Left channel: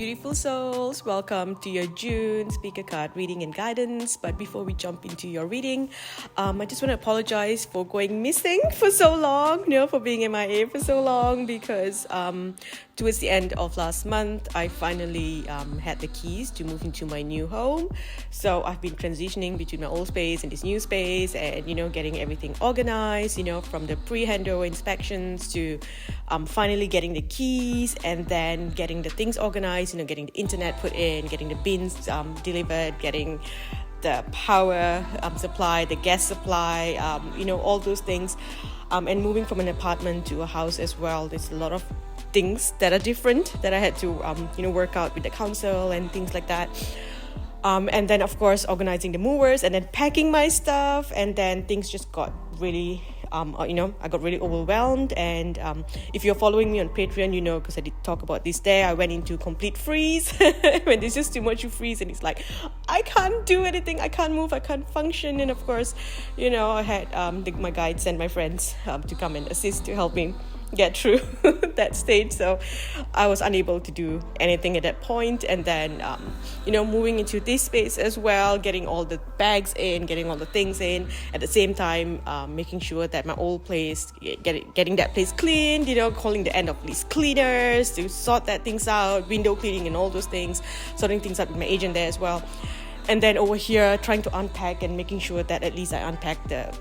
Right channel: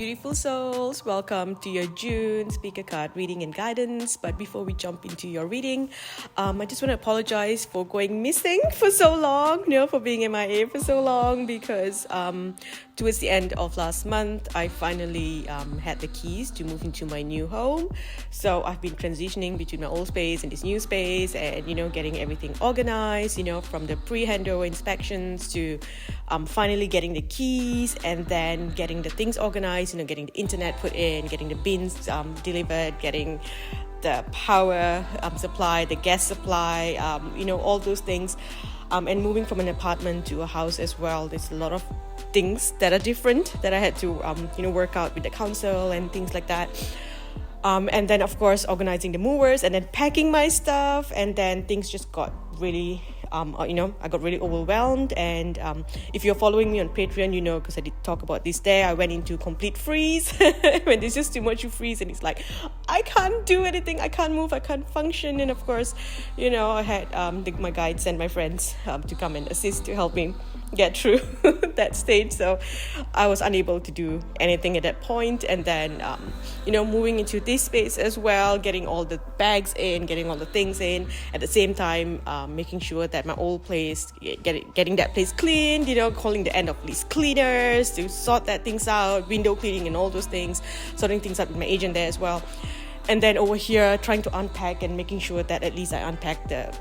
beautiful souls. Welcome to your June speaker card reading and guidance. But before we jump into your reading, I just want to apologize for going missing for so long, for being MIA for so long, because towards the end of last month, I finally had the keys to move into my new home. So I've been transitioning between my old space and this new space and, getting everything organized, from the pre-handover inspections to finally getting the keys and then getting the things organized, getting the internet put in, getting the bins delivered, getting the power supply, the gas supply, all those things, and moving from an apartment to a house as well. There's a lot of things that are different that I had to work out with the council and things like that. And then of course organizing the movers and then packing my stuff, and then things just got really I got really overwhelmed. And if you're following me on Patreon, because I did talk about this there, I went into complete freeze when there's just too much you freeze, and it's like I can't do anything, I can't move, I can't function. And of course, I had my guides and my friends to come and assist to help me get through that stage. So I was unable to do anything at that point. And then moving into this space as well, getting all the bags in, getting all the things in at the same time, making sure that my old place, getting that place cleaned, calling the end of lease cleaners to sort that things out, window cleaning and all those things, sorting things out with my agent there as well. And then over here trying to unpack and making sure that at least I unpack the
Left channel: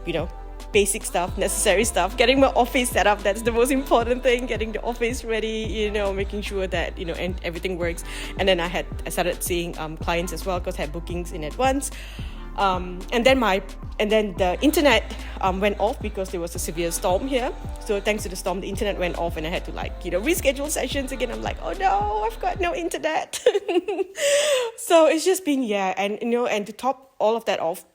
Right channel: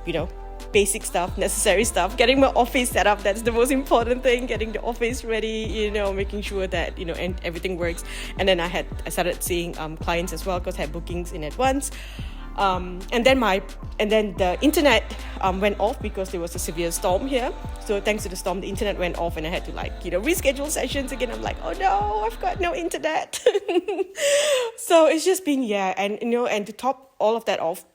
basic stuff, necessary stuff, getting my office set up. That's the most important thing, getting the office ready, making sure that and everything works. And then I started seeing clients as well, because I had bookings in advance. And then the internet went off because there was a severe storm here. So thanks to the storm, the internet went off and I had to reschedule sessions again. I'm like, oh no, I've got no internet. So it's just been, and to top all of that off,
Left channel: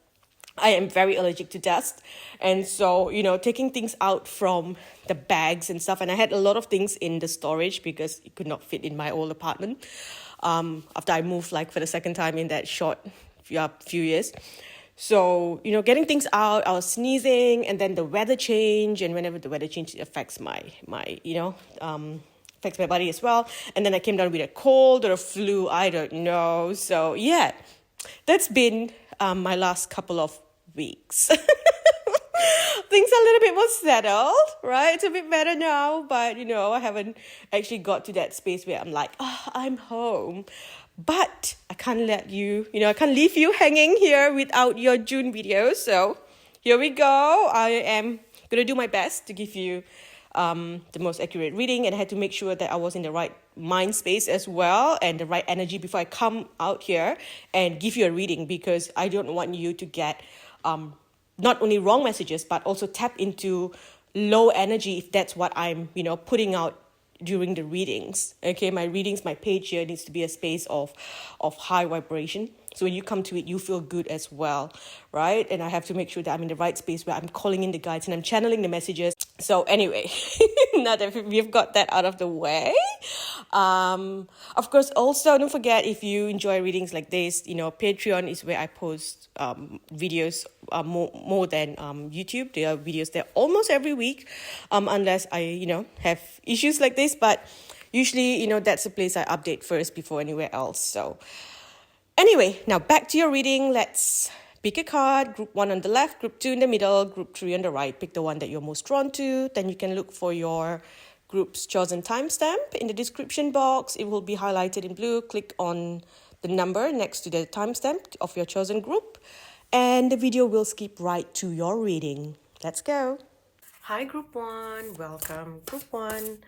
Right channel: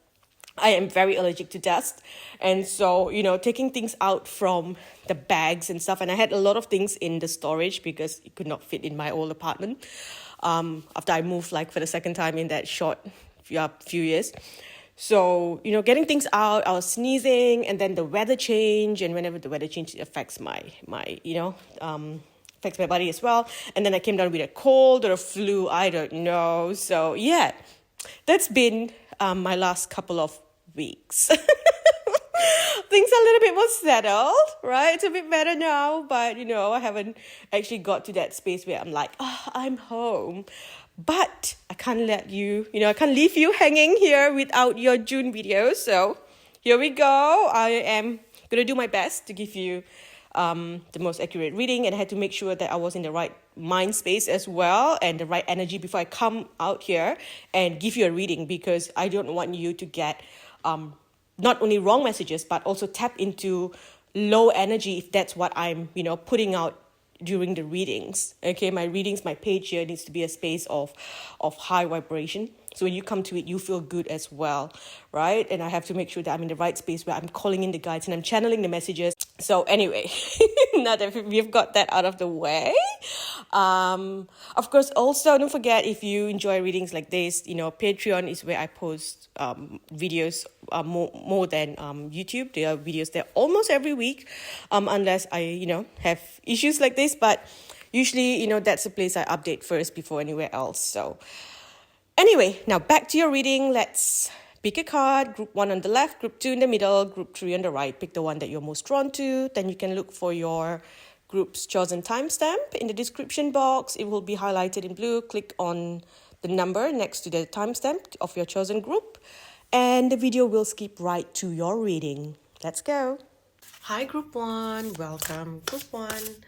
I am very allergic to dust. And so, taking things out from the bags and stuff. And I had a lot of things in the storage because it could not fit in my old apartment. After I moved for the second time in that short few years. So, getting things out, I was sneezing, and then the weather change. And whenever the weather change, it affects my affects my body as well. And then I came down with a cold or a flu. I don't know. So, that's been my last couple of weeks. Things are a little bit more settled, right? It's a bit better now, but I haven't actually got to that space where I'm like, I'm home. But I can't let you, I can't leave you hanging here without your June video. So here we go. I am going to do my best to give you the most accurate reading, and I had to make sure that I was in the right mind space as well and the right energy before I come out here and give you a reading, because I don't want you to get not only wrong messages but also tap into low energy if that's what I'm putting out during the readings. Okay, my readings, my page here needs to be a space of high vibration. So when you come to it, you feel good as well, right? And I have to make sure that I'm in the right space where I'm calling in the guides and I'm channeling the messages. So anyway, now that we've got that out of the way, of course, also don't forget, if you enjoy readings like this, Patreon is where I post videos more than YouTube. There are videos there almost every week, unless I, have issues like this. But usually, that's the place I update first before anywhere else. So anyway, now back to your reading. Let's pick a card. Group 1 on the left, Group 2 in the middle, Group 3 on the right. Pick the one that you're most drawn to. Then you can look for your group's chosen timestamp in the description box. It will be highlighted in blue. Click on the number next to the timestamp of your chosen group, and the video will skip right to your reading. Let's go. Hi, Group 1. Welcome, Group 1.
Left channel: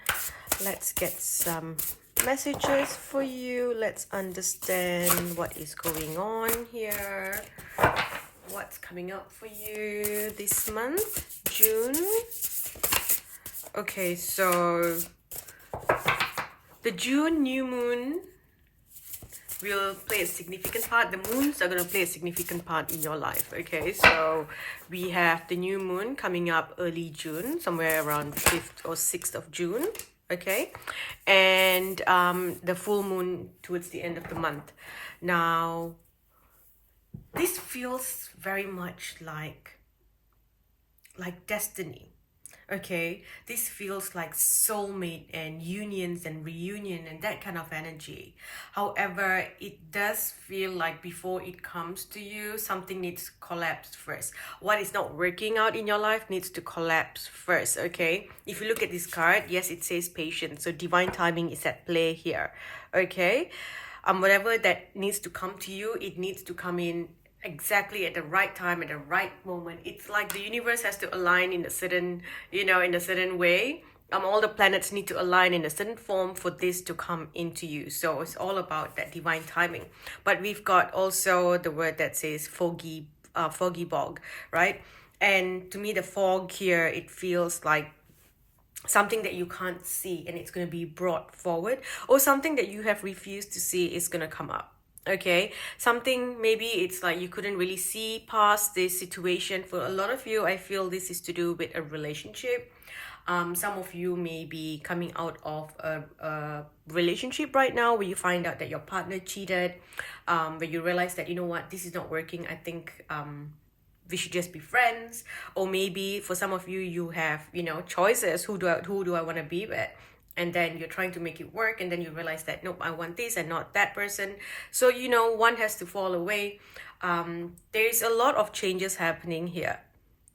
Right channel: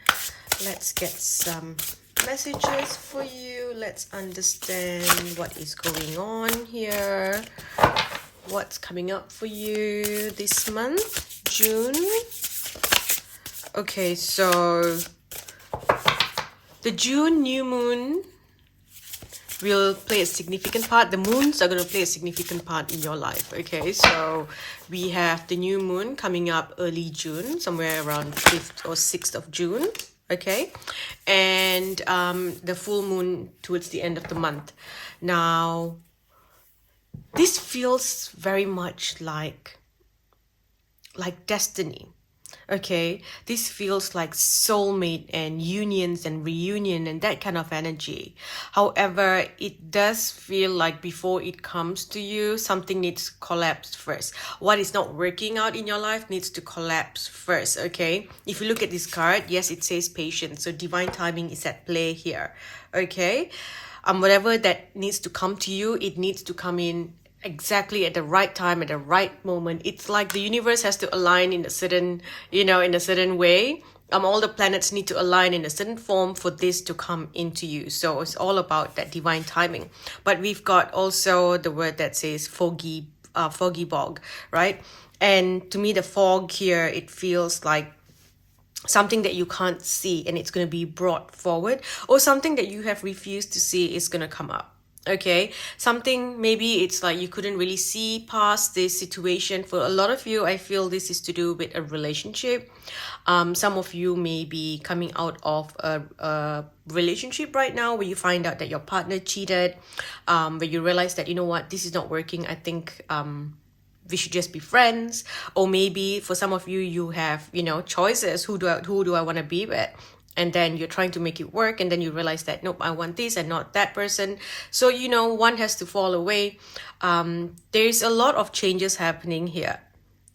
Let's get some messages for you. Let's understand what is going on here. What's coming up for you this month, June? Okay, so the June new moon will play a significant part. The moons are going to play a significant part in your life. Okay, so we have the new moon coming up early June, somewhere around 5th or 6th of June. Okay, and the full moon towards the end of the month. Now, this feels very much like destiny. Okay, this feels like soulmate and unions and reunion and that kind of energy. However, it does feel like before it comes to you, something needs to collapse first. What is not working out in your life needs to collapse first, okay? If you look at this card, yes, it says patience. So divine timing is at play here, okay? Whatever that needs to come to you, it needs to come in exactly at the right time, at the right moment. It's like the universe has to align in a certain, in a certain way. All the planets need to align in a certain form for this to come into you. So it's all about that divine timing. But we've got also the word that says foggy bog, right? And to me, the fog here, it feels like something that you can't see and it's going to be brought forward, or something that you have refused to see is going to come up. Okay, something, maybe it's like you couldn't really see past this situation. For a lot of you, I feel this is to do with a relationship. Some of you may be coming out of a relationship right now where you find out that your partner cheated, where you realize that, you know what, this is not working. I think we should just be friends. Or maybe for some of you, you have, choices. Who do I want to be with? And then you're trying to make it work, and then you realize that, nope, I want this and not that person. So, one has to fall away. There's a lot of changes happening here.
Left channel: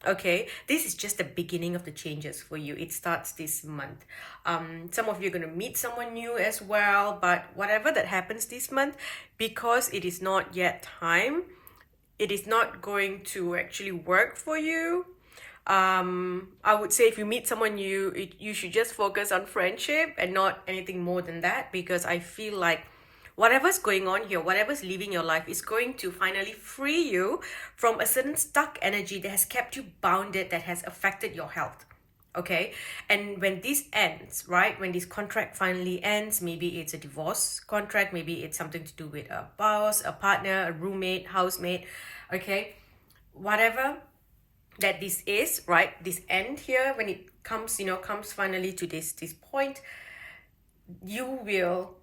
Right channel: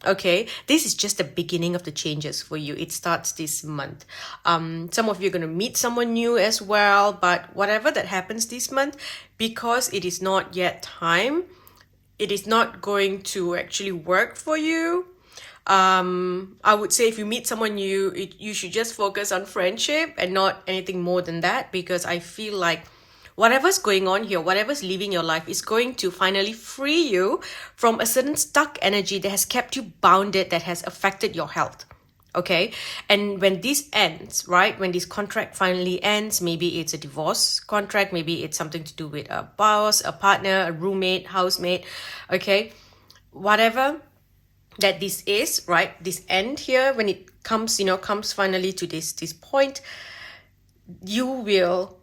Okay, this is just the beginning of the changes for you. It starts this month. Some of you are going to meet someone new as well, but whatever that happens this month, because it is not yet time, it is not going to actually work for you. I would say if you meet someone new, you should just focus on friendship and not anything more than that, because I feel like whatever's going on here, whatever's leaving your life, is going to finally free you from a certain stuck energy that has kept you bounded, that has affected your health. Okay, and when this ends, right, when this contract finally ends, maybe it's a divorce contract, maybe it's something to do with a boss, a partner, a roommate, housemate, okay, whatever that this is, right, this end here, when it comes, comes finally to this point, you will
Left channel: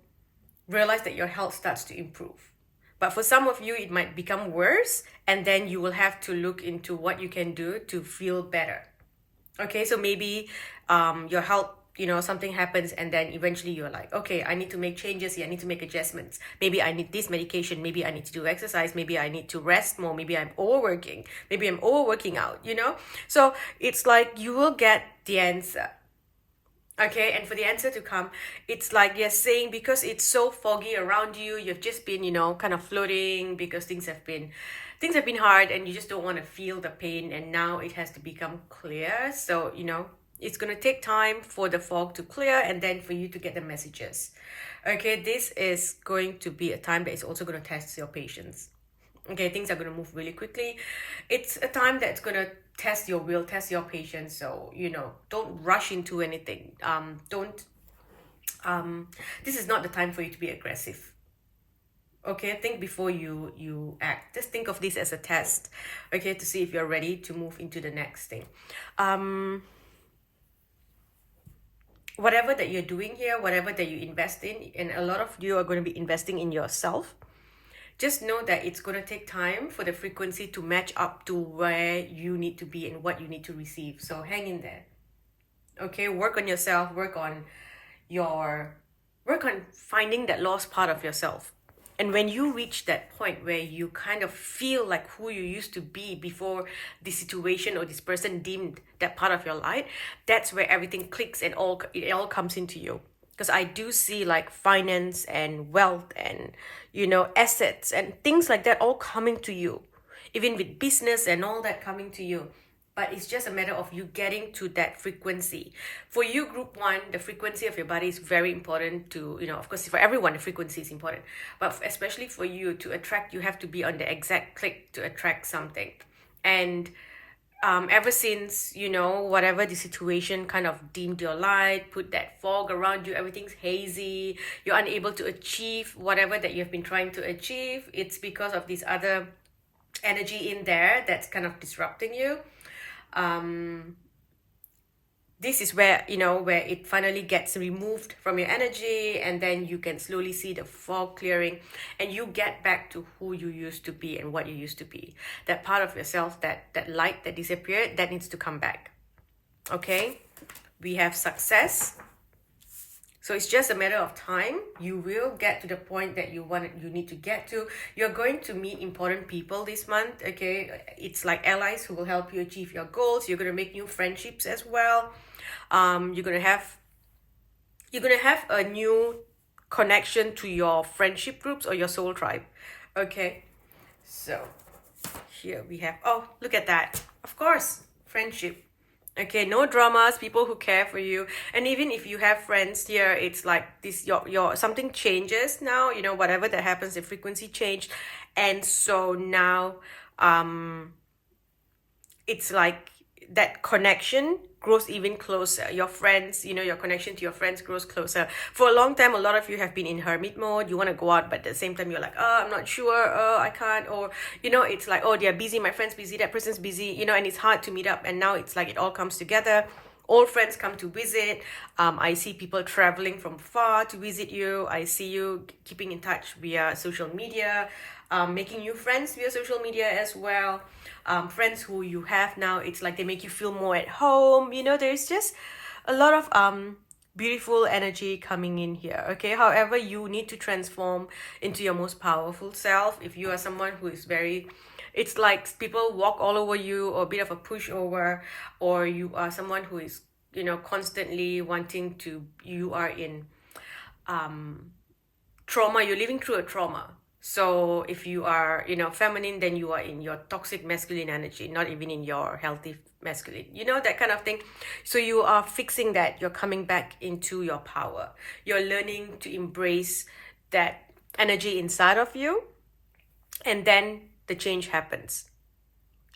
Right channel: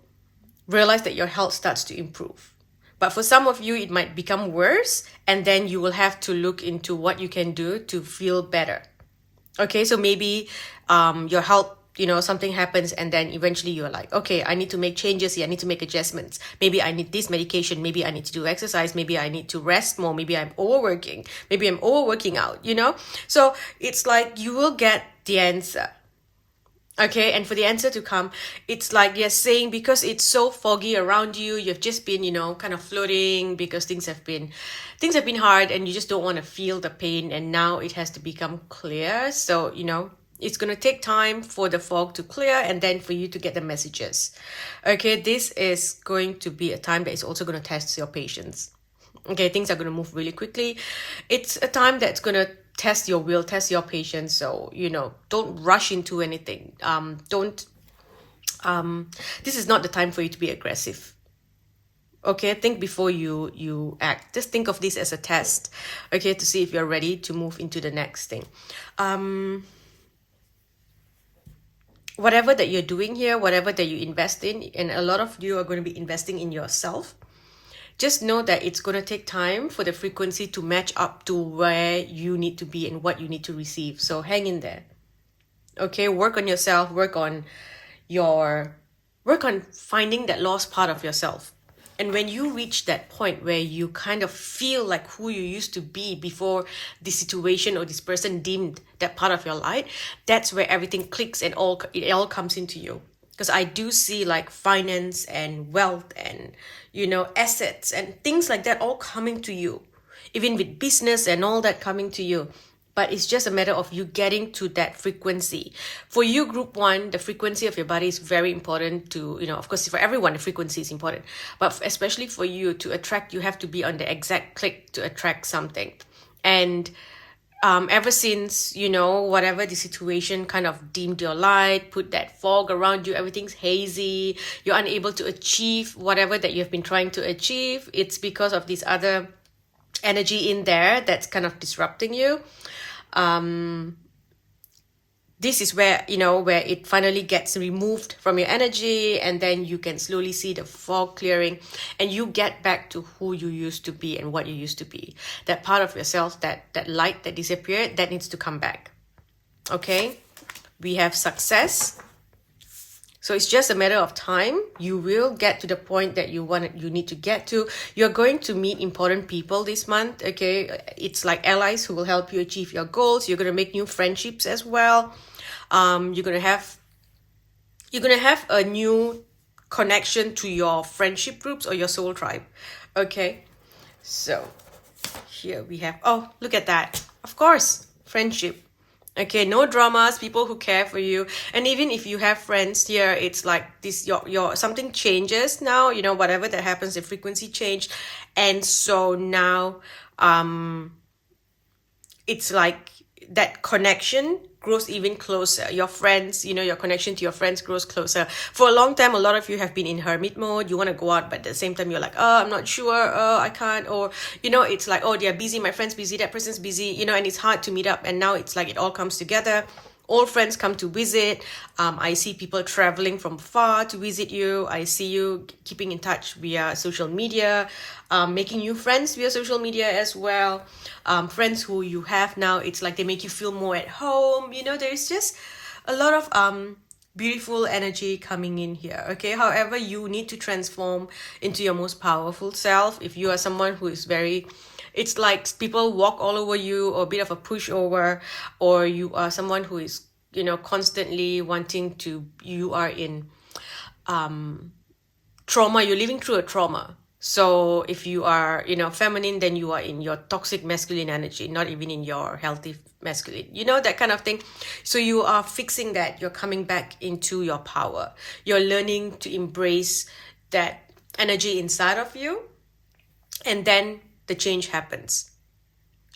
realize that your health starts to improve. But for some of you, it might become worse, and then you will have to look into what you can do to feel better. Okay, so maybe your health, something happens, and then eventually you're like, okay, I need to make changes here. I need to make adjustments. Maybe I need this medication. Maybe I need to do exercise. Maybe I need to rest more. Maybe I'm overworking. Maybe I'm overworking out, So it's like you will get the answer. Okay, and for the answer to come, it's like you're saying, because it's so foggy around you, you've just been, kind of floating, because things have been hard, and you just don't want to feel the pain, and now it has to become clear. So, it's going to take time for the fog to clear, and then for you to get the messages. Okay, this is going to be a time that is also going to test your patience. Okay, things are going to move really quickly. It's a time that's going to test your will, test your patience. So, don't rush into anything. This is not the time for you to be aggressive. Okay, think before you act. Just think of this as a test, okay, to see if you're ready to move into the next thing. Whatever that you're doing here, whatever that you invest in, and a lot of you are going to be investing in yourself, just know that it's going to take time for the frequency to match up to where you need to be and what you need to receive. So hang in there. Okay, work on yourself, work on finding that lost part of yourself. And when you reach that point where you kind of feel like who you used to be before this situation or this person dimmed that part of your light, that's where everything clicks and it all comes into you. Because I do see like finance and wealth and, assets and things like that all coming to you. Even with business and all that coming to you. But it's just a matter of you getting to that frequency. For you, group 1, the frequency of your body is very important to, of course, for everyone, the frequency is important. But especially for you to attract, you have to be on the exact click to attract something. And ever since, whatever the situation kind of dimmed your light, put that fog around you, everything's hazy, you're unable to achieve whatever that you've been trying to achieve, it's because of this other energy in there that's kind of disrupting you. This is where, where it finally gets removed from your energy, and then you can slowly see the fog clearing, and you get back to who you used to be and what you used to be. That part of yourself, that light that disappeared, that needs to come back. Okay, we have success. So it's just a matter of time. You will get to the point that you need to get to. You're going to meet important people this month. Okay, it's like allies who will help you achieve your goals. You're going to make new friendships as well. You're gonna have a new connection to your friendship groups or your soul tribe. Okay, so here we have, oh, look at that. Of course, friendship. Okay, no dramas, people who care for you. And even if you have friends here, it's like this, your something changes now, whatever that happens, the frequency changed. And so now it's like that connection grows even closer. Your friends, your connection to your friends grows closer. For a long time, a lot of you have been in hermit mode. You want to go out, but at the same time, you're like, oh, I'm not sure, I can't. Or, it's like, oh, they're busy, my friend's busy, that person's busy, and it's hard to meet up. And now it's like it all comes together. Old friends come to visit. I see people traveling from far to visit you. I see you keeping in touch via social media, making new friends via social media as well. Friends who you have now, it's like they make you feel more at home. There's just a lot of beautiful energy coming in here. Okay, however, you need to transform into your most powerful self. If you are someone who is it's like people walk all over you, or a bit of a pushover, or you are someone who is constantly wanting to, you are in trauma, you're living through a trauma. So if you are feminine, then you are in your toxic masculine energy, not even in your healthy masculine, that kind of thing. So you are fixing that. You're coming back into your power. You're learning to embrace that energy inside of you, and then the change happens.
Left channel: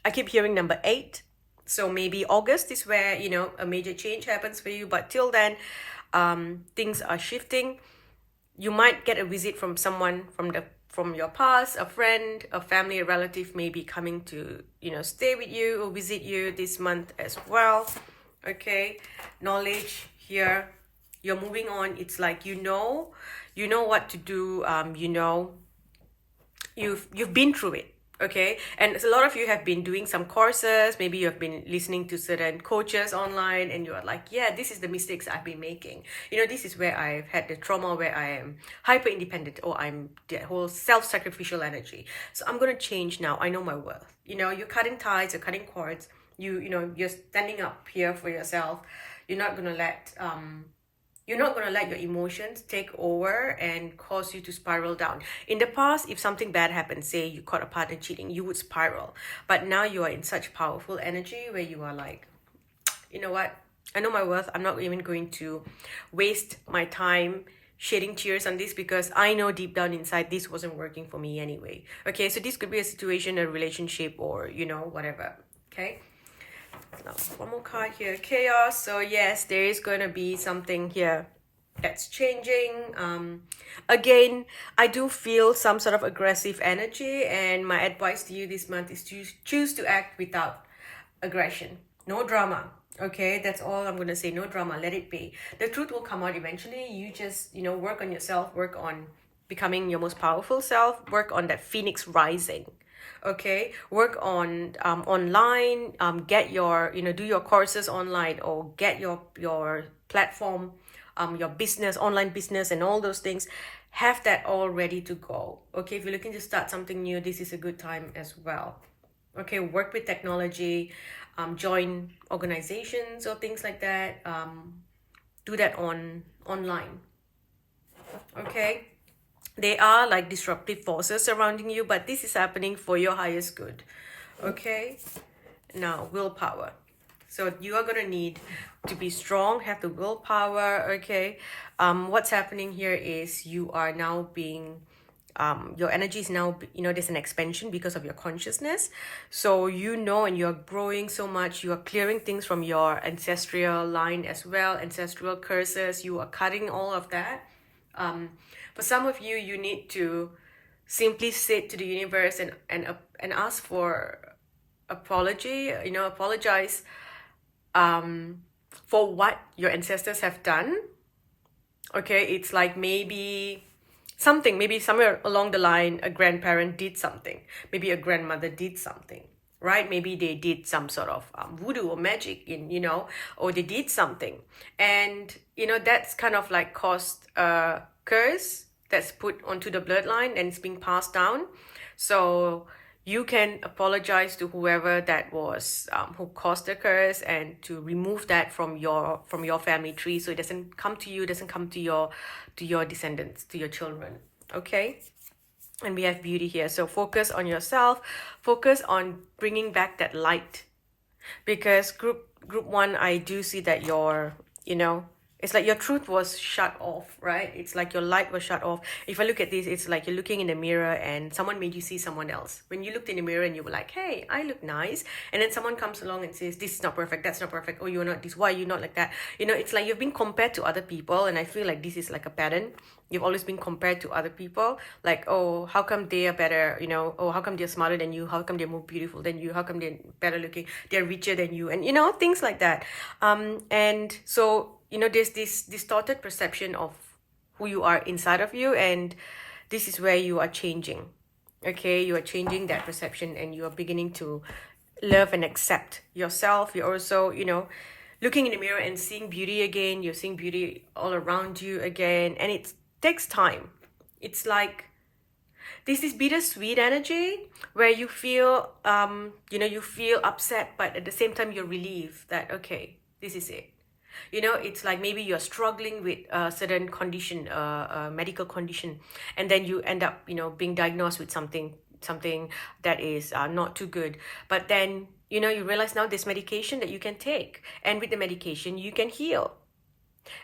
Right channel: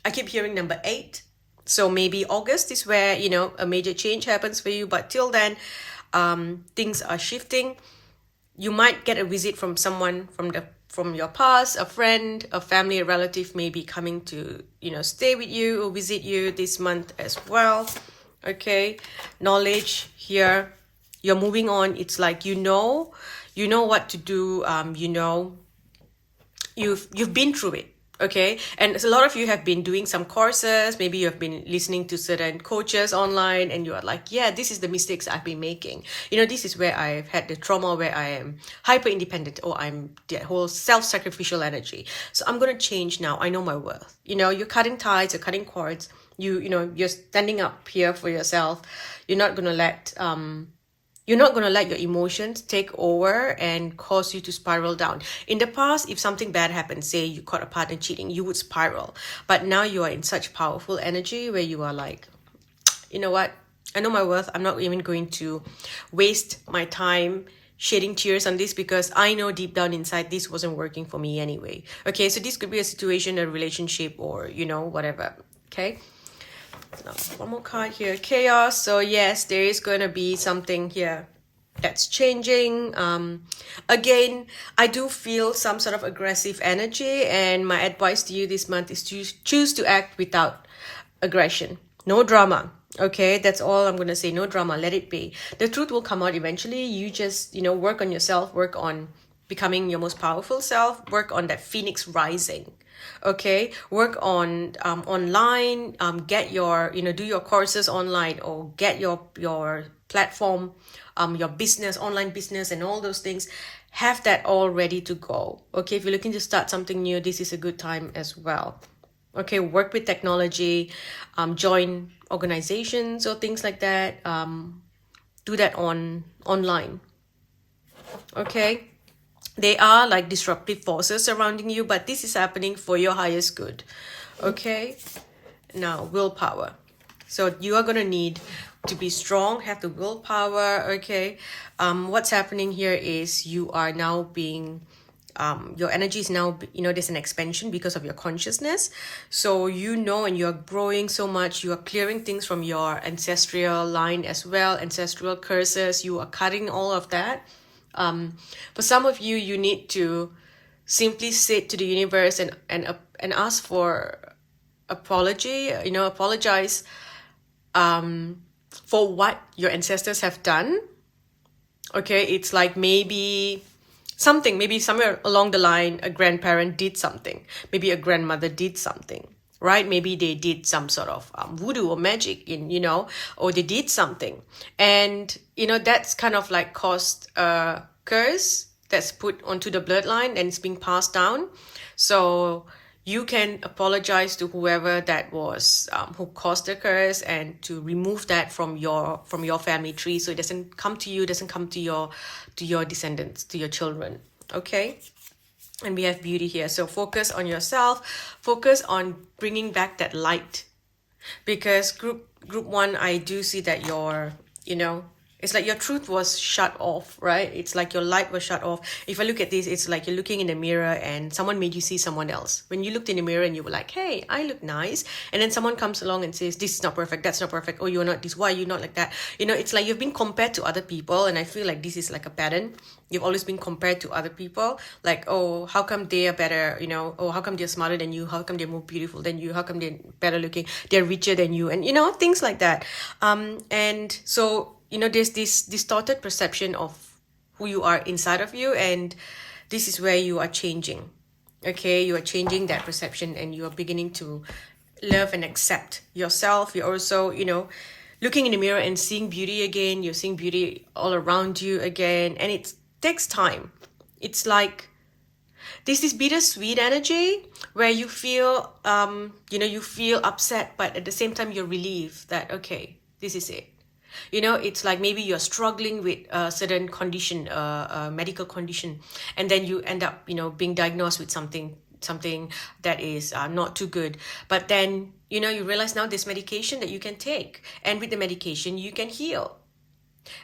I keep hearing number 8. So maybe August is where, a major change happens for you. But till then, things are shifting. You might get a visit from someone from your past, a friend, a family, a relative may be coming to, stay with you or visit you this month as well. Okay, knowledge here. You're moving on. It's like, you know what to do. You've been through it. Okay, and a lot of you have been doing some courses. Maybe you have been listening to certain coaches online, and you are like, yeah, this is the mistakes I've been making. This is where I've had the trauma, where I am hyper independent, or I'm that whole self-sacrificial energy. So I'm gonna change now. I know my worth. You're cutting ties, you're cutting cords. You're standing up here for yourself. You're not gonna let your emotions take over and cause you to spiral down. In the past, if something bad happened, say you caught a partner cheating, you would spiral. But now you are in such powerful energy where you are like, you know what? I know my worth. I'm not even going to waste my time shedding tears on this, because I know deep down inside this wasn't working for me anyway. Okay, so this could be a situation, a relationship, or, whatever. Okay. Now, one more card here, chaos. So yes, there is going to be something here that's changing. Again, I do feel some sort of aggressive energy, and my advice to you this month is to choose to act without aggression. No drama. Okay, that's all I'm going to say. No drama. Let it be. The truth will come out eventually. You just, work on yourself, work on becoming your most powerful self, work on that phoenix rising. Okay, work on online, get your do your courses online, or get your platform, your business, online business, and all those things. Have that all ready to go. Okay, if you're looking to start something new, this is a good time as well. Okay, work with technology, join organizations or things like that. Do that online. Okay. They are like disruptive forces surrounding you, but this is happening for your highest good. Okay, now willpower. So you are going to need to be strong, have the willpower. Okay, what's happening here is you are now being your energy is now, there's an expansion because of your consciousness. So and you're growing so much. You are clearing things from your ancestral line as well, ancestral curses. You are cutting all of that. For some of you, you need to simply sit to the universe and ask for apology. Apologize for what your ancestors have done. Okay, it's like maybe somewhere along the line, a grandparent did something, maybe a grandmother did something. right? Maybe they did some sort of voodoo or magic or they did something. And, that's kind of like caused a curse that's put onto the bloodline and it's being passed down. So you can apologize to whoever that was who caused the curse, and to remove that from your family tree, so it doesn't come to you, doesn't come to your descendants, to your children. Okay. And we have beauty here. So focus on yourself, focus on bringing back that light, because group one, I do see that it's like your truth was shut off, right? It's like your light was shut off. If I look at this, it's like you're looking in the mirror and someone made you see someone else. When you looked in the mirror and you were like, hey, I look nice. And then someone comes along and says, this is not perfect, that's not perfect. Oh, you're not this, why are you not like that? It's like you've been compared to other people. And I feel like this is like a pattern. You've always been compared to other people. Like, oh, how come they are better? Oh, how come they're smarter than you? How come they're more beautiful than you? How come they're better looking? They're richer than you? And, things like that. And so, there's this distorted perception of who you are inside of you. And this is where you are changing. Okay, you are changing that perception and you are beginning to love and accept yourself. You're also, looking in the mirror and seeing beauty again. You're seeing beauty all around you again. And it takes time. It's like there's this bittersweet energy where you feel, you feel upset, but at the same time you're relieved that, okay, this is it. It's like maybe you're struggling with a certain condition, a medical condition, and then you end up, being diagnosed with something that is not too good. But then, you realize now there's medication that you can take, and with the medication you can heal.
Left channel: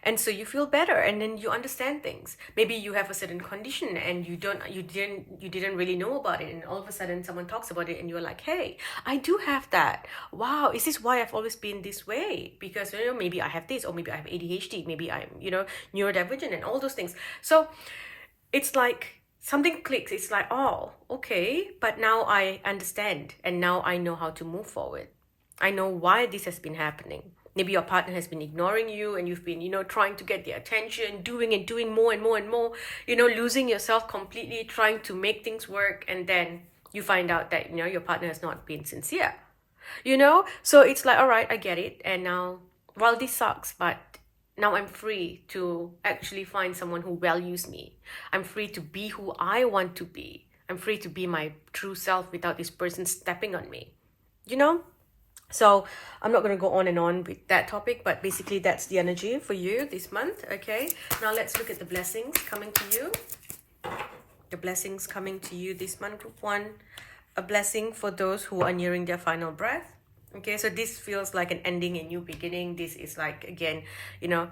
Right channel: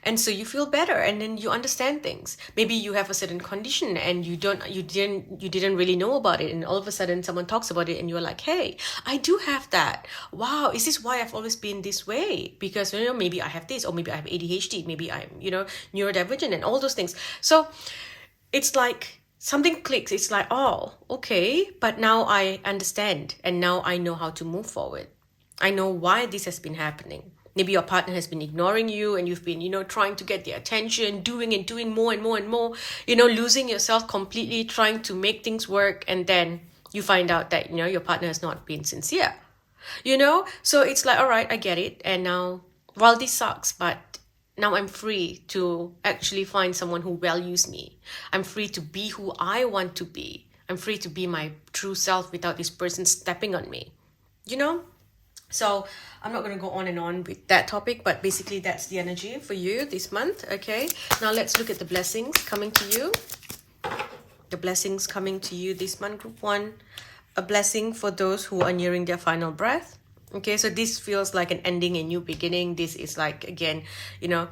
And so you feel better, and then you understand things. Maybe you have a certain condition and you didn't really know about it, and all of a sudden someone talks about it and you're like, hey, I do have that. Wow, is this why I've always been this way? Because maybe I have this, or maybe I have ADHD, maybe I'm neurodivergent, and all those things. So it's like something clicks. It's like, oh, okay, but now I understand, and now I know how to move forward. I know why this has been happening. Maybe your partner has been ignoring you and you've been, trying to get their attention, doing more and more and more, losing yourself completely, trying to make things work. And then you find out that, your partner has not been sincere, So it's like, all right, I get it. And now, well, this sucks, but now I'm free to actually find someone who values me. I'm free to be who I want to be. I'm free to be my true self without this person stepping on me, So I'm not going to go on and on with that topic, but basically that's the energy for you this month. Okay, now let's look at the blessings coming to you. The blessings coming to you this month, group one. A blessing for those who are nearing their final breath. Okay, so this feels like an ending, a new beginning. This is like, again,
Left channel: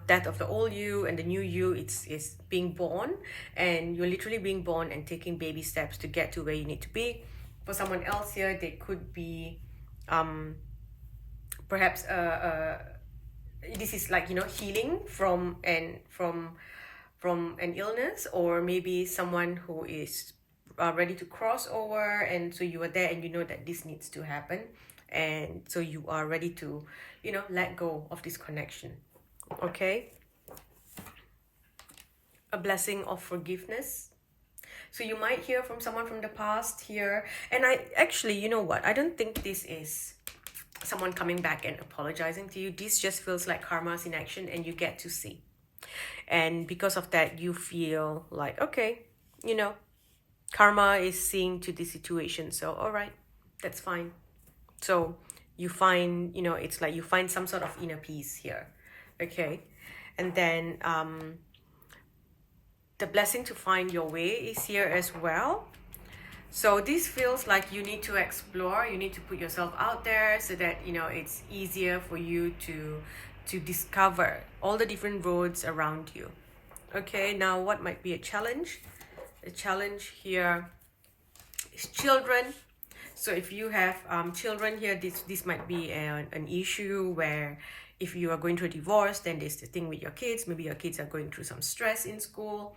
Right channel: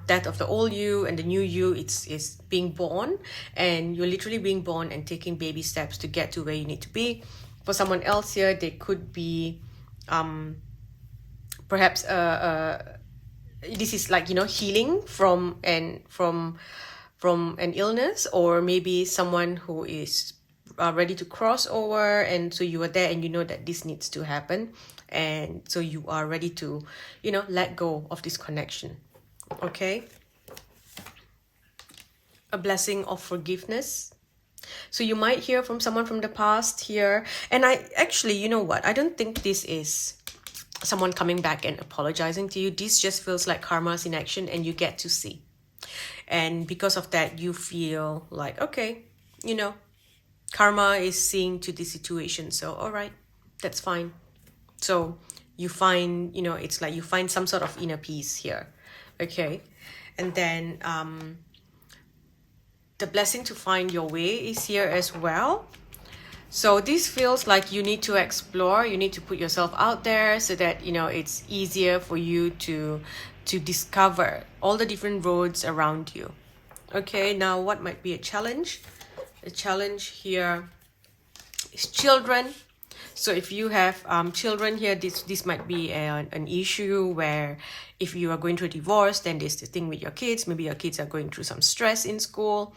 death of the old you and the new you. It's being born, and you're literally being born and taking baby steps to get to where you need to be. For someone else here, they could be perhaps this is like healing from an illness, or maybe someone who is ready to cross over, and so you are there and that this needs to happen, and so you are ready to let go of this connection. Okay, a blessing of forgiveness. So you might hear from someone from the past here, and I actually, I don't think this is someone coming back and apologizing to you. This just feels like karma's in action, and you get to see. And because of that, you feel like, okay, karma is seeing to the situation. So, all right, that's fine. So you find, it's like you find some sort of inner peace here. Okay. And then the blessing to find your way is here as well. So this feels like you need to explore, you need to put yourself out there so that, it's easier for you to discover all the different roads around you. Okay, now what might be a challenge? A challenge here is children. So if you have children here, this might be an issue where if you are going through a divorce, then there's the thing with your kids. Maybe your kids are going through some stress in school,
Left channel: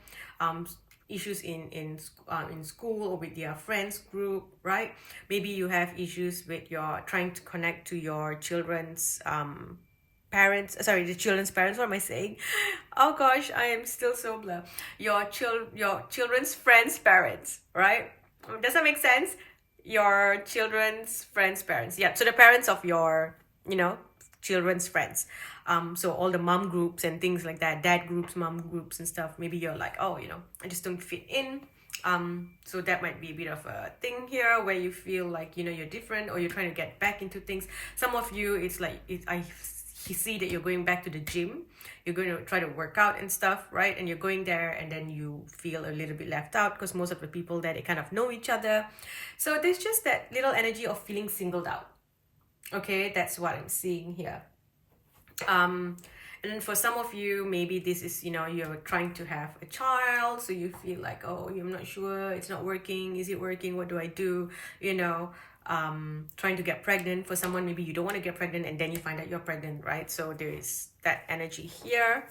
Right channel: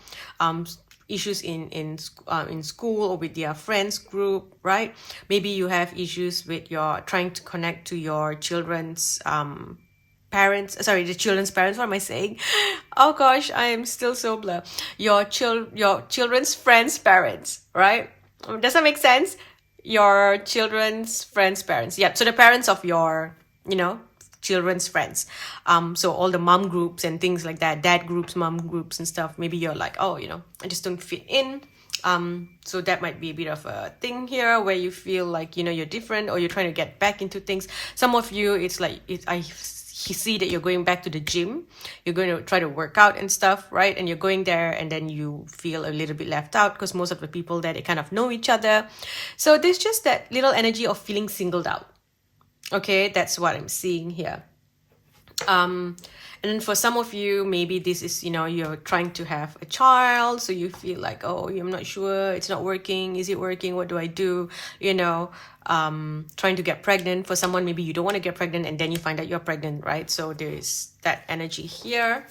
issues in school or with their friends group, right? Maybe you have issues with your trying to connect to your children's the children's parents. What am I saying? Oh gosh, I am still so blur. Your children's friends' parents, right? Does that make sense? your children's friends' parents. Yeah, so the parents of your, children's friends. So all the mom groups and things like that, dad groups, mom groups and stuff. Maybe you're like, oh, I just don't fit in. So that might be a bit of a thing here where you feel like, you're different, or you're trying to get back into things. Some of you, it's like, I see that you're going back to the gym. You're going to try to work out and stuff, right? And you're going there and then you feel a little bit left out because most of the people there, they kind of know each other. So there's just that little energy of feeling singled out. Okay, that's what I'm seeing here. And for some of you, maybe this is, you're trying to have a child, so you feel like, oh, I'm not sure, it's not working, is it working, what do I do, trying to get pregnant. For someone, maybe you don't want to get pregnant and then you find out you're pregnant, right? So there's that energy here.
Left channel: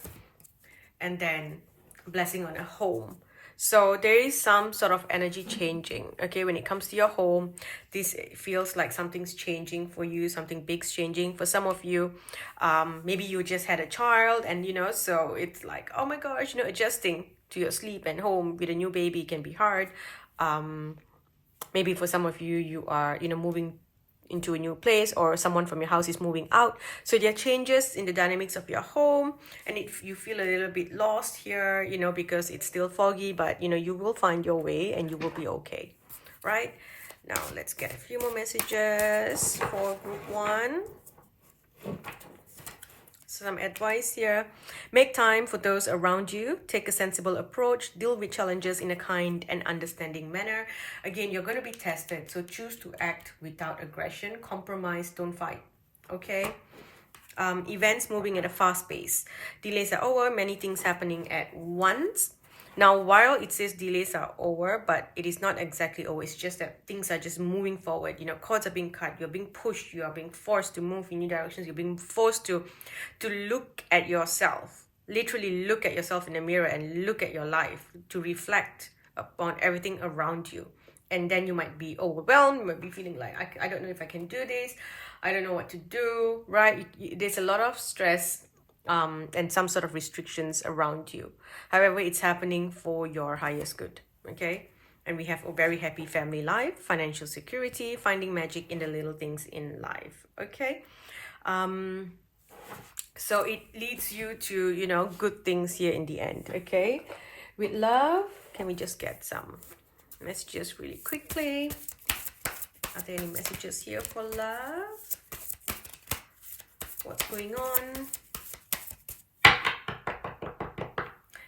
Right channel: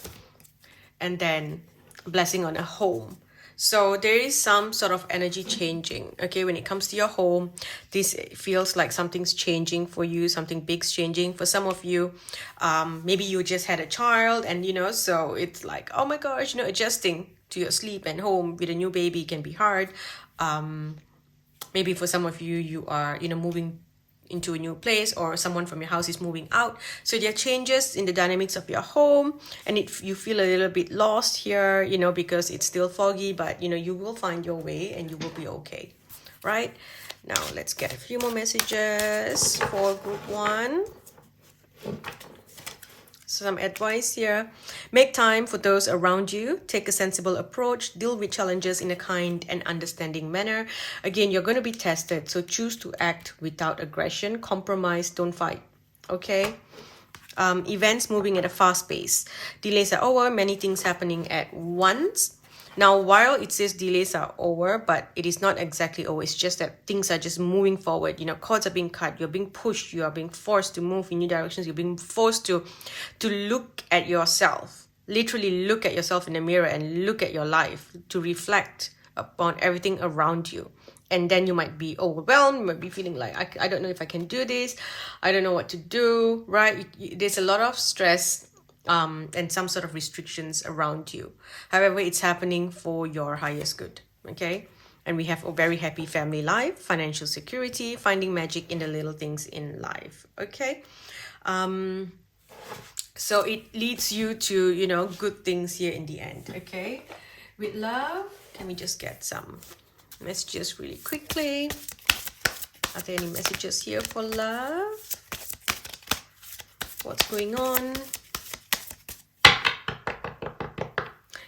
And then blessing on a home. So there is some sort of energy changing, okay? When it comes to your home, this feels like something's changing for you, something big's changing. For some of you, maybe you just had a child and, so it's like, oh my gosh, adjusting to your sleep and home with a new baby can be hard. Maybe for some of you, you are, moving into a new place, or someone from your house is moving out. So there are changes in the dynamics of your home, and you feel a little bit lost here, because it's still foggy, but you will find your way and you will be okay, right? Now let's get a few more messages for group 1. Some advice here. Make time for those around you. Take a sensible approach. Deal with challenges in a kind and understanding manner. Again, you're going to be tested, so choose to act without aggression. Compromise, don't fight. Okay? Events moving at a fast pace. Delays are over. Many things happening at once. Now, while it says delays are over, but it is not exactly over. It's just that things are just moving forward. Cords are being cut. You're being pushed. You are being forced to move in new directions. You're being forced to look at yourself. Literally look at yourself in the mirror and look at your life, to reflect upon everything around you. And then you might be overwhelmed. You might be feeling like, I don't know if I can do this. I don't know what to do, right? There's a lot of stress and some sort of restrictions around you. However, it's happening for your highest good, okay? And we have a very happy family life, financial security, finding magic in the little things in life, okay? So it leads you to, good things here in the end, okay? With love, can we just get some messages really quickly? Are there any messages here for love? What's going on?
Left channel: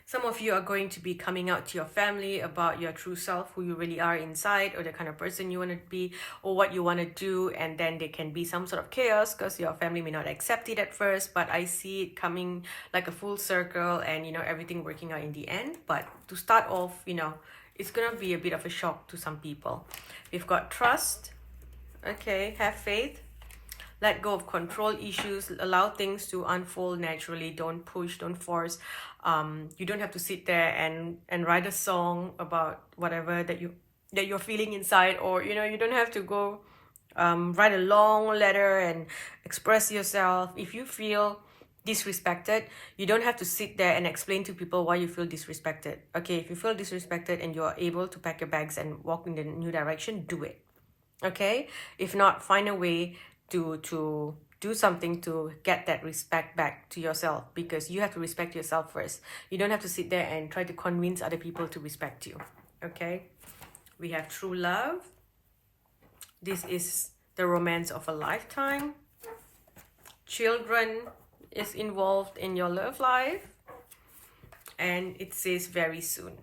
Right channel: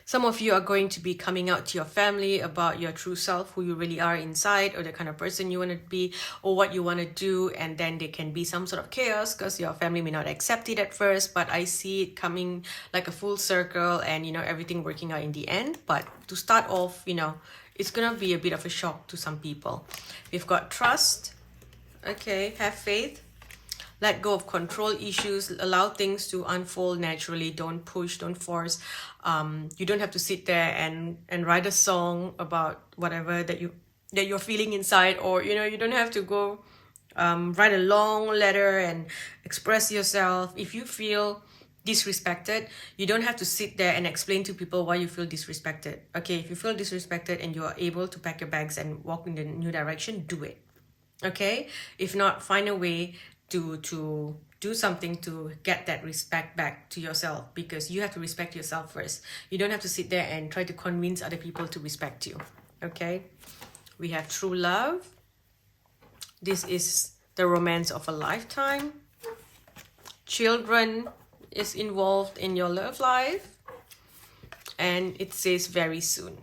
Some of you are going to be coming out to your family about your true self, who you really are inside, or the kind of person you want to be, or what you want to do. And then there can be some sort of chaos because your family may not accept it at first, but I see it coming like a full circle and, everything working out in the end. But to start off, it's going to be a bit of a shock to some people. We've got trust. Okay, have faith. Let go of control issues. Allow things to unfold naturally. Don't push, don't force. You don't have to sit there and write a song about whatever that you're feeling inside, or you don't have to go write a long letter and express yourself. If you feel disrespected, you don't have to sit there and explain to people why you feel disrespected. Okay, if you feel disrespected and you're able to pack your bags and walk in the new direction, do it. Okay, if not, find a way to do something to get that respect back to yourself, because you have to respect yourself first. You don't have to sit there and try to convince other people to respect you. Okay, we have true love. This is the romance of a lifetime. Children is involved in your love life, and it says very soon.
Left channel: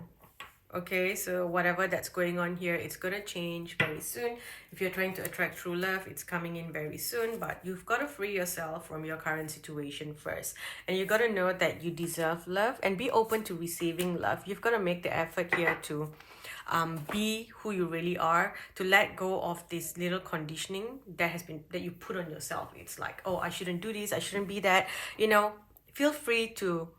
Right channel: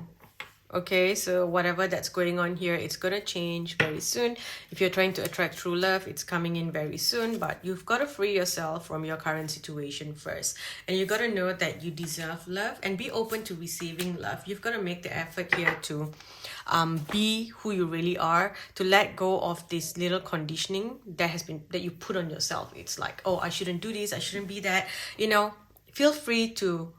Okay, so whatever that's going on here, it's gonna change very soon. If you're trying to attract true love, it's coming in very soon, but you've got to free yourself from your current situation first. And you got to know that you deserve love and be open to receiving love. You've got to make the effort here to be who you really are, to let go of this little conditioning that you put on yourself. It's like, oh, I shouldn't do this, I shouldn't be that. Feel free to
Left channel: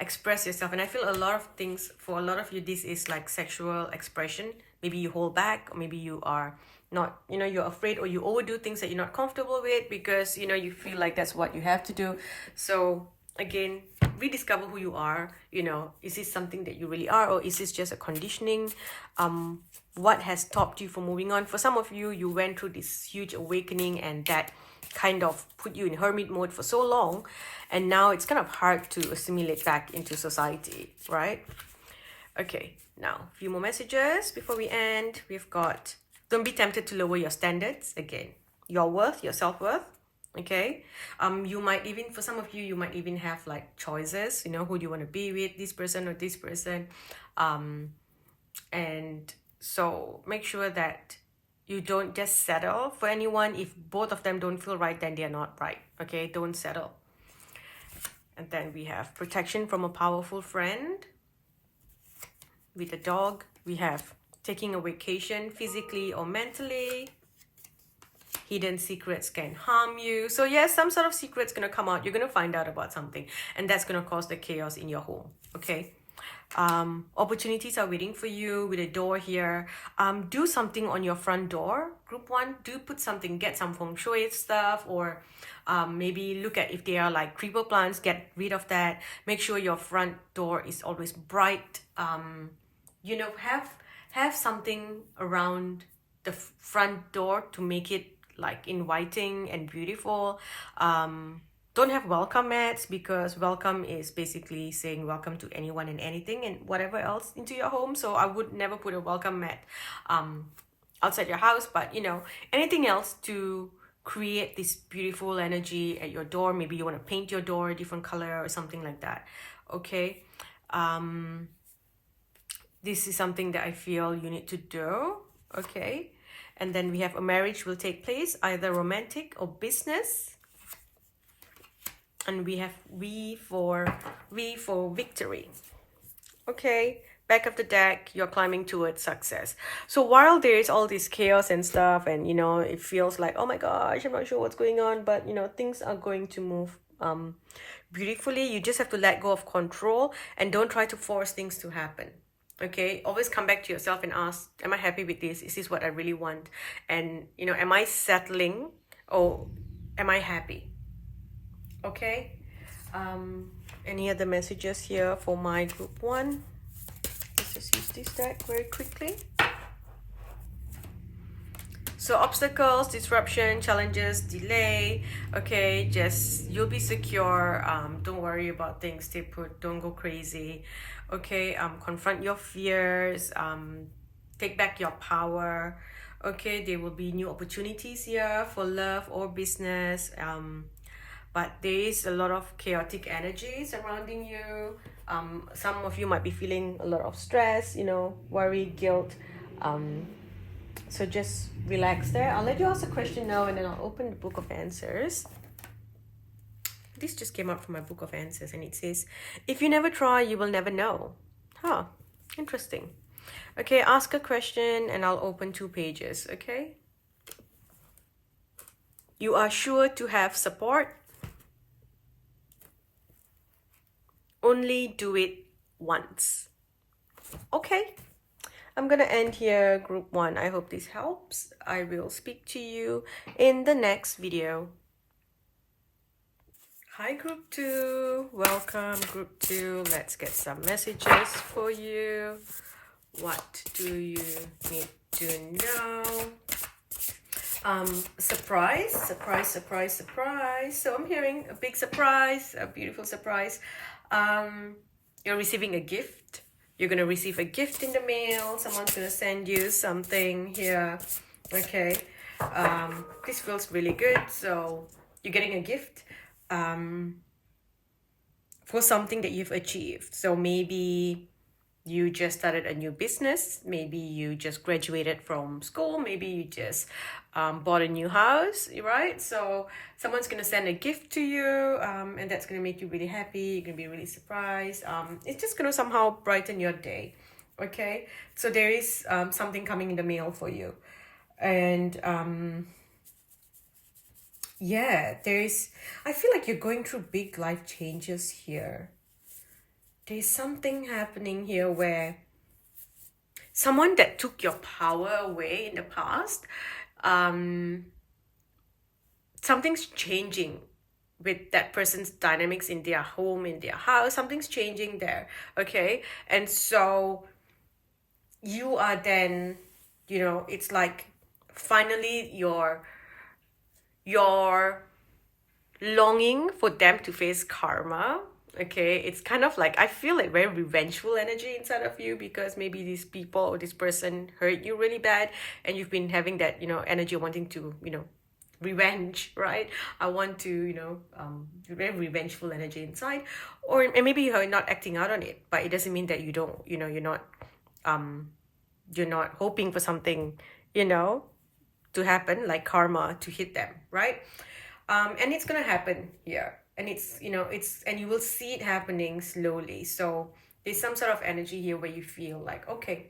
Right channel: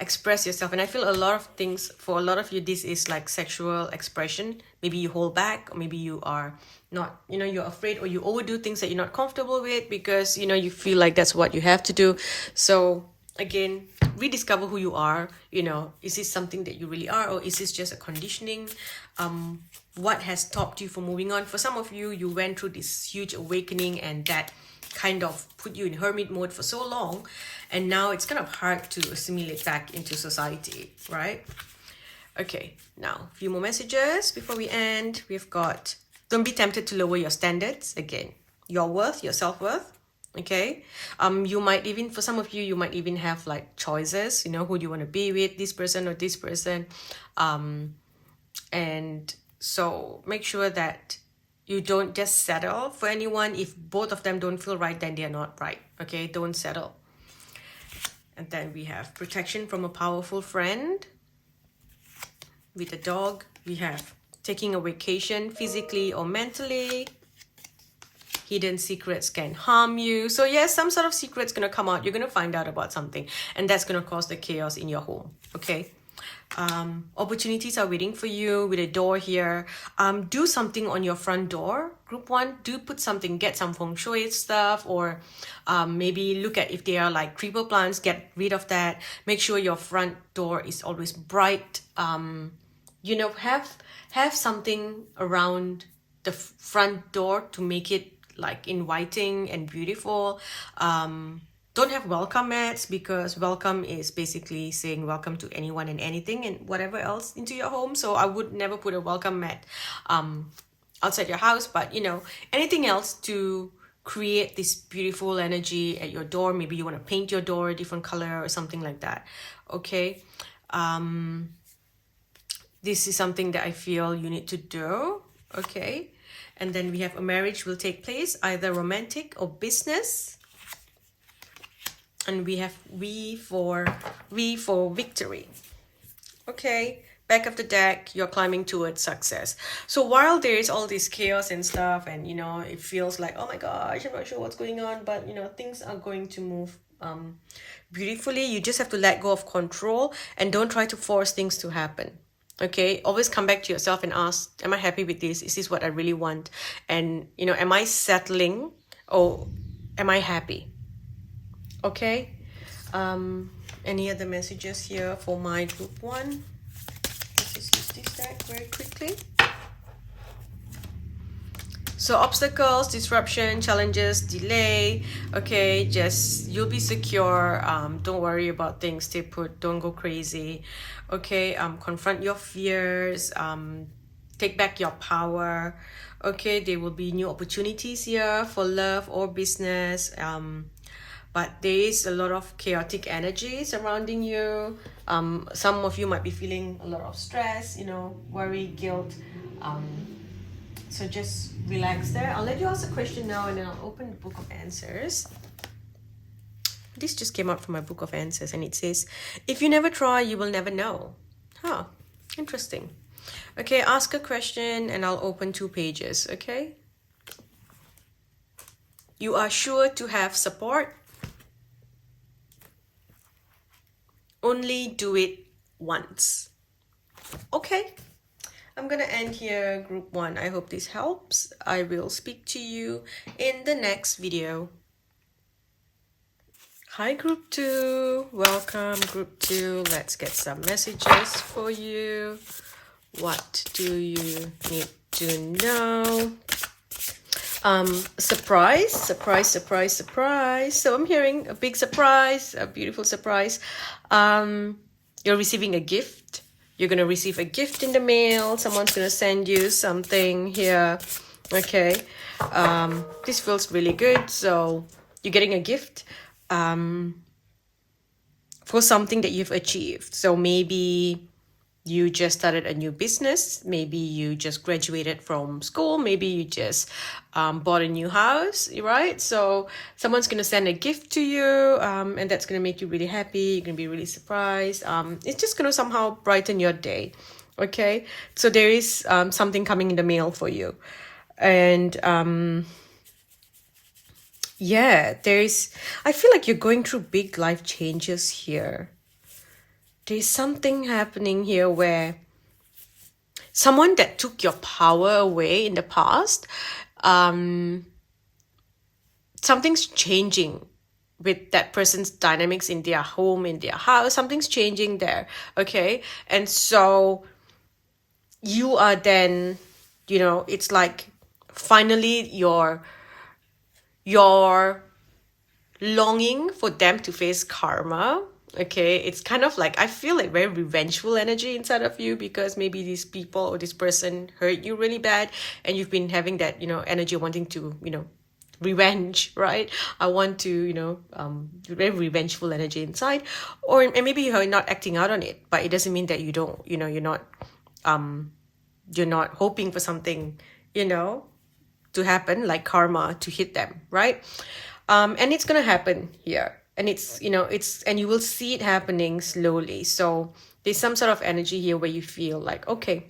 express yourself. And I feel a lot of things, for a lot of you, this is like sexual expression. Maybe you hold back, or maybe you are not, you're afraid, or you overdo things that you're not comfortable with because, you feel like that's what you have to do. So again, rediscover who you are. Is this something that you really are, or is this just a conditioning? What has stopped you from moving on? For some of you, you went through this huge awakening, and that kind of put you in hermit mode for so long, and now it's kind of hard to assimilate back into society, right? Okay, now a few more messages before we end. We've got, don't be tempted to lower your standards. Again, your worth, your self-worth. Okay, you might even, for some of you, you might even have like choices, who do you want to be with, this person or this person. And so make sure that you don't just settle for anyone. If both of them don't feel right, then they're not right. Okay, don't settle. And then we have protection from a powerful friend. With a dog, we have taking a vacation physically or mentally. Hidden secrets can harm you. So yes, some sort of secret's going to come out. You're going to find out about something, and that's going to cause the chaos in your home. Okay. Opportunities are waiting for you with a door here. Do something on your front door. Group 1, do put something, get some feng shui stuff, or maybe look at if they are like creeper plants, get rid of that. Make sure your front door is always bright. Have something around the front door to make it like inviting and beautiful. Don't have welcome mats, because welcome is basically saying welcome to anyone and anything and whatever else into your home. So I would never put a welcome mat outside your house, but anything else to create this beautiful energy at your door. Maybe you want to paint your door a different color or something like that. Okay. This is something that I feel you need to do. Okay. And then we have a marriage will take place, either romantic or business. And we have V for victory. Okay, back of the deck, you're climbing towards success. So while there is all this chaos and stuff, and it feels like, oh my gosh, I'm not sure what's going on, but things are going to move beautifully. You just have to let go of control and don't try to force things to happen. Okay, always come back to yourself and ask, am I happy with this? Is this what I really want? And am I settling, or am I happy? Okay. Any other messages here for my group 1? Let's just use this deck very quickly. So obstacles, disruption, challenges, delay. Okay, just you'll be secure. Don't worry about things. Stay put. Don't go crazy. Okay. Confront your fears. Take back your power. Okay, there will be new opportunities here for love or business. But there is a lot of chaotic energy surrounding you. Some of you might be feeling a lot of stress, worry, guilt. So just relax there. I'll let you ask a question now, and then I'll open the book of answers. This just came out from my book of answers, and it says, if you never try, you will never know. Huh, interesting. Okay, ask a question and I'll open 2 pages, okay? You are sure to have support. Only do it once. Okay, I'm gonna end here, group 1. I hope this helps. I will speak to you in the next video. Hi, group 2. Welcome, group 2. Let's get some messages for you. What do you need to know? Surprise. So I'm hearing a big surprise, a beautiful surprise. You're receiving a gift. You're going to receive a gift in the mail. Someone's going to send you something here. Okay. This feels really good. So you're getting a gift for something that you've achieved. So maybe you just started a new business. Maybe you just graduated from school. Maybe you just bought a new house, right? So someone's going to send a gift to you, and that's going to make you really happy. You're going to be really surprised. It's just going to somehow brighten your day, okay? So there is something coming in the mail for you. And yeah, I feel like you're going through big life changes here. There's something happening here where someone that took your power away in the past, something's changing with that person's dynamics in their home, in their house. Something's changing there. Okay. And so you are then, it's like finally your longing for them to face karma. Okay, it's kind of like, I feel like very revengeful energy inside of you, because maybe these people or this person hurt you really bad, and you've been having that energy wanting to revenge, right? I want to very revengeful energy inside. And maybe you're not acting out on it, but it doesn't mean that you don't, you're not hoping for something to happen, like karma to hit them, right? And it's gonna happen here, and and you will see it happening slowly. So there's some sort of energy here where you feel like, okay,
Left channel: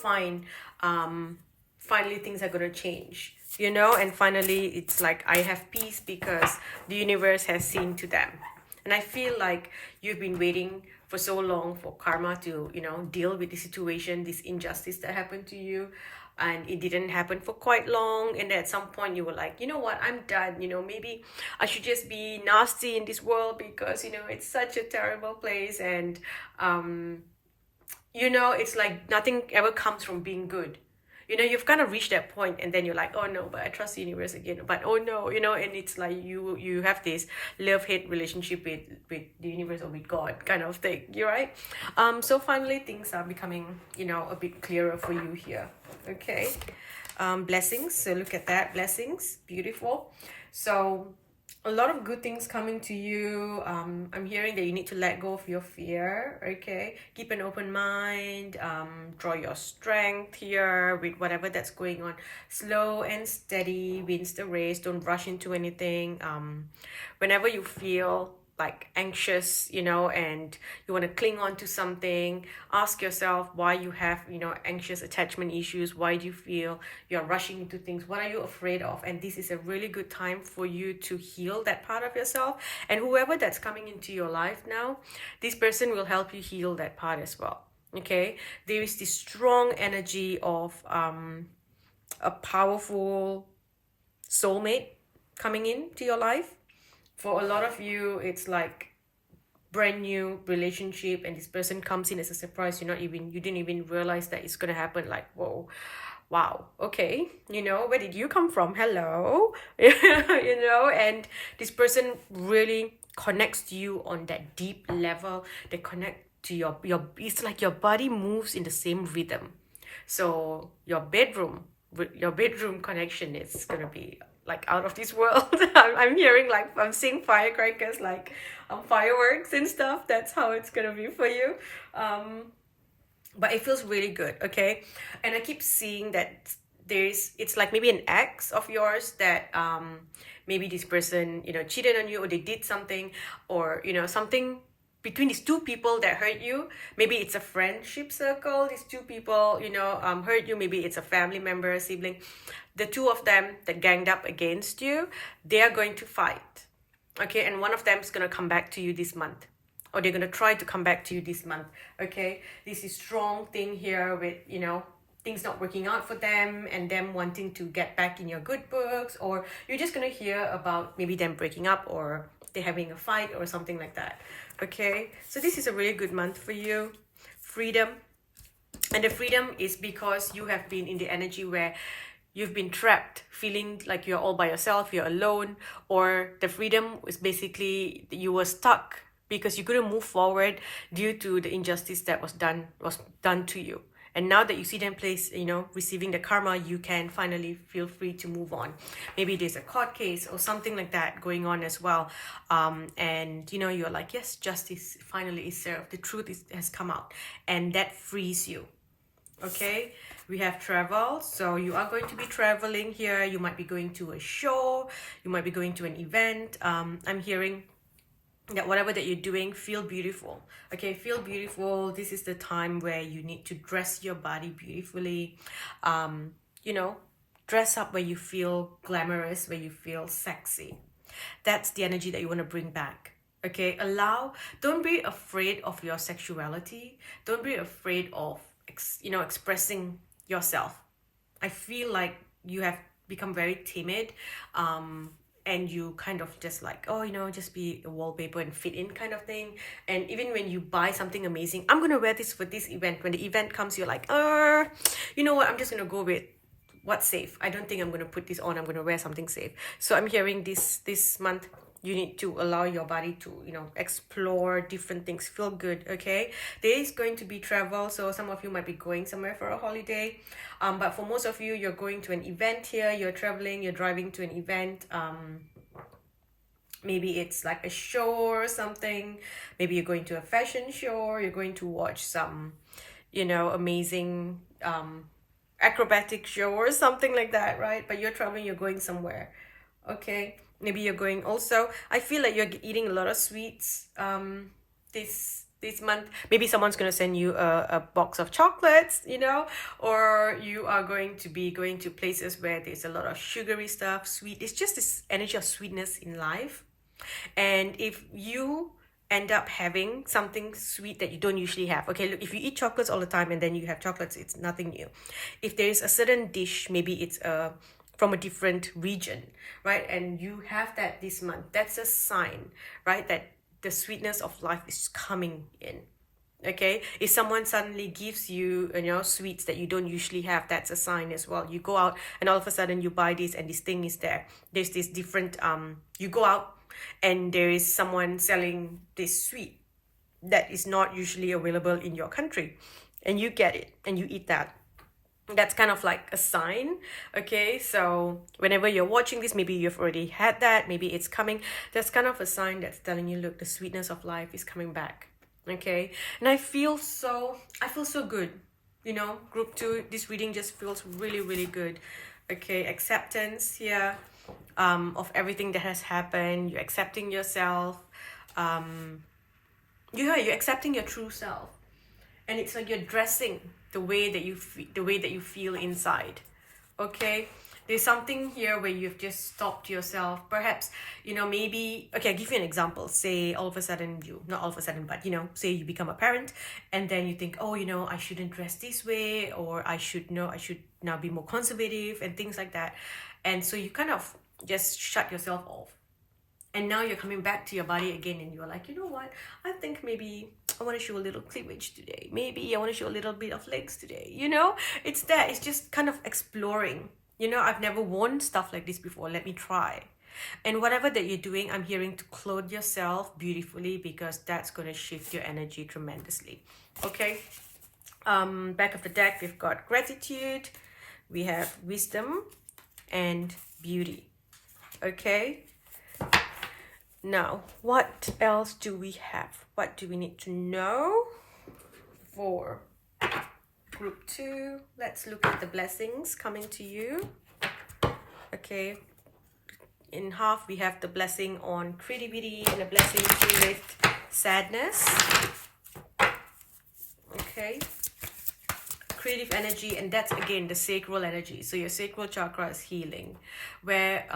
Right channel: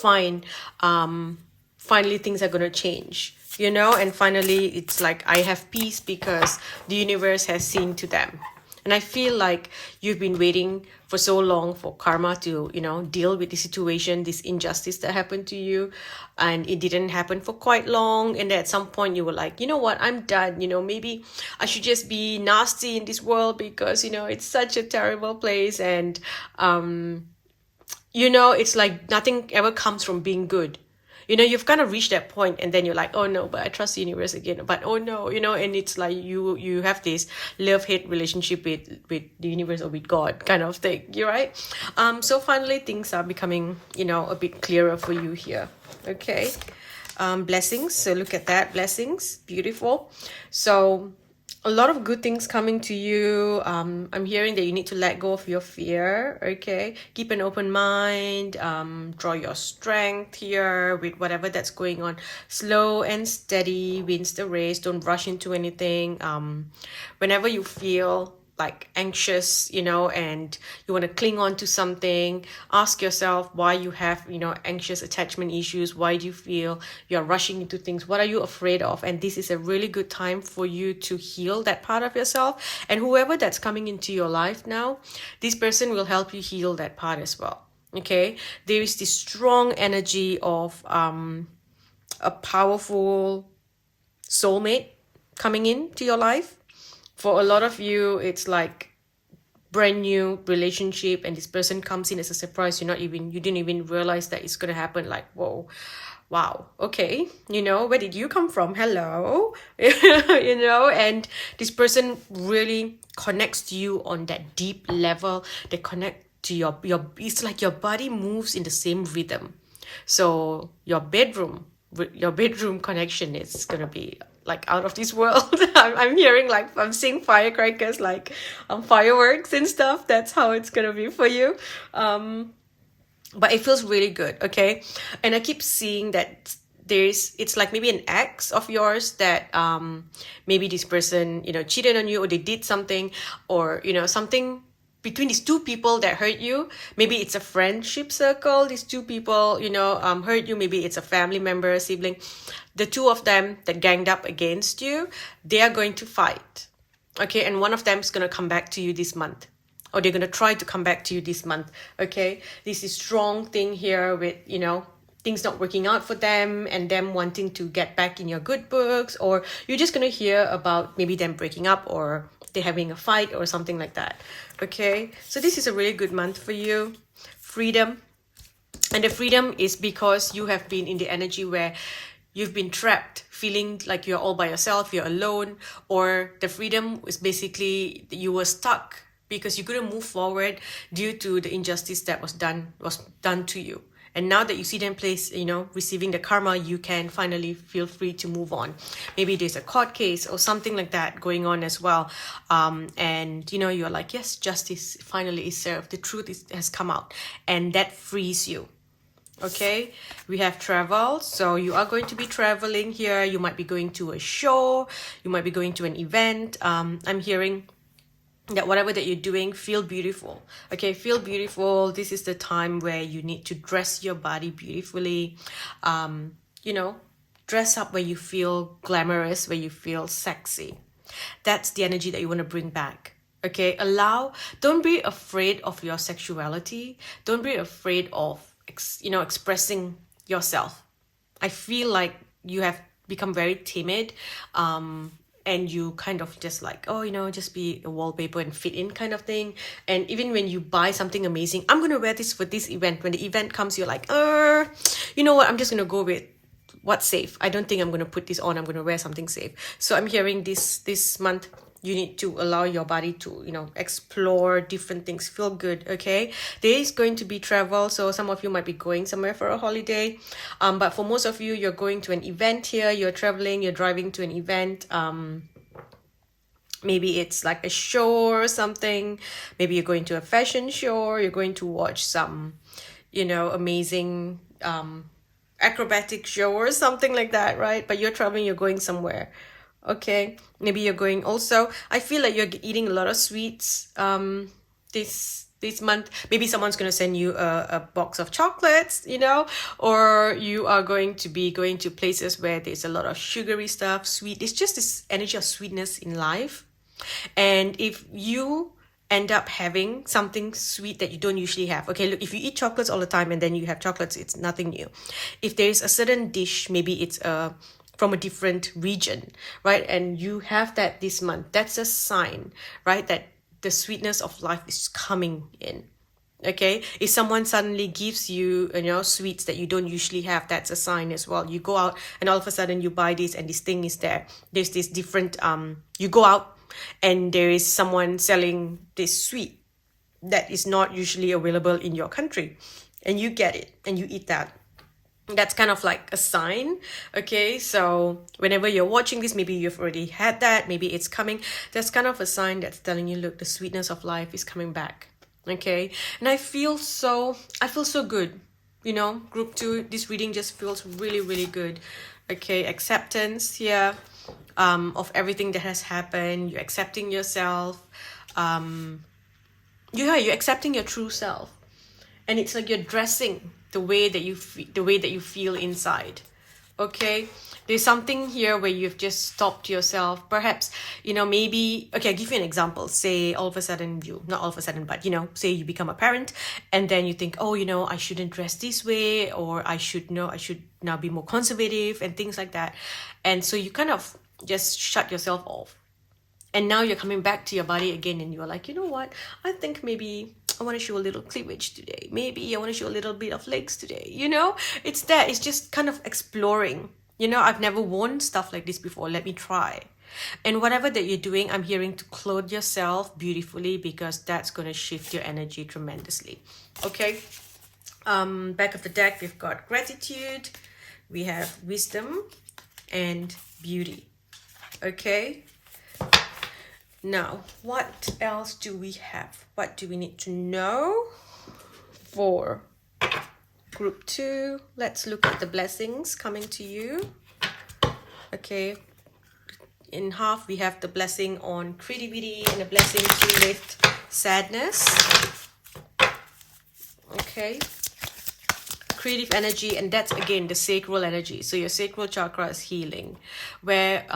fine, finally things are gonna change, and finally it's like I have peace because the universe has seen to them. And I feel like you've been waiting for so long for karma to, deal with the situation, this injustice that happened to you. And it didn't happen for quite long. And at some point you were like, you know what, I'm done. Maybe I should just be nasty in this world because, it's such a terrible place. And, it's like nothing ever comes from being good. You've kind of reached that point, and then you're like, oh no, but I trust the universe again, but oh no, and it's like you have this love-hate relationship with the universe or with God kind of thing. You're right. So finally things are becoming a bit clearer for you here. Okay. Blessings. So look at that. Blessings. Beautiful. So a lot of good things coming to you. I'm hearing that you need to let go of your fear. Okay, keep an open mind. Draw your strength here with whatever that's going on. Slow and steady wins the race. Don't rush into anything. Whenever you feel like anxious, and you want to cling on to something, ask yourself why you have, anxious attachment issues. Why do you feel you're rushing into things? What are you afraid of? And this is a really good time for you to heal that part of yourself. And whoever that's coming into your life now, this person will help you heal that part as well. Okay, there is this strong energy of a powerful soulmate coming into your life. For a lot of you, it's like brand new relationship, and this person comes in as a surprise. You didn't even realize that it's gonna happen. Like, whoa, wow, okay, where did you come from? Hello. And this person really connects to you on that deep level. They connect to your it's like your body moves in the same rhythm. So your bedroom connection is gonna be like out of this world. I'm hearing, like, I'm seeing firecrackers, like fireworks and stuff. That's how it's gonna be for you. But it feels really good. Okay, and I keep seeing that it's like maybe an ex of yours that maybe this person cheated on you, or they did something, or something between these two people that hurt you. Maybe it's a friendship circle. These two people hurt you. Maybe it's a family member, sibling. The two of them that ganged up against you, they are going to fight. Okay, and one of them is going to come back to you this month, or they're going to try to come back to you this month. Okay, this is strong thing here with things not working out for them, and them wanting to get back in your good books, or you're just going to hear about maybe them breaking up, or they're having a fight or something like that. Okay, so this is a really good month for you. Freedom. And the freedom is because you have been in the energy where you've been trapped, feeling like you're all by yourself, you're alone, or the freedom is basically you were stuck because you couldn't move forward due to the injustice that was done to you. And now that you see them receiving the karma, you can finally feel free to move on. Maybe there's a court case or something like that going on as well. And you're like, yes, justice finally is served. The truth has come out, and that frees you. Okay, we have travel. So you are going to be traveling here. You might be going to a show. You might be going to an event. I'm hearing that whatever that you're doing, feel beautiful. Okay, feel beautiful. This is the time where you need to dress your body beautifully. Dress up where you feel glamorous, where you feel sexy. That's the energy that you want to bring back. Okay, don't be afraid of your sexuality. Don't be afraid of expressing yourself. I feel like you have become very timid. and you kind of just like, oh, just be a wallpaper and fit in kind of thing. And even when you buy something amazing, I'm gonna wear this for this event, when the event comes, you're like, you know what, I'm just gonna go with what's safe. I don't think I'm gonna put this on. I'm gonna wear something safe. So I'm hearing this month, you need to allow your body to, explore different things, feel good, okay? There is going to be travel, so some of you might be going somewhere for a holiday. But for most of you, you're going to an event here, you're traveling, you're driving to an event. Maybe it's like a show or something. Maybe you're going to a fashion show, you're going to watch some, amazing acrobatic show or something like that, right? But you're traveling, you're going somewhere. Okay, maybe you're going also, I feel like you're eating a lot of sweets this month. Maybe someone's going to send you a box of chocolates, or you are going to be going to places where there's a lot of sugary stuff, sweet. It's just this energy of sweetness in life. And if you end up having something sweet that you don't usually have, okay, look, if you eat chocolates all the time and then you have chocolates, it's nothing new. If there is a certain dish, maybe it's from a different region, right, and you have that this month, that's a sign, right, that the sweetness of life is coming in. Okay, if someone suddenly gives you, sweets that you don't usually have, that's a sign as well. You go out and all of a sudden you buy this and this thing is there. There's this different, you go out and there is someone selling this sweet that is not usually available in your country, and you get it and you eat that. That's kind of like a sign. Okay, so whenever you're watching this, maybe you've already had that, maybe it's coming. That's kind of a sign that's telling you, look, the sweetness of life is coming back. Okay, and I feel so good. Group 2, this reading just feels really, really good. Okay, acceptance here of everything that has happened. You're accepting yourself. You're accepting your true self, and it's like you're dressing the way that you feel inside. Okay, there's something here where you've just stopped yourself. Perhaps, maybe, okay, I'll give you an example. Say all of a sudden not all of a sudden, but say you become a parent, and then you think, oh, I shouldn't dress this way, or I should now be more conservative and things like that. And so you kind of just shut yourself off. And now you're coming back to your body again, and you're like, you know what? I think maybe I want to show a little cleavage today. Maybe I want to show a little bit of legs today. It's that. It's just kind of exploring. I've never worn stuff like this before. Let me try. And whatever that you're doing, I'm hearing to clothe yourself beautifully, because that's going to shift your energy tremendously. Okay. Back of the deck, we've got gratitude. We have wisdom and beauty. Okay. Now, what else do we have? What do we need to know for group 2? Let's look at the blessings coming to you. Okay. In half, we have the blessing on creativity and a blessing to lift sadness. Okay. Creative energy, and that's again the sacral energy. So your sacral chakra is healing, where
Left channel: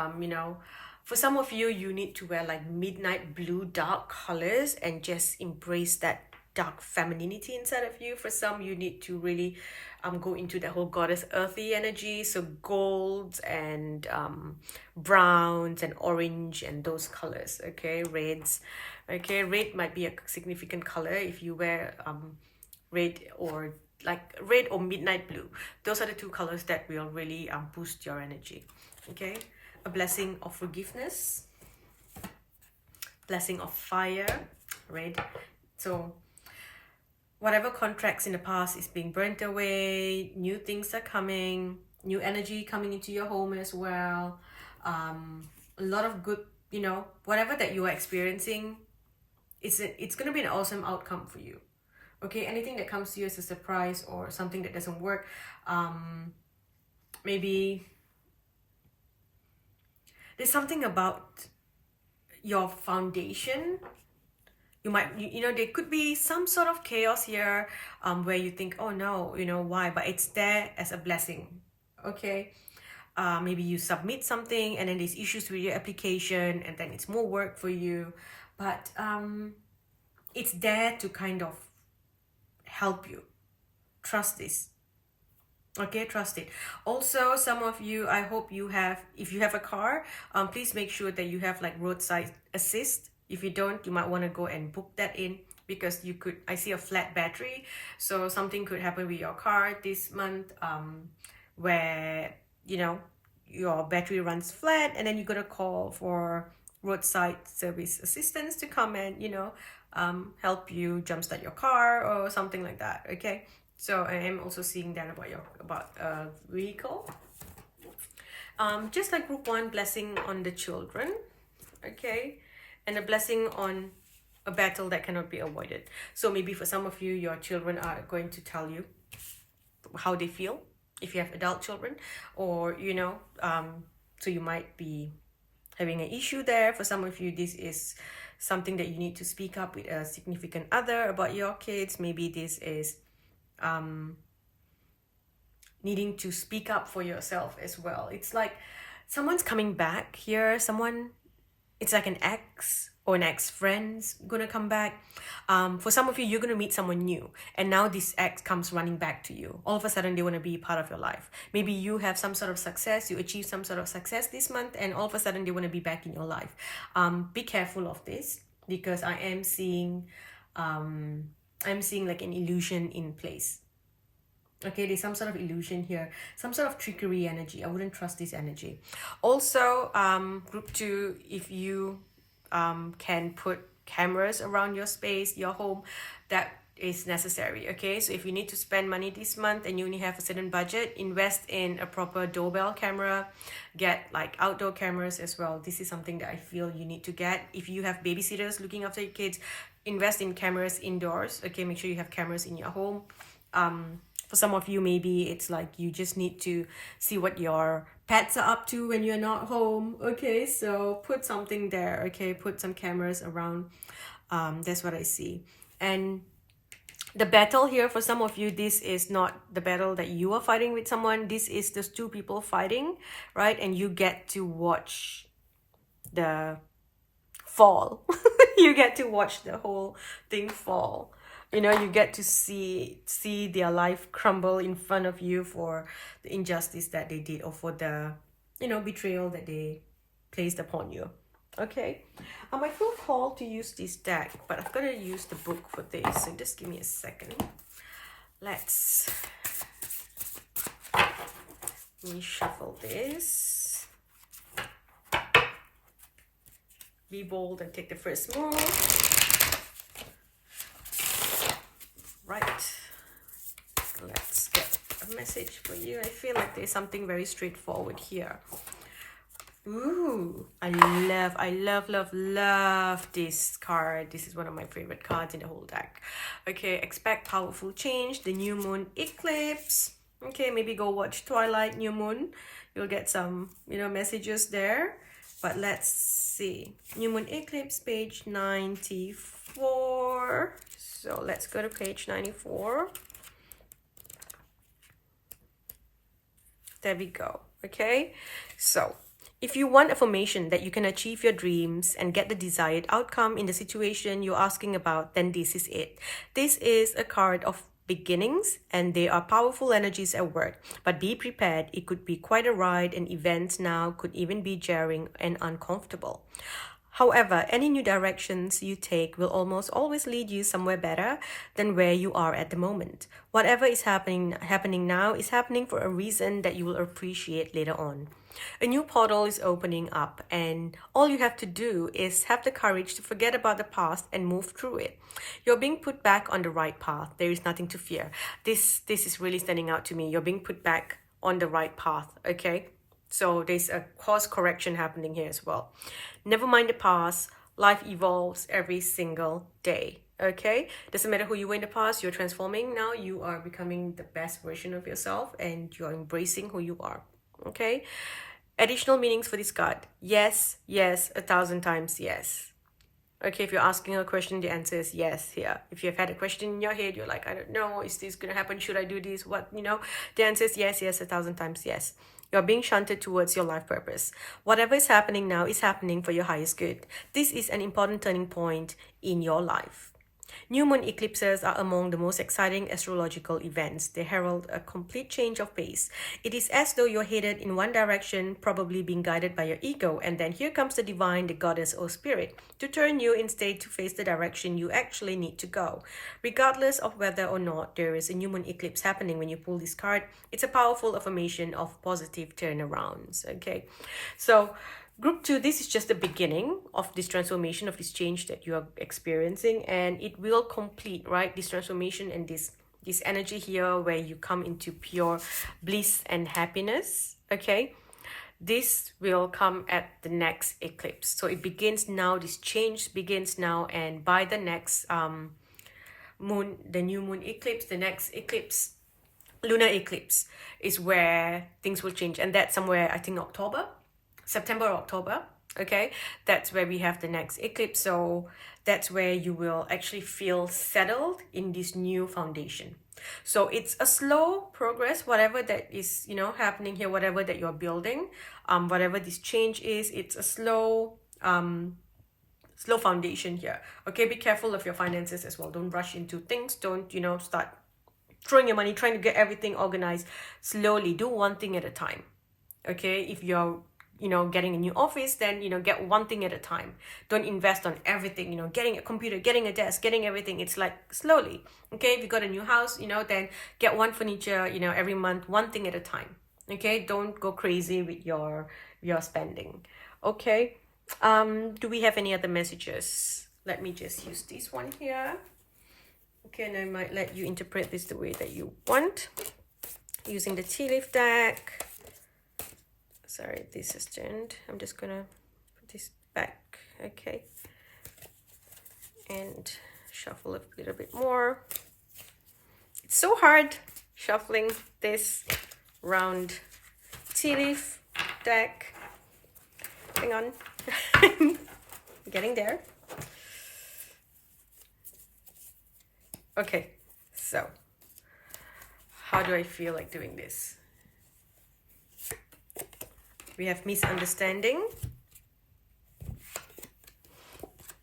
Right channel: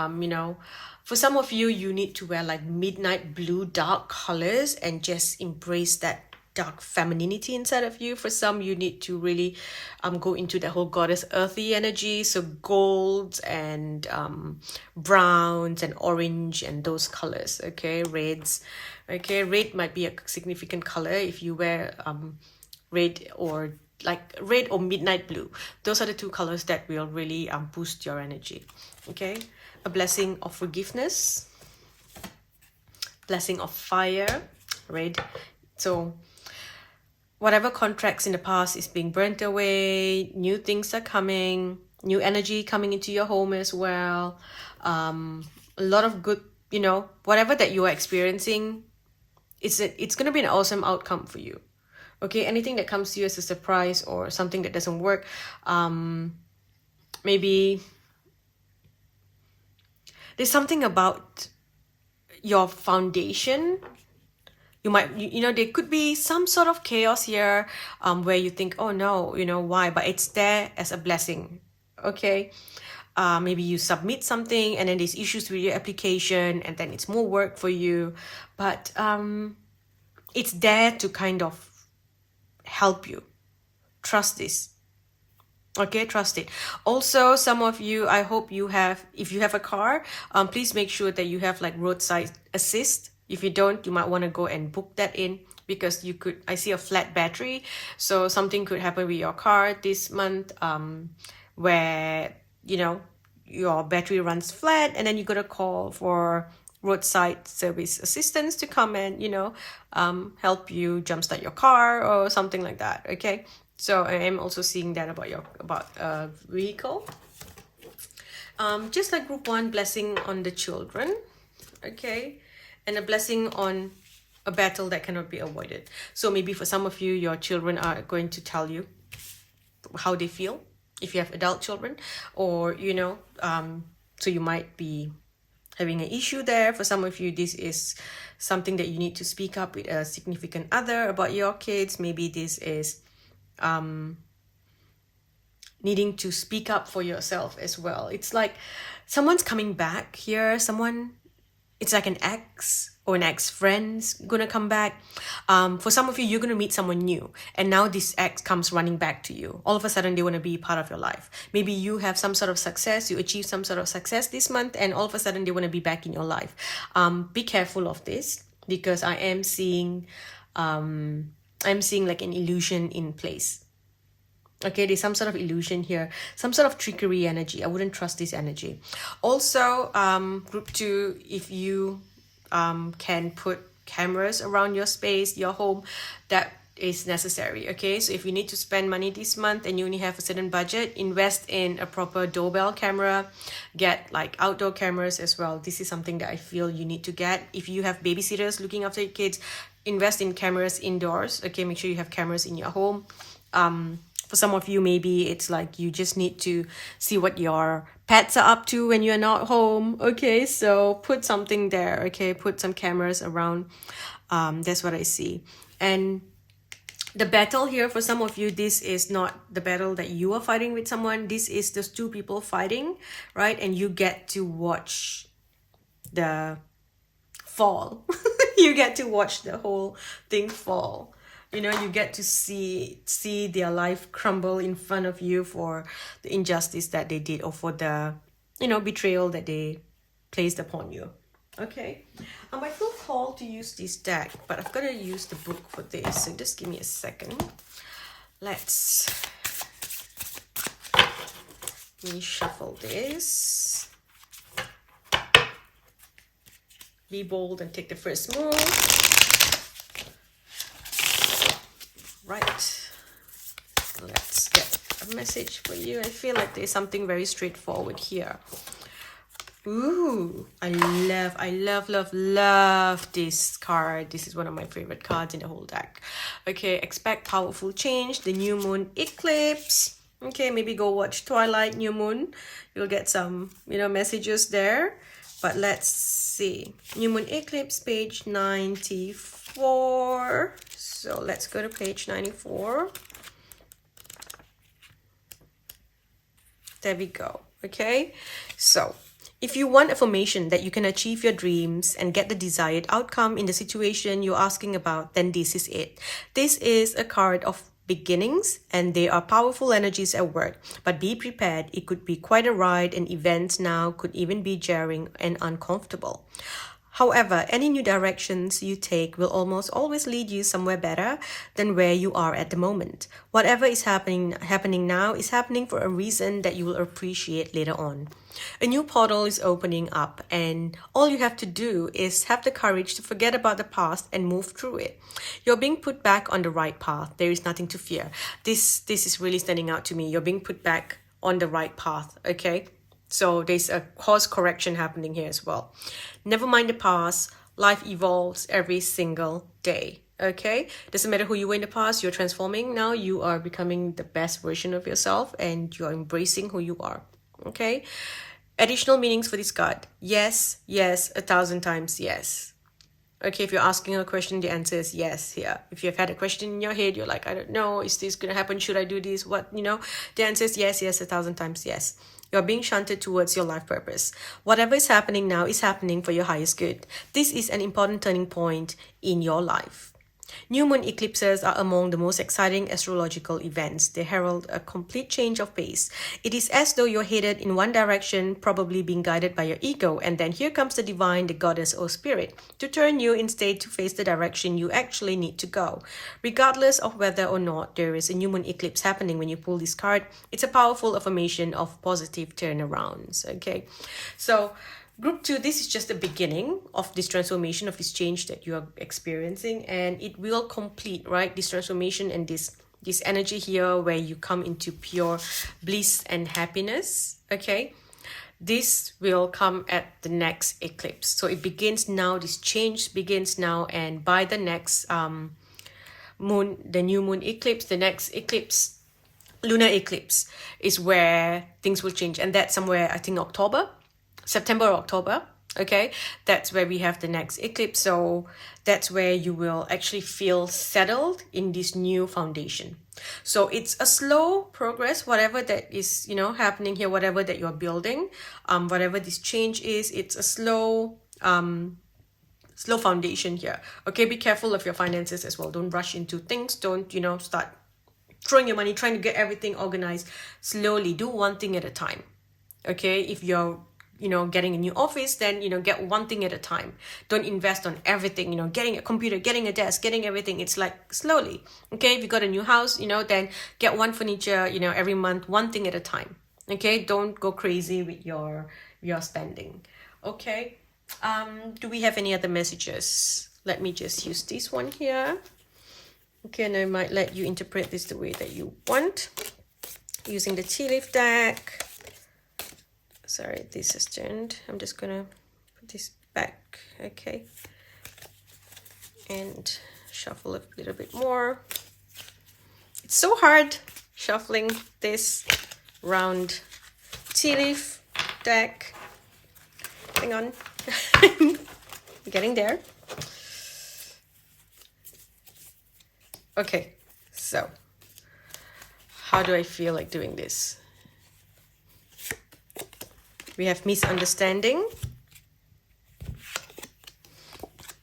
for some of you, you need to wear like midnight blue, dark colors, and just embrace that dark femininity inside of you. For some, you need to really go into the whole goddess earthy energy. So golds and browns and orange and those colors. Okay, reds. Okay, red might be a significant color if you wear red or midnight blue. Those are the two colors that will really boost your energy. Okay. A blessing of forgiveness, blessing of fire, right? So whatever contracts in the past is being burnt away, new things are coming, new energy coming into your home as well. A lot of good, whatever that you are experiencing, it's going to be an awesome outcome for you. Okay, anything that comes to you as a surprise or something that doesn't work, maybe there's something about your foundation. You might, there could be some sort of chaos here where you think, oh no, why? But it's there as a blessing, okay? Maybe you submit something and then there's issues with your application and then it's more work for you. But it's there to kind of help you. Trust this. Okay, trust it. Also, some of you, I hope you have, if you have a car, please make sure that you have like roadside assist. If you don't, you might want to go and book that in, because you could, I see a flat battery, so something could happen with your car this month, where, you know, your battery runs flat, and then you gotta call for roadside service assistance to come and, you know, help you jumpstart your car or something like that. Okay, so I am also seeing that about your vehicle. Just like group 1, blessing on the children. Okay, and a blessing on a battle that cannot be avoided. So maybe for some of you, your children are going to tell you how they feel, if you have adult children, or, you know, so you might be having an issue there. For some of you, this is something that you need to speak up with a significant other about your kids. Maybe this is needing to speak up for yourself as well. It's like someone's coming back here. Someone, it's like an ex or an ex-friend's gonna come back. For some of you, you're gonna meet someone new, and now this ex comes running back to you. All of a sudden, they want to be part of your life. Maybe you have some sort of success, you achieve some sort of success this month, and all of a sudden, they want to be back in your life. Be careful of this, because I am seeing like an illusion in place. Okay, there's some sort of illusion here, some sort of trickery energy. I wouldn't trust this energy. Also, group 2, if you can put cameras around your space, your home, that is necessary. Okay, so if you need to spend money this month and you only have a certain budget, invest in a proper doorbell camera, get like outdoor cameras as well. This is something that I feel you need to get. If you have babysitters looking after your kids, invest in cameras indoors. Okay, make sure you have cameras in your home. For some of you, maybe it's like you just need to see what your pets are up to when you're not home. Okay, so put something there. Okay, put some cameras around. That's what I see. And the battle here, for some of you, this is not the battle that you are fighting with someone. This is just 2 people fighting, right? And you get to watch the fall. You get to watch the whole thing fall. You know, you get to see their life crumble in front of you for the injustice that they did, or for the, you know, betrayal that they placed upon you. Okay, I might feel called to use this deck, but I've got to use the book for this, so just give me a second. Let me shuffle this. Be bold and take the first move. Right, let's get a message for you. I feel like there's something very straightforward here. Ooh, I love this card. This is one of my favorite cards in the whole deck. Okay, expect powerful change, the new moon eclipse. Okay, maybe go watch Twilight New Moon. You'll get some, you know, messages there. But let's see. New moon eclipse, page 94. So let's go to page 94. There we go. Okay, so if you want affirmation that you can achieve your dreams and get the desired outcome in the situation you're asking about, then this is it. This is a card of beginnings, and there are powerful energies at work, but be prepared. It could be quite a ride, and events now could even be jarring and uncomfortable. However, any new directions you take will almost always lead you somewhere better than where you are at the moment. Whatever is happening now is happening for a reason that you will appreciate later on. A new portal is opening up, and all you have to do is have the courage to forget about the past and move through it. You're being put back on the right path. There is nothing to fear. This is really standing out to me. You're being put back on the right path, okay? So there's a course correction happening here as well. Never mind the past. Life evolves every single day. Okay, doesn't matter who you were in the past, you're transforming now. You are becoming the best version of yourself, and you're embracing who you are. Okay, additional meanings for this card: yes, yes, 1,000 times yes. Okay, if you're asking a question, the answer is yes here. If you've had a question in your head, you're like, I don't know, is this gonna happen? Should I do this? What, you know? The answer is yes, yes, 1,000 times yes. You're being shunted towards your life purpose. Whatever is happening now is happening for your highest good. This is an important turning point in your life. New moon eclipses are among the most exciting astrological events. They herald a complete change of pace. It is as though you're headed in one direction, probably being guided by your ego, and then here comes the divine, the goddess or spirit, to turn you instead to face the direction you actually need to go. Regardless of whether or not there is a new moon eclipse happening when you pull this card, it's a powerful affirmation of positive turnarounds. Okay, so Group 2, this is just the beginning of this transformation, of this change that you are experiencing, and it will complete, right, this transformation and this energy here where you come into pure bliss and happiness. Okay, this will come at the next eclipse. So it begins now, this change begins now, and by the next moon, the new moon eclipse, the next eclipse, lunar eclipse, is where things will change, and that's somewhere, I think, September or October. Okay, that's where we have the next eclipse. So that's where you will actually feel settled in this new foundation. So it's a slow progress, whatever that is, you know, happening here, whatever that you're building, whatever this change is, it's a slow foundation here. Okay, be careful of your finances as well. Don't rush into things. Don't, you know, start throwing your money, trying to get everything organized. Slowly, do one thing at a time. Okay, if you're, you know, getting a new office, then, you know, get one thing at a time. Don't invest on everything, you know, getting a computer, getting a desk, getting everything. It's like slowly. Okay, if you got a new house, you know, then get one furniture, you know, every month, one thing at a time. Okay, don't go crazy with your spending. Okay, do we have any other messages? Let me just use this one here. Okay, and I might let you interpret this the way that you want, using the tea leaf deck. Sorry, this has turned. I'm just gonna put this back. Okay, and shuffle a little bit more. It's so hard shuffling this round tea leaf deck. Hang on. Getting there. Okay, so how do I feel like doing this? We have misunderstanding.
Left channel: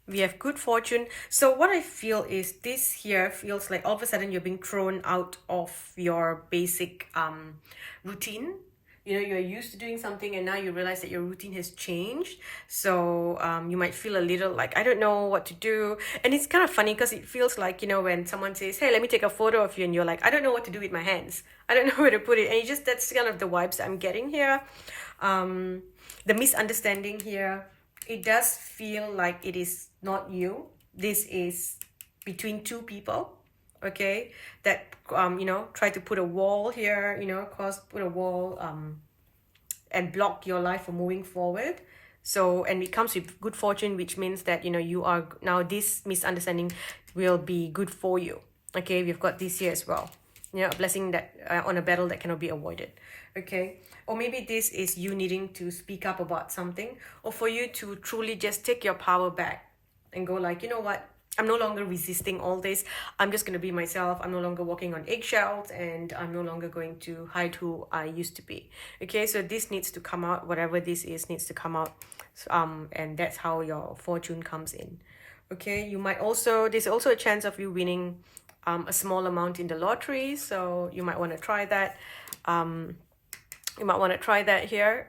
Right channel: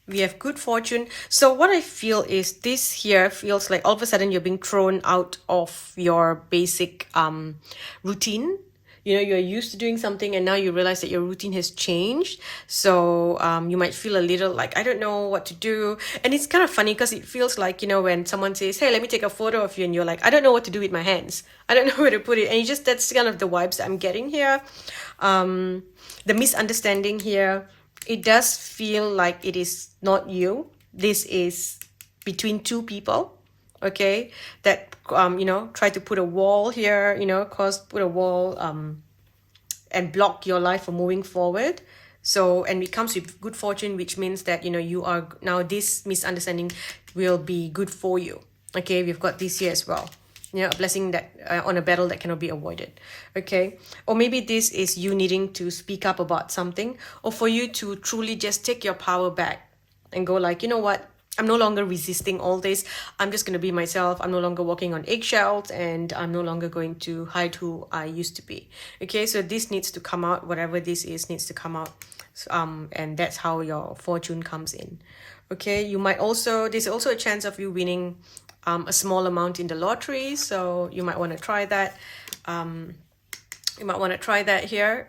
We have good fortune. So what I feel is this here feels like all of a sudden you're being thrown out of your basic routine. You know, you're used to doing something and now you realize that your routine has changed. So you might feel a little like, I don't know what to do. And it's kind of funny because it feels like, you know, when someone says, hey, let me take a photo of you, and you're like, I don't know what to do with my hands. I don't know where to put it. And you just, that's kind of the vibes that I'm getting here. The misunderstanding here, it does feel like it is not you. This is between two people. Okay, that you know, try to put a wall here, you know, put a wall and block your life from moving forward. So, and it comes with good fortune, which means that, you know, you are now, this misunderstanding will be good for you. Okay, we've got this here as well, you know, a blessing that on a battle that cannot be avoided. Okay, or maybe this is you needing to speak up about something, or for you to truly just take your power back and go like, you know what, I'm no longer resisting all this. I'm just going to be myself. I'm no longer walking on eggshells, and I'm no longer going to hide who I used to be. Okay, so this needs to come out. Whatever this is needs to come out. And that's how your fortune comes in. Okay, you might also, there's also a chance of you winning a small amount in the lottery. So you might want to try that. You might want to try that here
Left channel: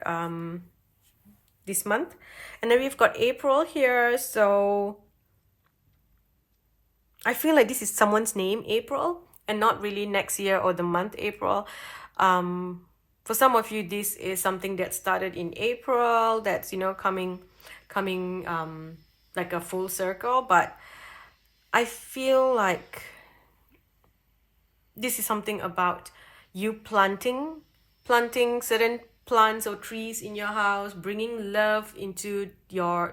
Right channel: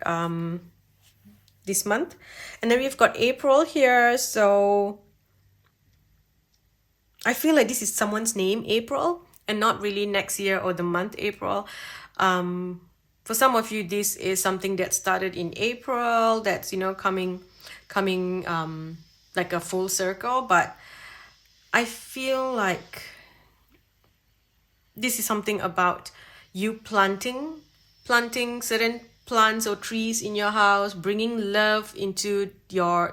this month. And then we've got April here. So I feel like this is someone's name, April, and not really next year or the month April. For some of you, this is something that started in April, that's, you know, coming like a full circle. But I feel like this is something about you planting certain plants or trees in your house, bringing love into your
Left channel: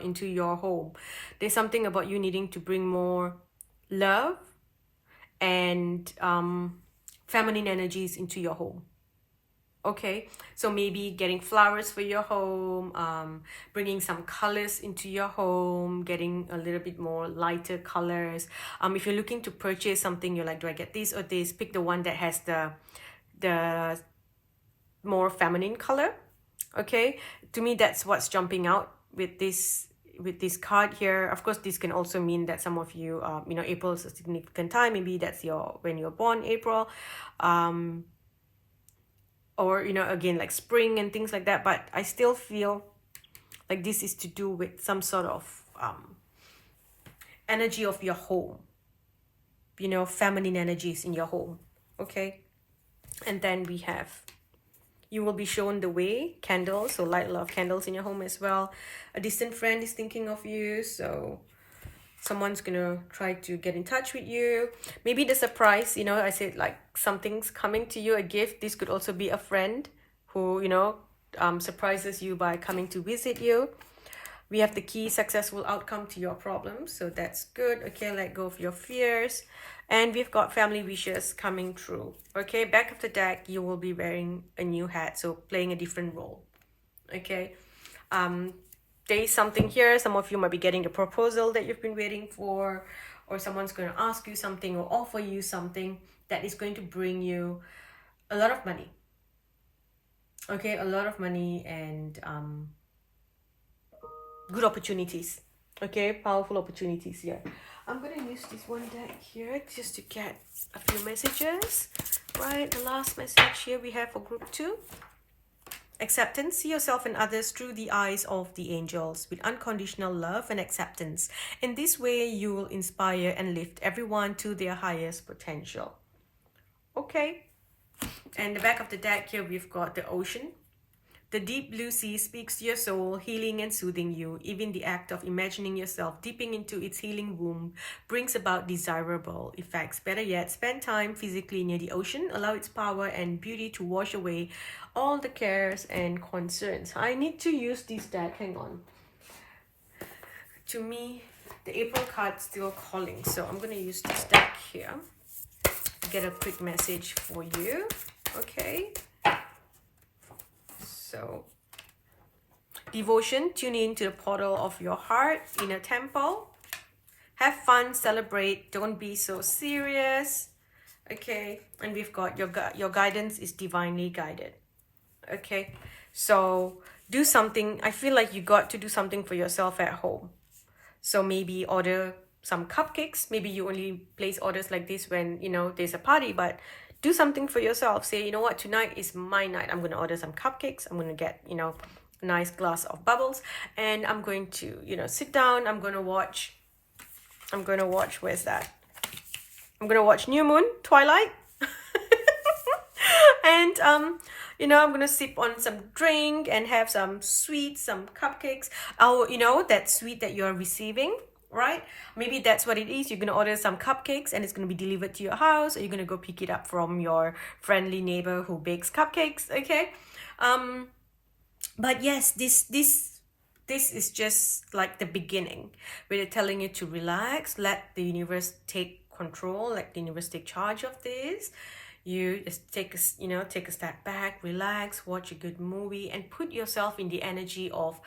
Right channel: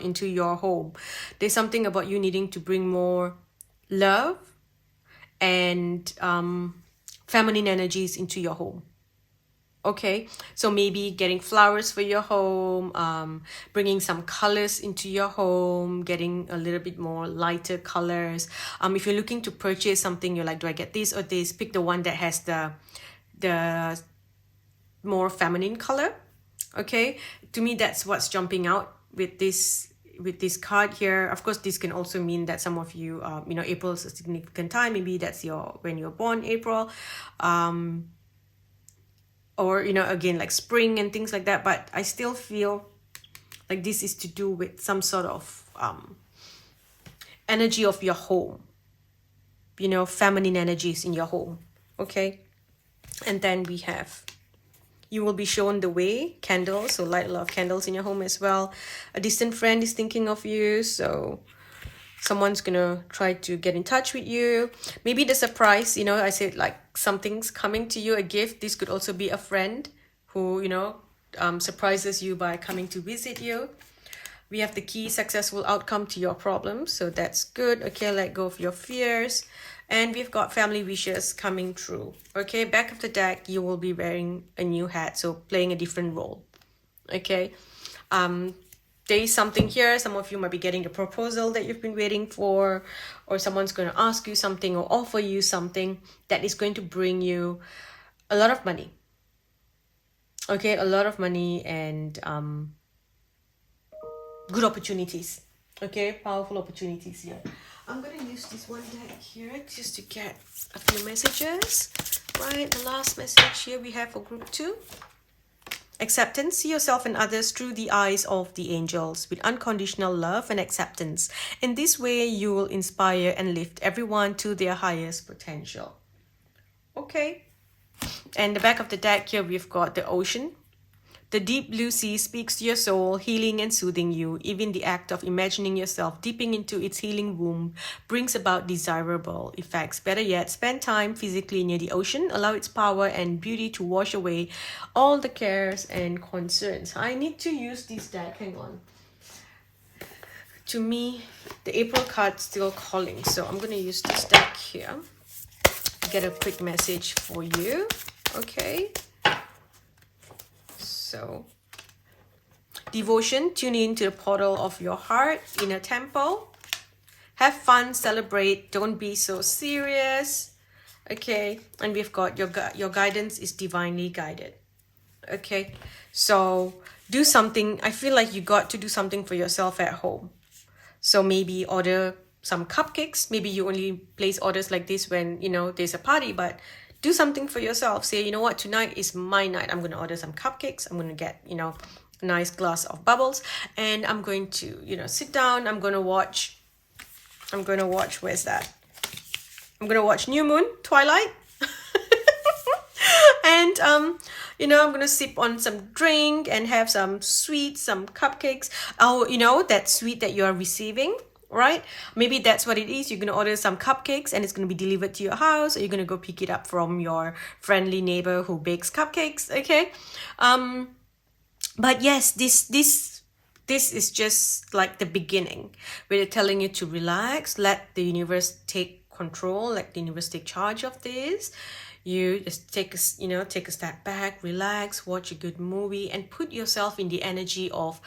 home. There's something about you needing to bring more love and feminine energies into your home. Okay, so maybe getting flowers for your home, bringing some colors into your home, getting a little bit more lighter colors. If you're looking to purchase something, you're like, do I get this or this? Pick the one that has the more feminine color. Okay, to me that's what's jumping out with this with this card here. Of course, this can also mean that some of you, April is a significant time. Maybe that's when you're born, April. Or, again, like spring and things like that. But I still feel like this is to do with some sort of energy of your home. Feminine energies in your home. Okay. And then we have, you will be shown the way, candles. So light a lot of candles in your home as well. A distant friend is thinking of you. So someone's gonna try to get in touch with you. Maybe the surprise, I said like something's coming to you, a gift. This could also be a friend who, surprises you by coming to visit you. We have the key, successful outcome to your problems. So that's good. Okay, let go of your fears. And we've got family wishes coming true. Okay, back of the deck, you will be wearing a new hat. So playing a different role. Okay. There is something here. Some of you might be getting a proposal that you've been waiting for. Or someone's going to ask you something or offer you something that is going to bring you a lot of money. Okay, a lot of money and good opportunities. Okay, powerful opportunities here. I'm going to use this one deck here just to get a few messages. Right, the last message here we have for group 2. Acceptance. See yourself and others through the eyes of the angels with unconditional love and acceptance. In this way, you will inspire and lift everyone to their highest potential. Okay. And the back of the deck here, we've got the ocean. The deep blue sea speaks to your soul, healing and soothing you. Even the act of imagining yourself dipping into its healing womb brings about desirable effects. Better yet, spend time physically near the ocean. Allow its power and beauty to wash away all the cares and concerns. I need to use this deck. Hang on. To me, the April card's still calling. So I'm going to use this deck here. Get a quick message for you. Okay. So, devotion, tune in to the portal of your heart, inner temple. Have fun, celebrate, don't be so serious. Okay, and we've got your guidance is divinely guided. Okay, so do something. I feel like you got to do something for yourself at home. So maybe order some cupcakes. Maybe you only place orders like this when, there's a party, but do something for yourself. Say, you know what, tonight is my night. I'm going to order some cupcakes. I'm going to get, a nice glass of bubbles. And I'm going to, sit down. I'm going to watch, where's that? I'm going to watch New Moon, Twilight. And, I'm going to sip on some drink and have some sweets, some cupcakes. Oh, that sweet that you are receiving. Right? Maybe that's what it is. You're going to order some cupcakes and it's going to be delivered to your house, or you're going to go pick it up from your friendly neighbor who bakes cupcakes. Okay. But yes, this is just like the beginning where they're telling you to relax, let the universe take control, let the universe take charge of this. You just take a step back, relax, watch a good movie and put yourself in the energy of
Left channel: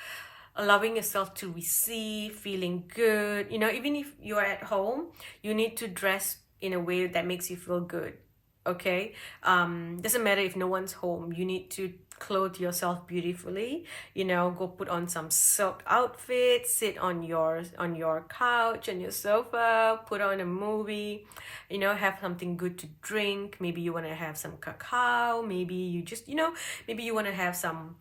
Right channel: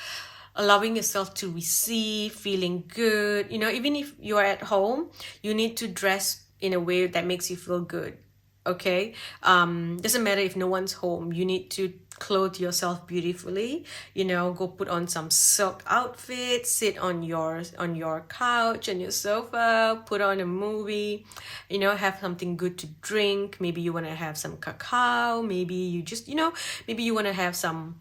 allowing yourself to receive, feeling good. Even if you're at home, you need to dress in a way that makes you feel good. Okay? Doesn't matter if no one's home. You need to clothe yourself beautifully. Go put on some silk outfit, sit on your couch, on your sofa, put on a movie, have something good to drink. Maybe you want to have some cacao. Maybe you just, maybe you want to have some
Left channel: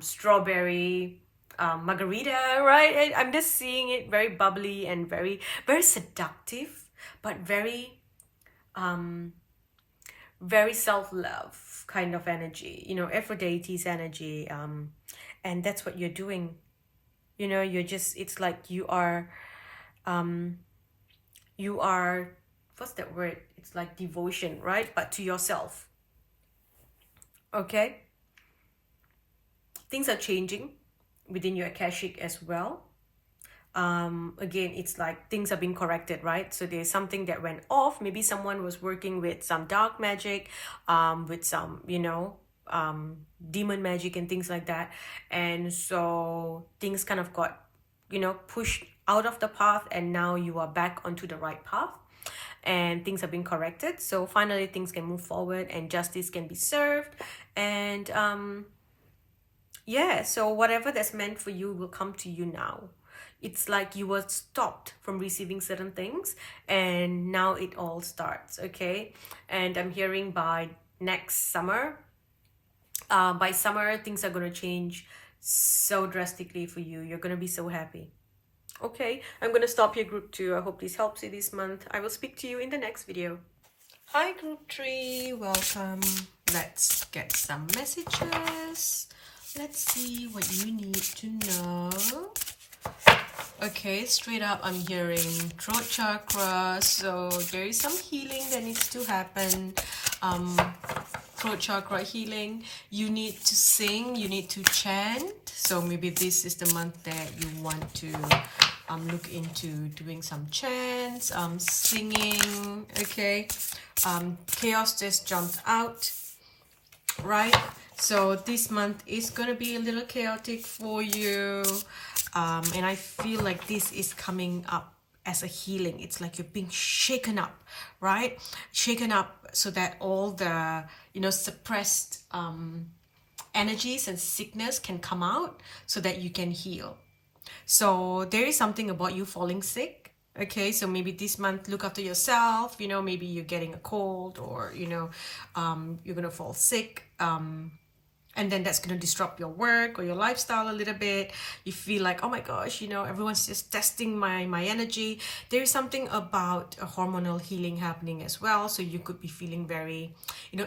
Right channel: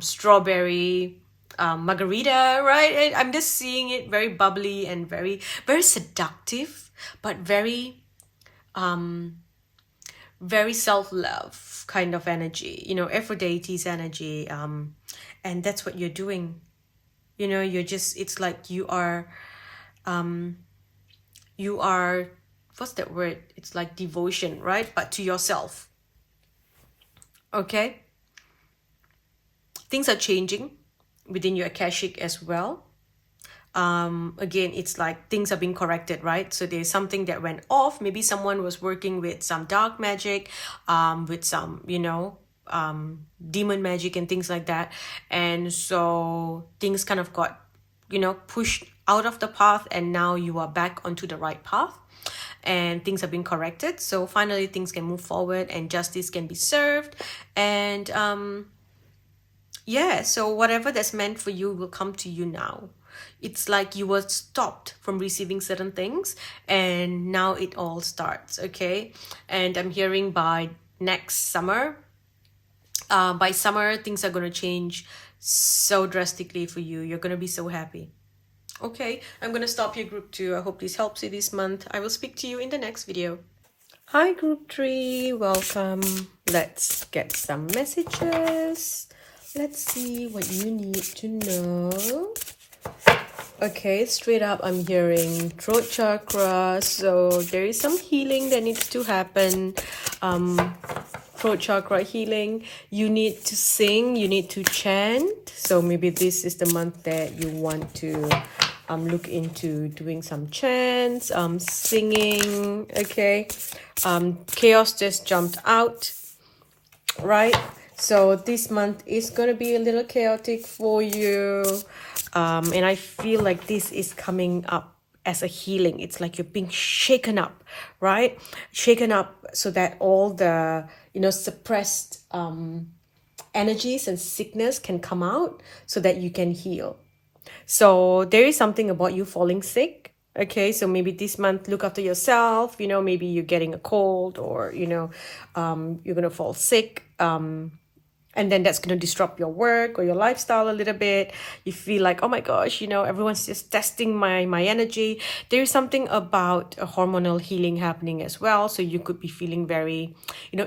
strawberry margarita, right? I'm just seeing it very bubbly and very, very seductive, but very self-love kind of energy, Aphrodite's energy. And that's what you're doing. You're just, it's like you are, what's that word? It's like devotion, right? But to yourself. Okay? Things are changing within your Akashic as well. Again, it's like things are being corrected, right? So there's something that went off. Maybe someone was working with some dark magic, with some, demon magic and things like that. And so things kind of got, pushed out of the path, and now you are back onto the right path. And things are being corrected. So finally things can move forward and justice can be served. And yeah, so whatever that's meant for you will come to you now. It's like you were stopped from receiving certain things and now it all starts, okay? And I'm hearing next summer, by summer, things are going to change so drastically for you. You're going to be so happy. Okay, I'm going to stop here, group 2. I hope this helps you this month. I will speak to you in the next video. Hi, group 3. Welcome. Let's get some messages. Let's see what you need to know. Okay, straight up, I'm hearing throat chakra. So there is some healing that needs to happen. Throat chakra healing. You need to sing. You need to chant. So maybe this is the month that you want to look into doing some chants, singing. Okay. Chaos just jumped out, right? So this month is gonna be a little chaotic for you, and I feel like this is coming up as a healing. It's like you're being shaken up, right? Shaken up so that all the suppressed energies and sickness can come out so that you can heal. So there is something about you falling sick. Okay, so maybe this month look after yourself. Maybe you're getting a cold, or you're gonna fall sick. And then that's going to disrupt your work or your lifestyle a little bit. You feel like, oh my gosh, everyone's just testing my energy. There is something about a hormonal healing happening as well. So you could be feeling very,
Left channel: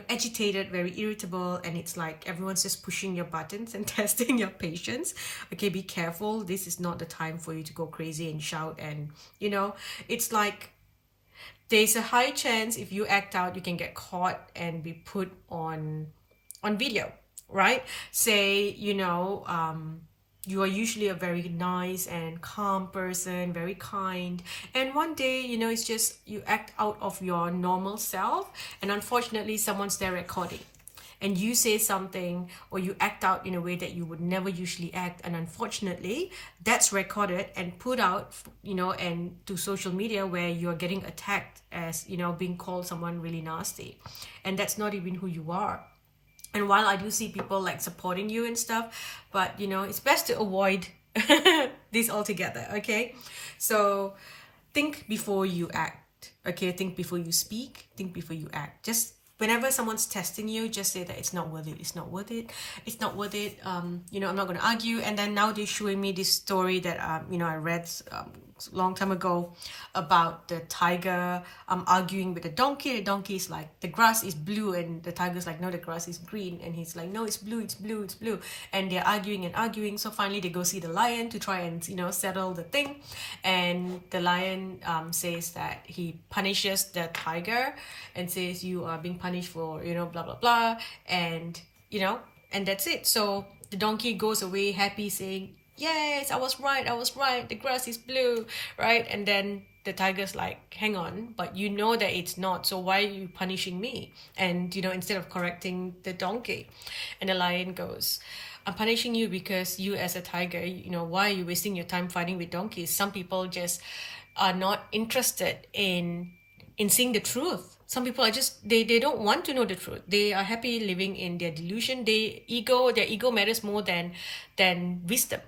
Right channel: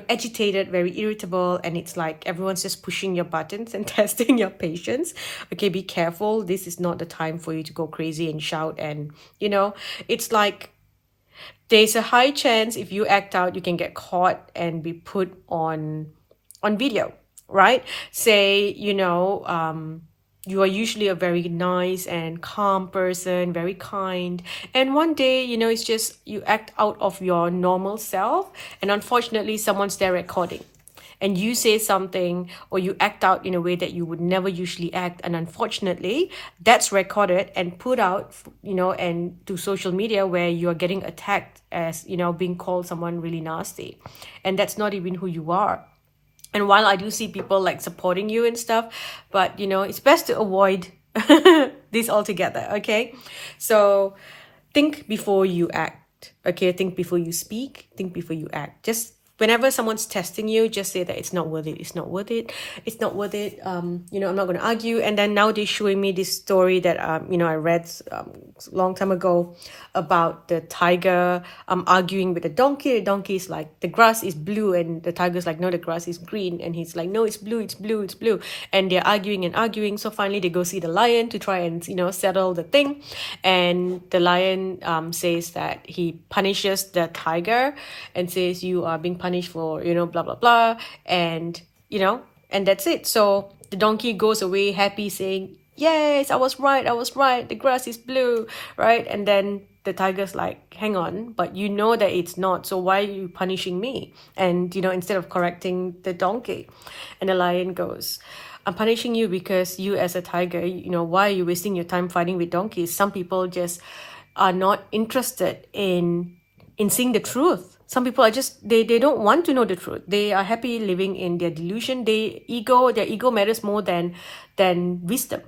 agitated, very irritable. And it's like everyone's just pushing your buttons and testing your patience. Okay, be careful. This is not the time for you to go crazy and shout. And, it's like there's a high chance if you act out, you can get caught and be put on video. Right? Say, you are usually a very nice and calm person, very kind. And one day, it's just you act out of your normal self. And unfortunately, someone's there recording. And you say something or you act out in a way that you would never usually act. And unfortunately, that's recorded and put out, and to social media where you're getting attacked as, being called someone really nasty. And that's not even who you are. And while I do see people like supporting you and stuff, but it's best to avoid this altogether, okay? So think before you act, okay? Think before you speak, think before you act. Just whenever someone's testing you, just say that it's not worth it, it's not worth it, it's not worth it. I'm not going to argue. And then now they're showing me this story that, I read a long time ago about the tiger arguing with the donkey. The donkey is like, the grass is blue, and the tiger's like, no, the grass is green. And he's like, no, it's blue, it's blue, it's blue. And they're arguing and arguing. So finally they go see the lion to try and, settle the thing. And the lion says that he punishes the tiger and says, you are being punished for, blah, blah, blah. And, and that's it. So the donkey goes away happy saying, yes, I was right, the grass is blue, right? And then the tiger's like, hang on, but you know that it's not, so why are you punishing me? And, instead of correcting the donkey. And the lion goes, I'm punishing you because you as a tiger, why are you wasting your time fighting with donkeys? Some people just are not interested in seeing the truth. Some people are just, they don't want to know the truth. They are happy living in their delusion. Their ego matters more than wisdom.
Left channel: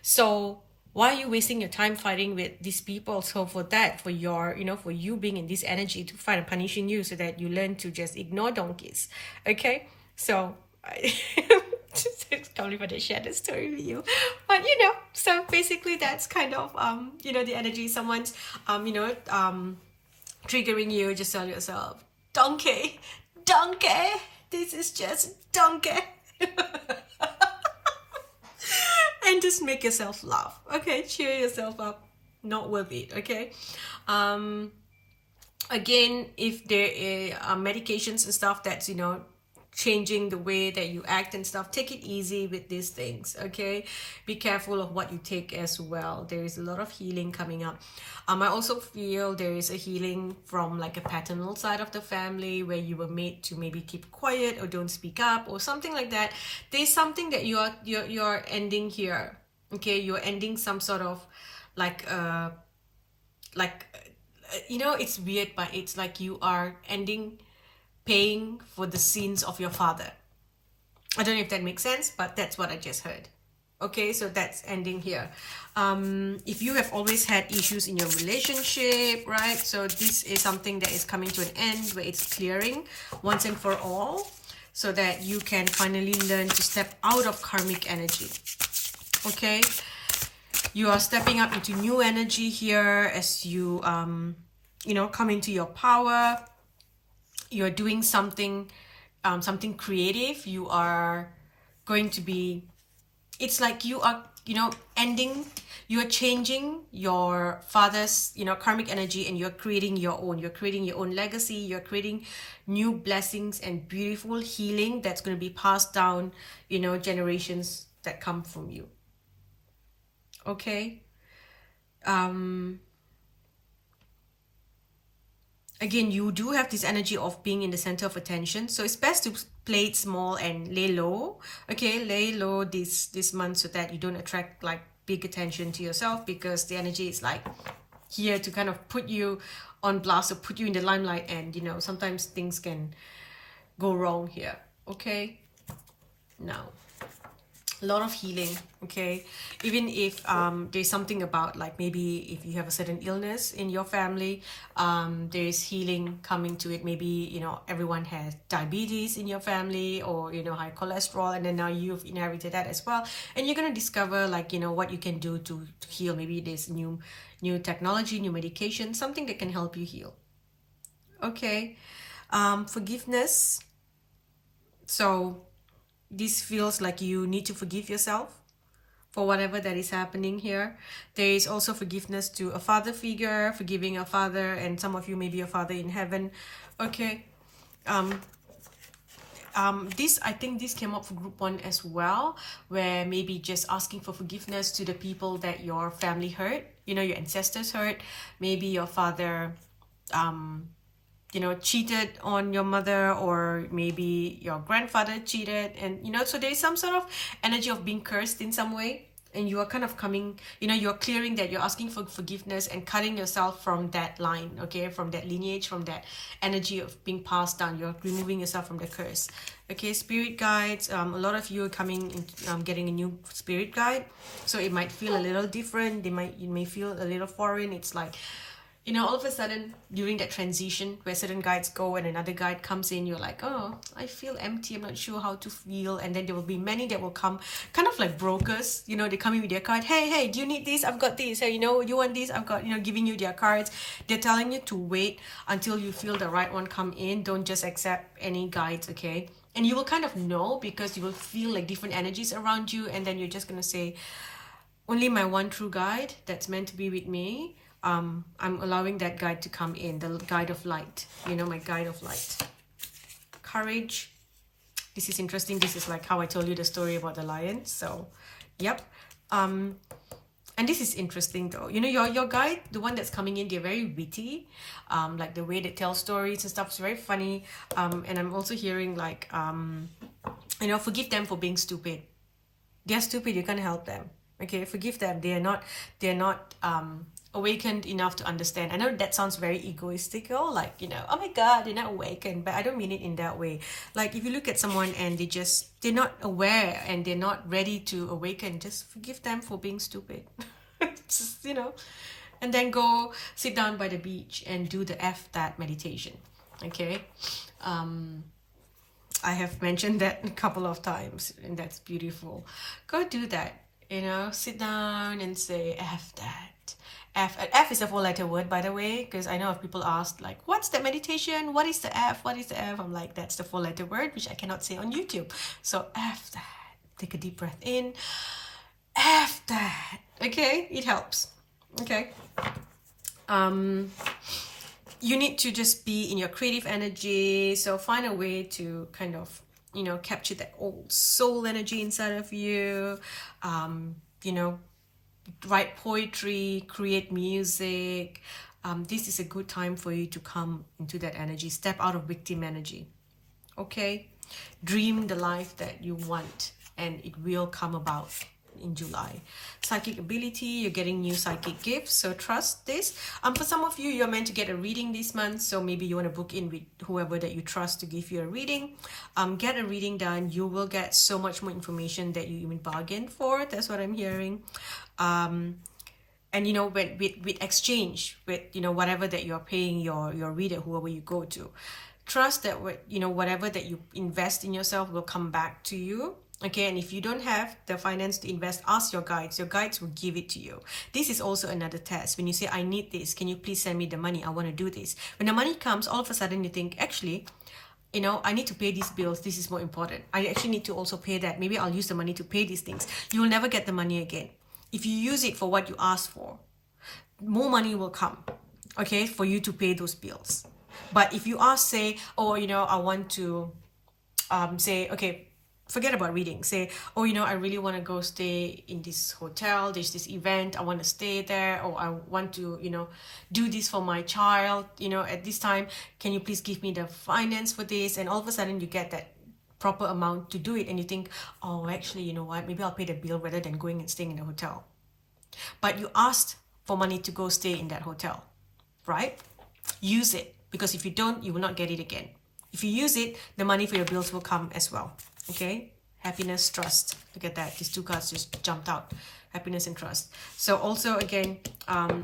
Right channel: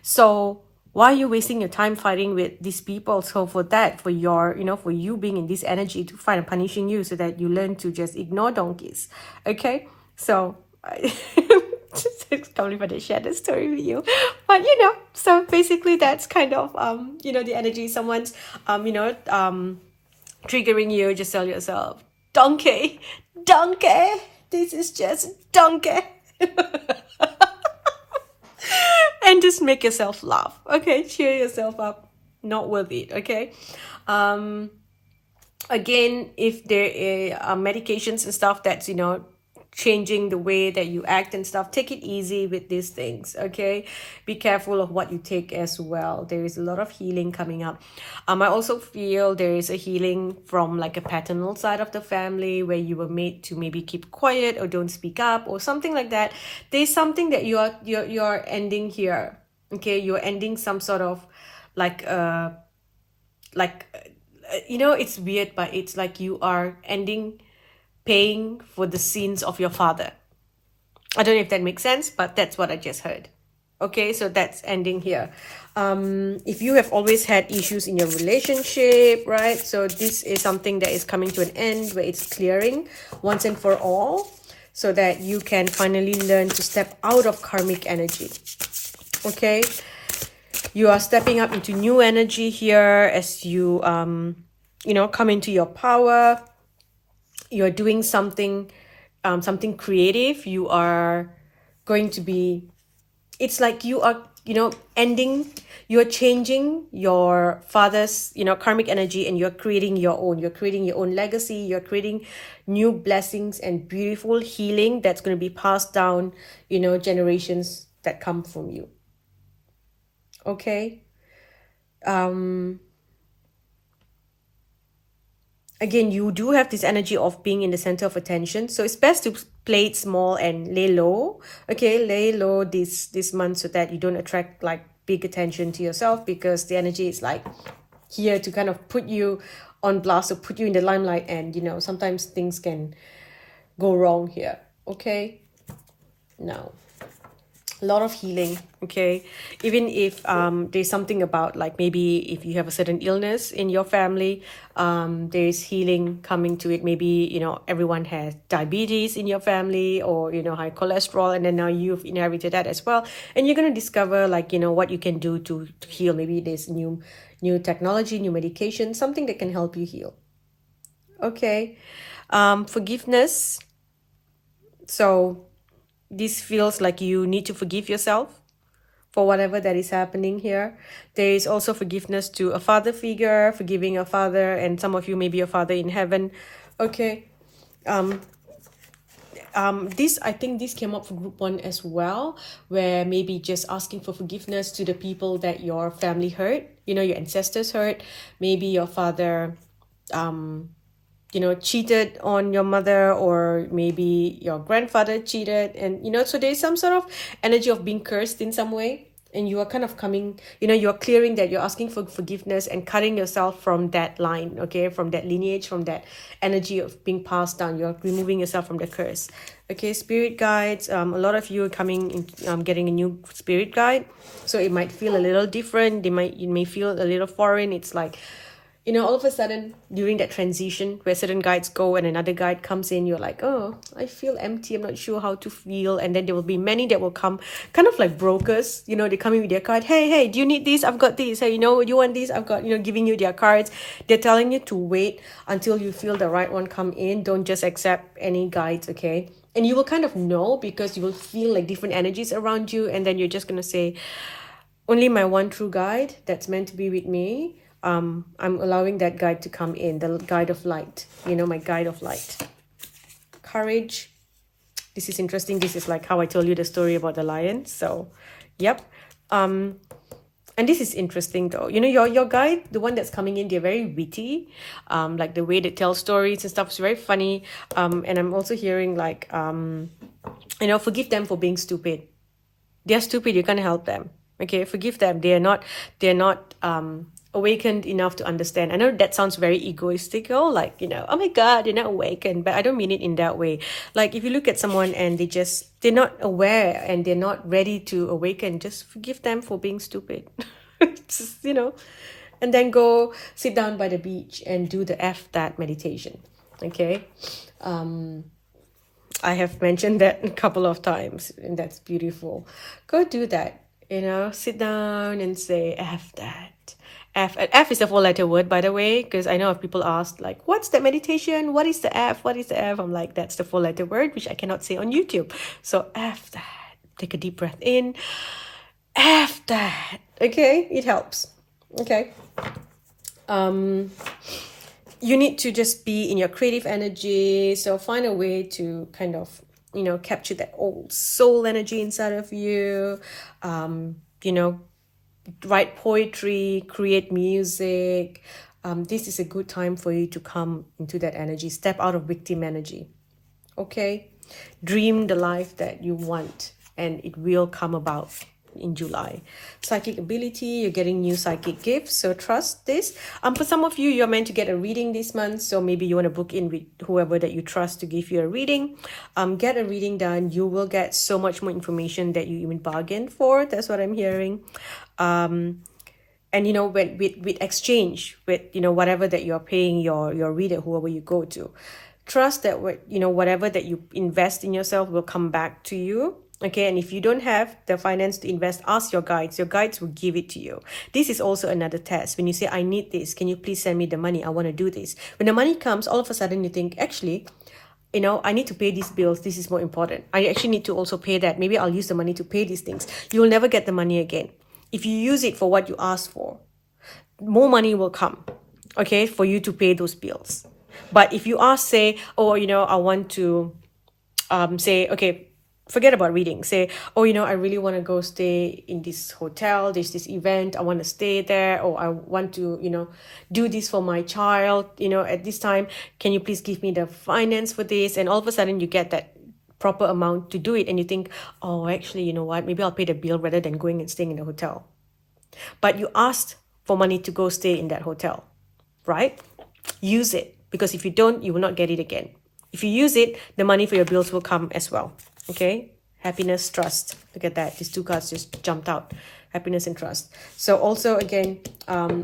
So why are you wasting your time fighting with these people? So for that, for your, for you being in this energy to fight and punishing you so that you learn to just ignore donkeys. Okay? So it's totally fun to share this story with you. But so basically that's kind of the energy. Someone's triggering you, just tell yourself, donkey, this is just donkey. And just make yourself laugh, okay? Cheer yourself up. Not worth it, okay? Again, if there are medications and stuff that's, changing the way that you act and stuff, take it easy with these things, okay? Be careful of what you take as well. There is a lot of healing coming up. I also feel there is a healing from like a paternal side of the family where you were made to maybe keep quiet or don't speak up or something like that. There's something that you're ending here, okay? You're ending some sort of like it's weird, but it's like you are ending paying for the sins of your father. I don't know if that makes sense, but that's what I just heard. Okay, so that's ending here. If you have always had issues in your relationship, right? So this is something that is coming to an end where it's clearing once and for all, so that you can finally learn to step out of karmic energy. Okay, you are stepping up into new energy here as you come into your power. You're doing something creative. You are going to be, it's like you are you're changing your father's karmic energy, and you're creating your own legacy. You're creating new blessings and beautiful healing that's going to be passed down generations that come from you. Okay. Again, you do have this energy of being in the center of attention, so it's best to play it small and lay low. Okay, lay low this month, so that you don't attract like big attention to yourself, because the energy is like here to kind of put you on blast or put you in the limelight, and sometimes things can go wrong here. Okay, now a lot of healing. Okay, even if there's something about, like, maybe if you have a certain illness in your family, there's healing coming to it. Maybe everyone has diabetes in your family, or high cholesterol, and then now you've inherited that as well, and you're going to discover like what you can do to heal. Maybe there's new technology, new medication, something that can help you heal. Okay. Forgiveness. So this feels like you need to forgive yourself for whatever that is happening here. There is also forgiveness to a father figure, forgiving a father, and some of you may be a father in heaven. Okay. I think this came up for group 1 as well, where maybe just asking for forgiveness to the people that your family hurt, your ancestors hurt. Maybe your father cheated on your mother, or maybe your grandfather cheated, and so there's some sort of energy of being cursed in some way, and you are kind of coming, you're clearing that, you're asking for forgiveness and cutting yourself from that line, okay, from that lineage, from that energy of being passed down. You're removing yourself from the curse. Okay, spirit guides. A lot of you are coming in, getting a new spirit guide, so it might feel a little different. You may feel a little foreign. It's like, all of a sudden during that transition where certain guides go and another guide comes in, you're like, oh, I feel empty, I'm not sure how to feel. And then there will be many that will come, kind of like brokers, they come in with their card. Hey, do you need this? I've got this. Hey, you want this? I've got, giving you their cards. They're telling you to wait until you feel the right one come in. Don't just accept any guides, okay? And you will kind of know, because you will feel like different energies around you, and then you're just gonna say, only my one true guide that's meant to be with me. I'm allowing that guide to come in, the guide of light, my guide of light. Courage. This is interesting. This is like how I told you the story about the lion. So, yep. And this is interesting though. Your guide, the one that's coming in, they're very witty. Like the way they tell stories and stuff is very funny. And I'm also hearing like, forgive them for being stupid. They're stupid. You can't help them. Okay, forgive them. They're not awakened enough to understand. I know that sounds very egoistical, like, oh my God, they're not awakened, but I don't mean it in that way. Like, if you look at someone and they're not aware and they're not ready to awaken, just forgive them for being stupid. Just, and then go sit down by the beach and do the that meditation. Okay. I have mentioned that a couple of times, and that's beautiful. Go do that. Sit down and say that. F is a 4-letter word, by the way, because I know if people ask, like, what's that meditation? What is the F? What is the F? I'm like, that's the 4-letter word, which I cannot say on YouTube. So F that. Take a deep breath in. F that. Okay? It helps. Okay? You need to just be in your creative energy. So find a way to kind of, capture that old soul energy inside of you. Write poetry, create music. This is a good time for you to come into that energy. Step out of victim energy. Okay? Dream the life that you want, and it will come about. in July. Psychic ability, you're getting new psychic gifts, so trust this. For some of you, you're meant to get a reading this month, so maybe you want to book in with whoever that you trust to give you a reading. Get a reading done. You will get so much more information that you even bargained for. That's what I'm hearing. And you know, with exchange, with you know, whatever that you're paying your reader, whoever you go to, trust that what you know, whatever that you invest in yourself will come back to you. Okay, and if you don't have the finance to invest, ask your guides. Your guides will give it to you. This is also another test. When you say, I need this, can you please send me the money? I want to do this. When the money comes, all of a sudden you think, actually, you know, I need to pay these bills. This is more important. I actually need to also pay that. Maybe I'll use the money to pay these things. You will never get the money again. If you use it for what you asked for, more money will come, okay, for you to pay those bills. But if you ask, say, oh, you know, I want to say, okay, forget about reading. Say, oh, you know, I really want to go stay in this hotel. There's this event. I want to stay there. Or I want to, you know, do this for my child, you know, at this time. Can you please give me the finance for this? And all of a sudden you get that proper amount to do it. And you think, oh, actually, you know what? Maybe I'll pay the bill rather than going and staying in the hotel. But you asked for money to go stay in that hotel, right? Use it. Because if you don't, you will not get it again. If you use it, the money for your bills will come as well. Okay? Happiness, trust. Look at that. These two cards just jumped out. Happiness and trust. So also, again,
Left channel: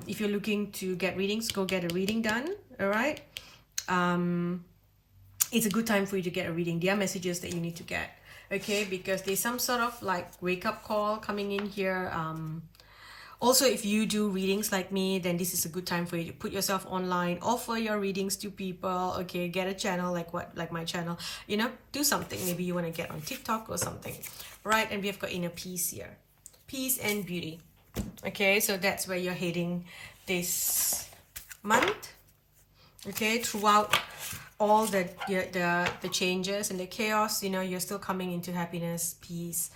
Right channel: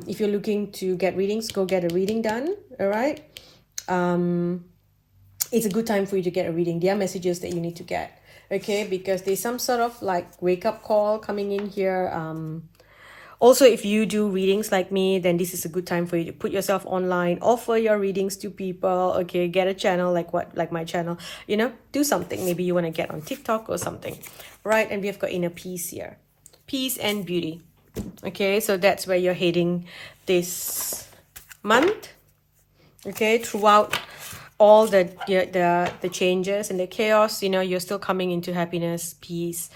if you're looking to get readings, go get a reading done. All right? It's a good time for you to get a reading. There are messages that you need to get. Okay? Because there's some sort of like wake-up call coming in here. Also, if you do readings like me, then this is a good time for you to put yourself online, offer your readings to people, okay, get a channel like my channel, you know, do something. Maybe you want to get on TikTok or something, right? And we've got inner peace here. Peace and beauty. Okay, so that's where you're heading this month, okay, throughout all the changes and the chaos, you know, you're still coming into happiness, peace,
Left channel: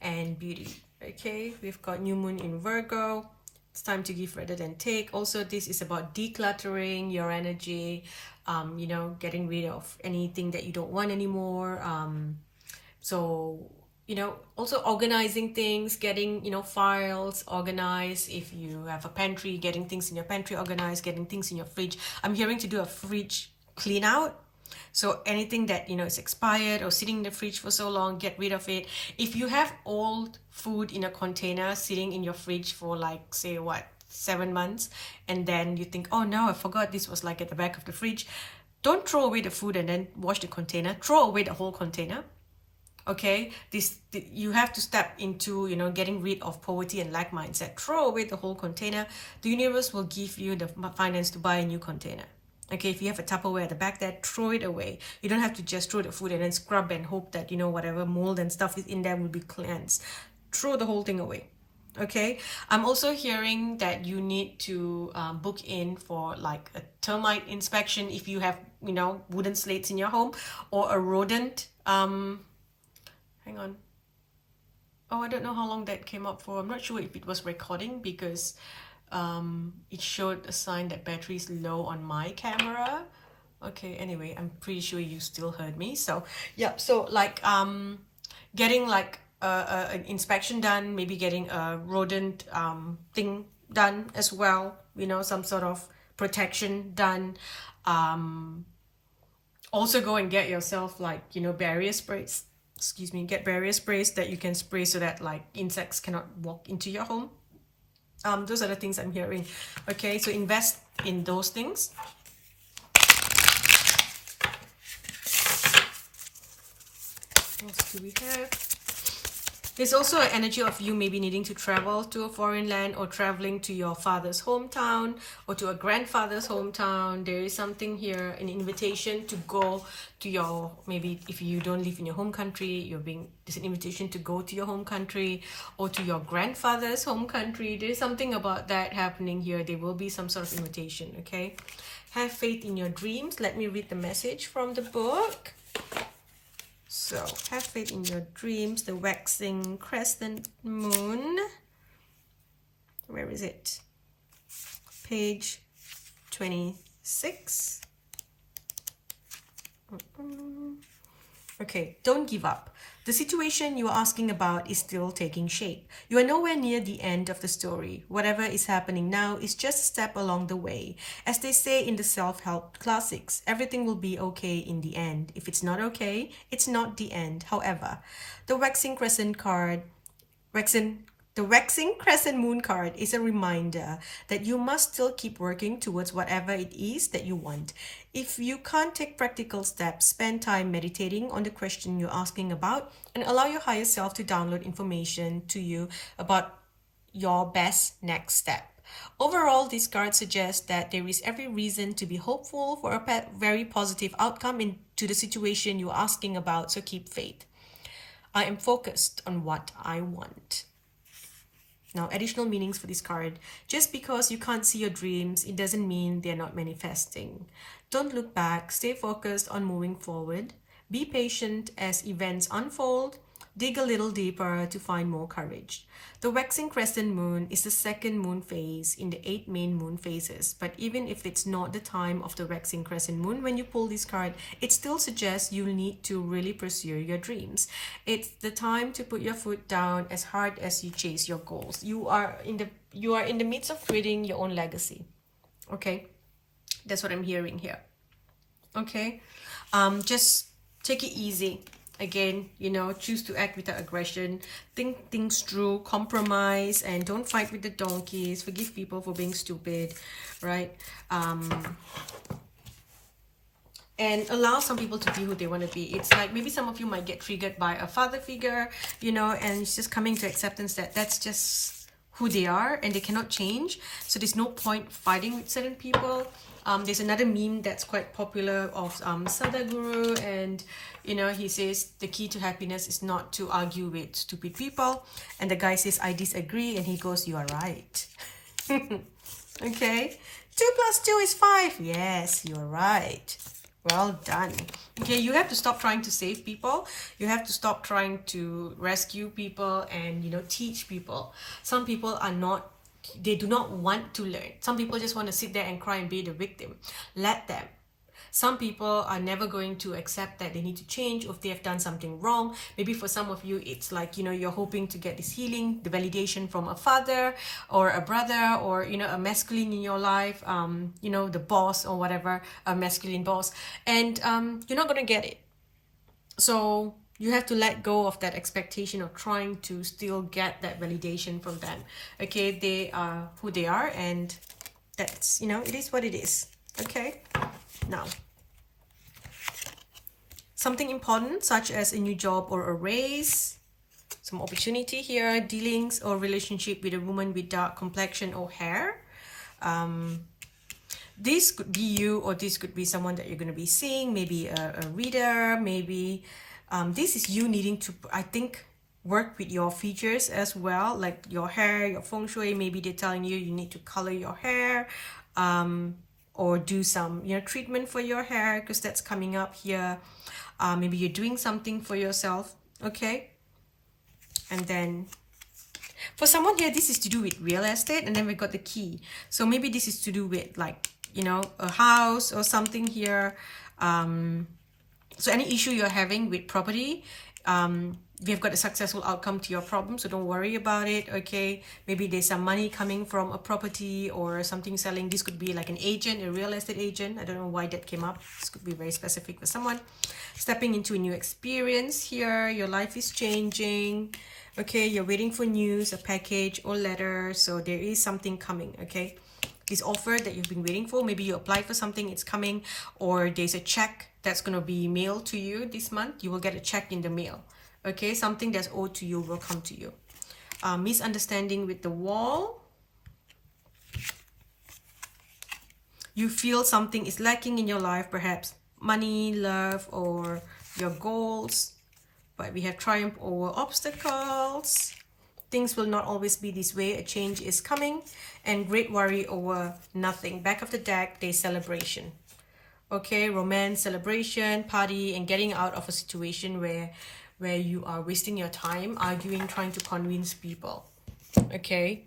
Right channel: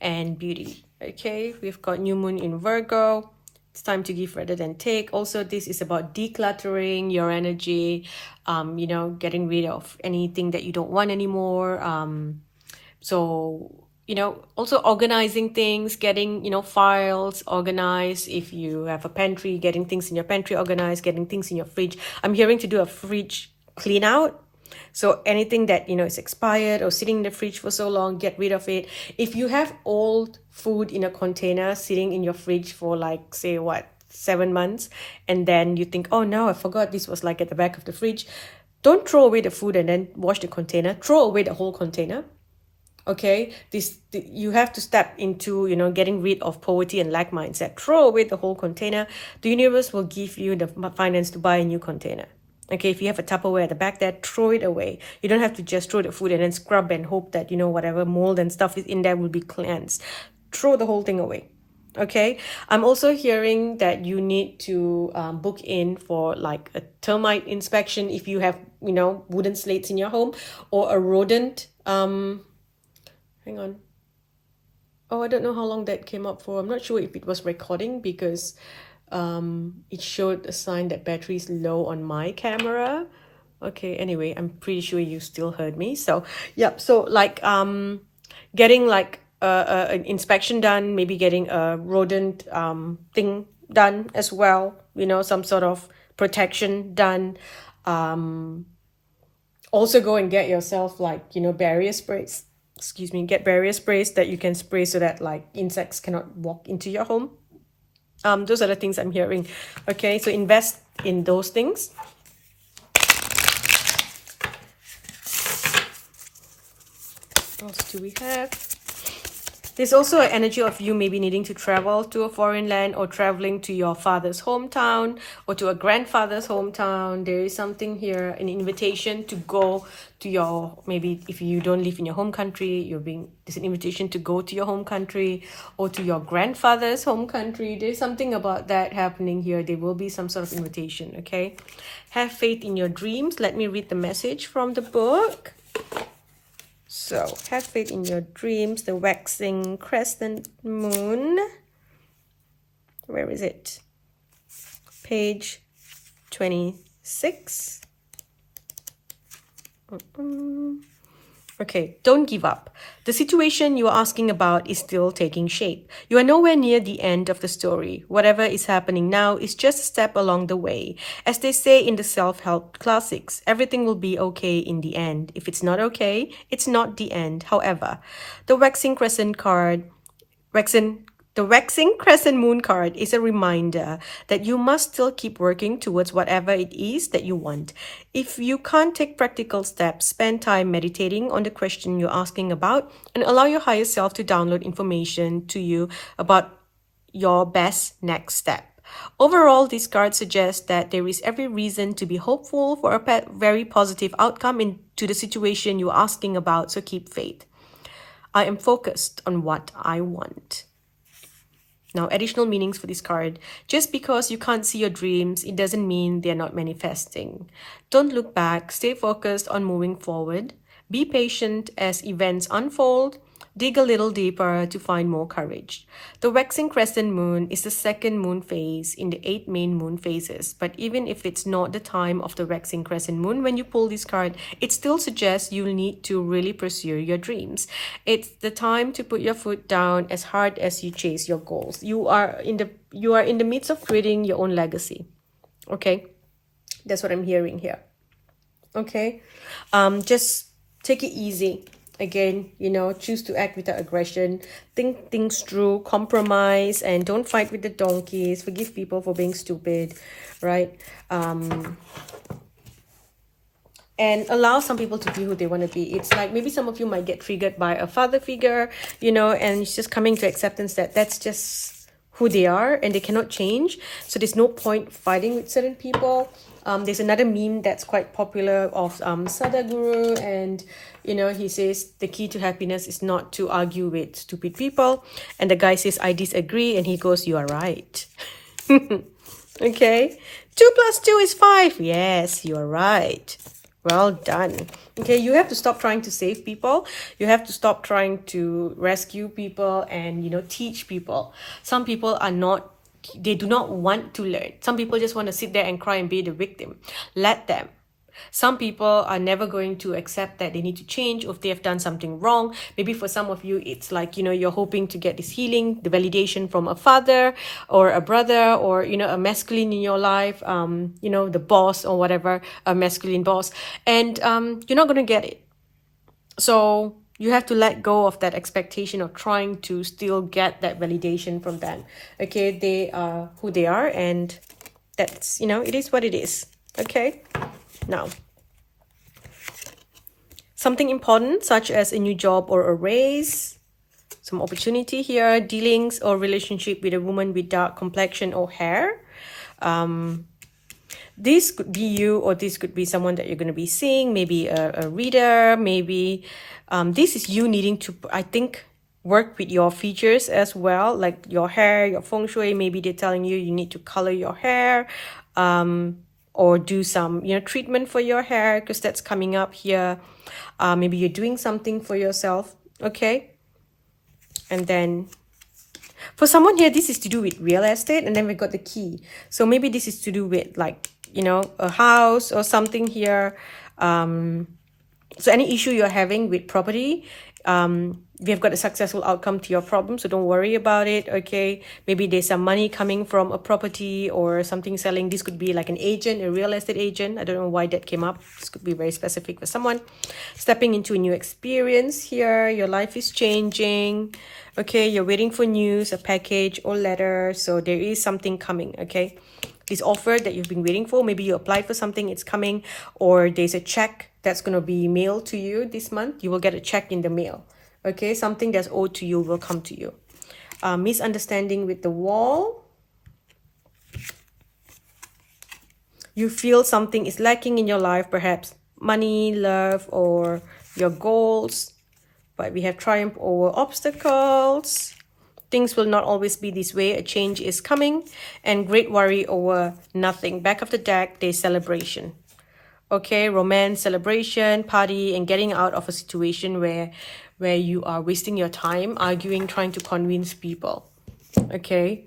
and beauty. Okay, we've got new moon in Virgo. It's time to give rather than take. Also, this is about decluttering your energy, you know, getting rid of anything that you don't want anymore. So, you know, also organizing things, getting, you know, files organized. If you have a pantry, getting things in your pantry organized, getting things in your fridge. I'm hearing to do a fridge clean out. So anything that, you know, is expired or sitting in the fridge for so long, get rid of it. If you have old food in a container sitting in your fridge for like, say, 7 months, and then you think, oh no, I forgot this was like at the back of the fridge. Don't throw away the food and then wash the container. Throw away the whole container. Okay, you have to step into, you know, getting rid of poverty and lack mindset. Throw away the whole container. The universe will give you the finance to buy a new container. Okay, if you have a Tupperware at the back there, throw it away. You don't have to just throw the food and then scrub and hope that, you know, whatever mold and stuff is in there will be cleansed. Throw the whole thing away. Okay, I'm also hearing that you need to book in for like a termite inspection if you have, you know, wooden slates in your home, or a rodent. Hang on. Oh, I don't know how long that came up for. I'm not sure if it was recording because it showed a sign that battery is low on my camera. Okay, anyway, I'm pretty sure you still heard me. So yeah, so like getting like an inspection done, maybe getting a rodent thing done as well, you know, some sort of protection done. Also go and get yourself like, you know, barrier sprays. Get barrier sprays that you can spray so that like insects cannot walk into your home. Those are the things I'm hearing. Okay, so invest in those things. What else do we have? There's also an energy of you maybe needing to travel to a foreign land, or traveling to your father's hometown or to a grandfather's hometown. There is something here, an invitation to go to your, maybe if you don't live in your home country, there's an invitation to go to your home country or to your grandfather's home country. There's something about that happening here. There will be some sort of invitation, okay? Have faith in your dreams. Let me read the message from the book. So, have faith in your dreams, the waxing crescent moon. Where is it? Page 26. Okay, don't give up. The situation you are asking about is still taking shape. You are nowhere near the end of the story. Whatever is happening now is just a step along the way. As they say in the self-help classics, everything will be okay in the end. If it's not okay, it's not the end. However, the waxing crescent card, the waxing crescent moon card is a reminder that you must still keep working towards whatever it is that you want. If you can't take practical steps, spend time meditating on the question you're asking about and allow your higher self to download information to you about your best next step. Overall, this card suggests that there is every reason to be hopeful for a very positive outcome into the situation you're asking about, so keep faith. I am focused on what I want. Now, additional meanings for this card. Just because you can't see your dreams, it doesn't mean they're not manifesting. Don't look back. Stay focused on moving forward. Be patient as events unfold. Dig a little deeper to find more courage. The waxing crescent moon is the second moon phase in the 8 main moon phases. But even if it's not the time of the waxing crescent moon, when you pull this card, it still suggests you'll need to really pursue your dreams. It's the time to put your foot down as hard as you chase your goals. You are in the midst of creating your own legacy. Okay, that's what I'm hearing here. Okay, just take it easy. Again, choose to act without aggression. Think things through, compromise, and don't fight with the donkeys. Forgive people for being stupid, right? And allow some people to be who they want to be. It's like maybe some of you might get triggered by a father figure, and it's just coming to acceptance that that's just who they are and they cannot change. So there's no point fighting with certain people. There's another meme that's quite popular of Sadhguru, and he says the key to happiness is not to argue with stupid people, and the guy says I disagree, and he goes, you are right. Okay, 2 + 2 is 5. Yes, you're right. Well done. Okay, you have to stop trying to save people. You have to stop trying to rescue people and teach people. Some people are not, they do not want to learn. Some people just want to sit there and cry and be the victim. Let them. Some people are never going to accept that they need to change, or if they have done something wrong. Maybe for some of you, it's like, you're hoping to get this healing, the validation from a father or a brother, or, a masculine in your life, the boss or whatever, a masculine boss. And you're not going to get it. So you have to let go of that expectation of trying to still get that validation from them. Okay, they are who they are, and that's, it is what it is. Okay, now, something important such as a new job or a raise, some opportunity here, dealings or relationship with a woman with dark complexion or hair. This could be you, or this could be someone that you're going to be seeing, maybe a reader, maybe this is you needing to, I think, work with your features as well, like your hair, your feng shui. Maybe they're telling you need to color your hair, or do some treatment for your hair, because that's coming up here. Maybe you're doing something for yourself. Okay, and then for someone here, this is to do with real estate, and then we got the key. So maybe this is to do with like a house or something here. So any issue you're having with property, we have got a successful outcome to your problem, so don't worry about it. Okay, maybe there's some money coming from a property or something selling. This could be like an agent, a real estate agent. I don't know why that came up. This could be very specific for someone. Stepping into a new experience here. Your life is changing. Okay, you're waiting for news, a package or letter. So there is something coming. Okay, this offer that you've been waiting for, maybe you applied for something, it's coming, or there's a check that's going to be mailed to you this month. You will get a check in the mail. Okay, something that's owed to you will come to you. Misunderstanding with the wall. You feel something is lacking in your life, perhaps money, love, or your goals. But we have triumph over obstacles. Things will not always be this way. A change is coming. And great worry over nothing. Back of the deck, there's celebration. Okay, romance, celebration, party, and getting out of a situation where you are wasting your time arguing, trying to convince people. Okay,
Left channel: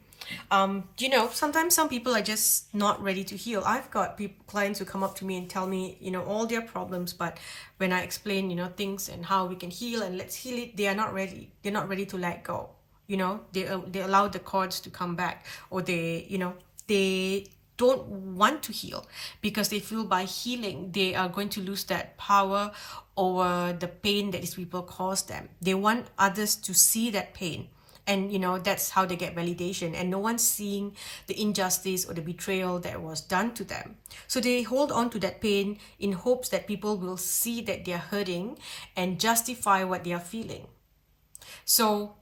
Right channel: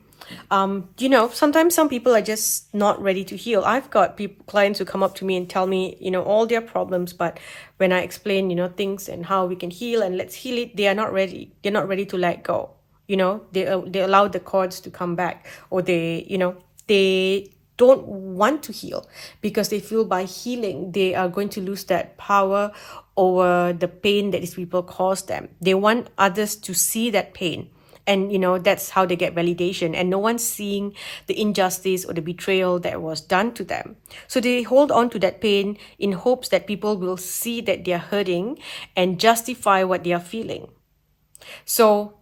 Sometimes some people are just not ready to heal. I've got clients who come up to me and tell me, all their problems, but when I explain, things and how we can heal and let's heal it, they are not ready. They're not ready to let go. They allow the cords to come back, or they don't want to heal because they feel by healing they are going to lose that power over the pain that these people cause them. They want others to see that pain, and that's how they get validation, and no one's seeing the injustice or the betrayal that was done to them. So they hold on to that pain in hopes that people will see that they're hurting and justify what they are feeling. So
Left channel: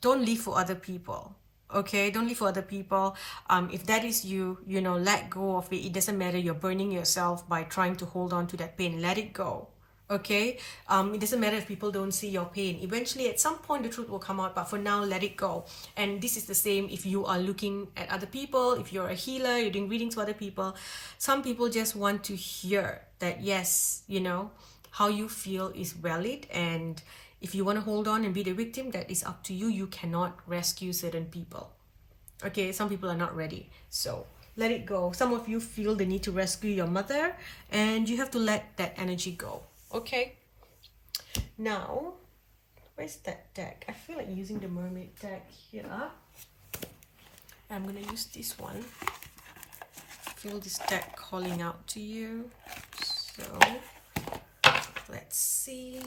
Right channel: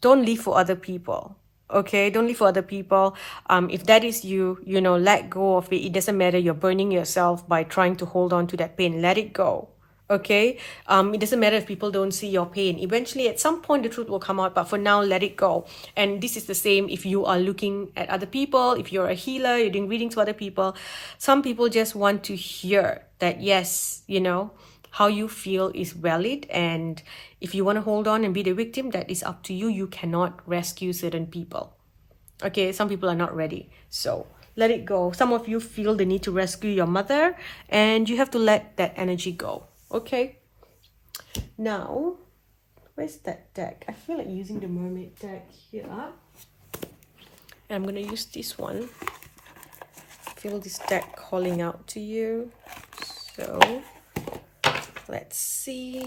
don't live for other people. Okay, don't live for other people. If that is you, let go of it. It doesn't matter. You're burning yourself by trying to hold on to that pain. Let it go. Okay, it doesn't matter if people don't see your pain. Eventually, at some point, the truth will come out, but for now, let it go. And this is the same if you are looking at other people. If you're a healer, you're doing readings for other people. Some people just want to hear that, yes, how you feel is valid, and if you want to hold on and be the victim, that is up to you. You cannot rescue certain people. Okay, some people are not ready, so let it go. Some of you feel the need to rescue your mother, and you have to let that energy go. Okay, now where's that deck? I feel like using the mermaid deck here, and I'm gonna use this one. Feel this deck calling out to you, so let's see.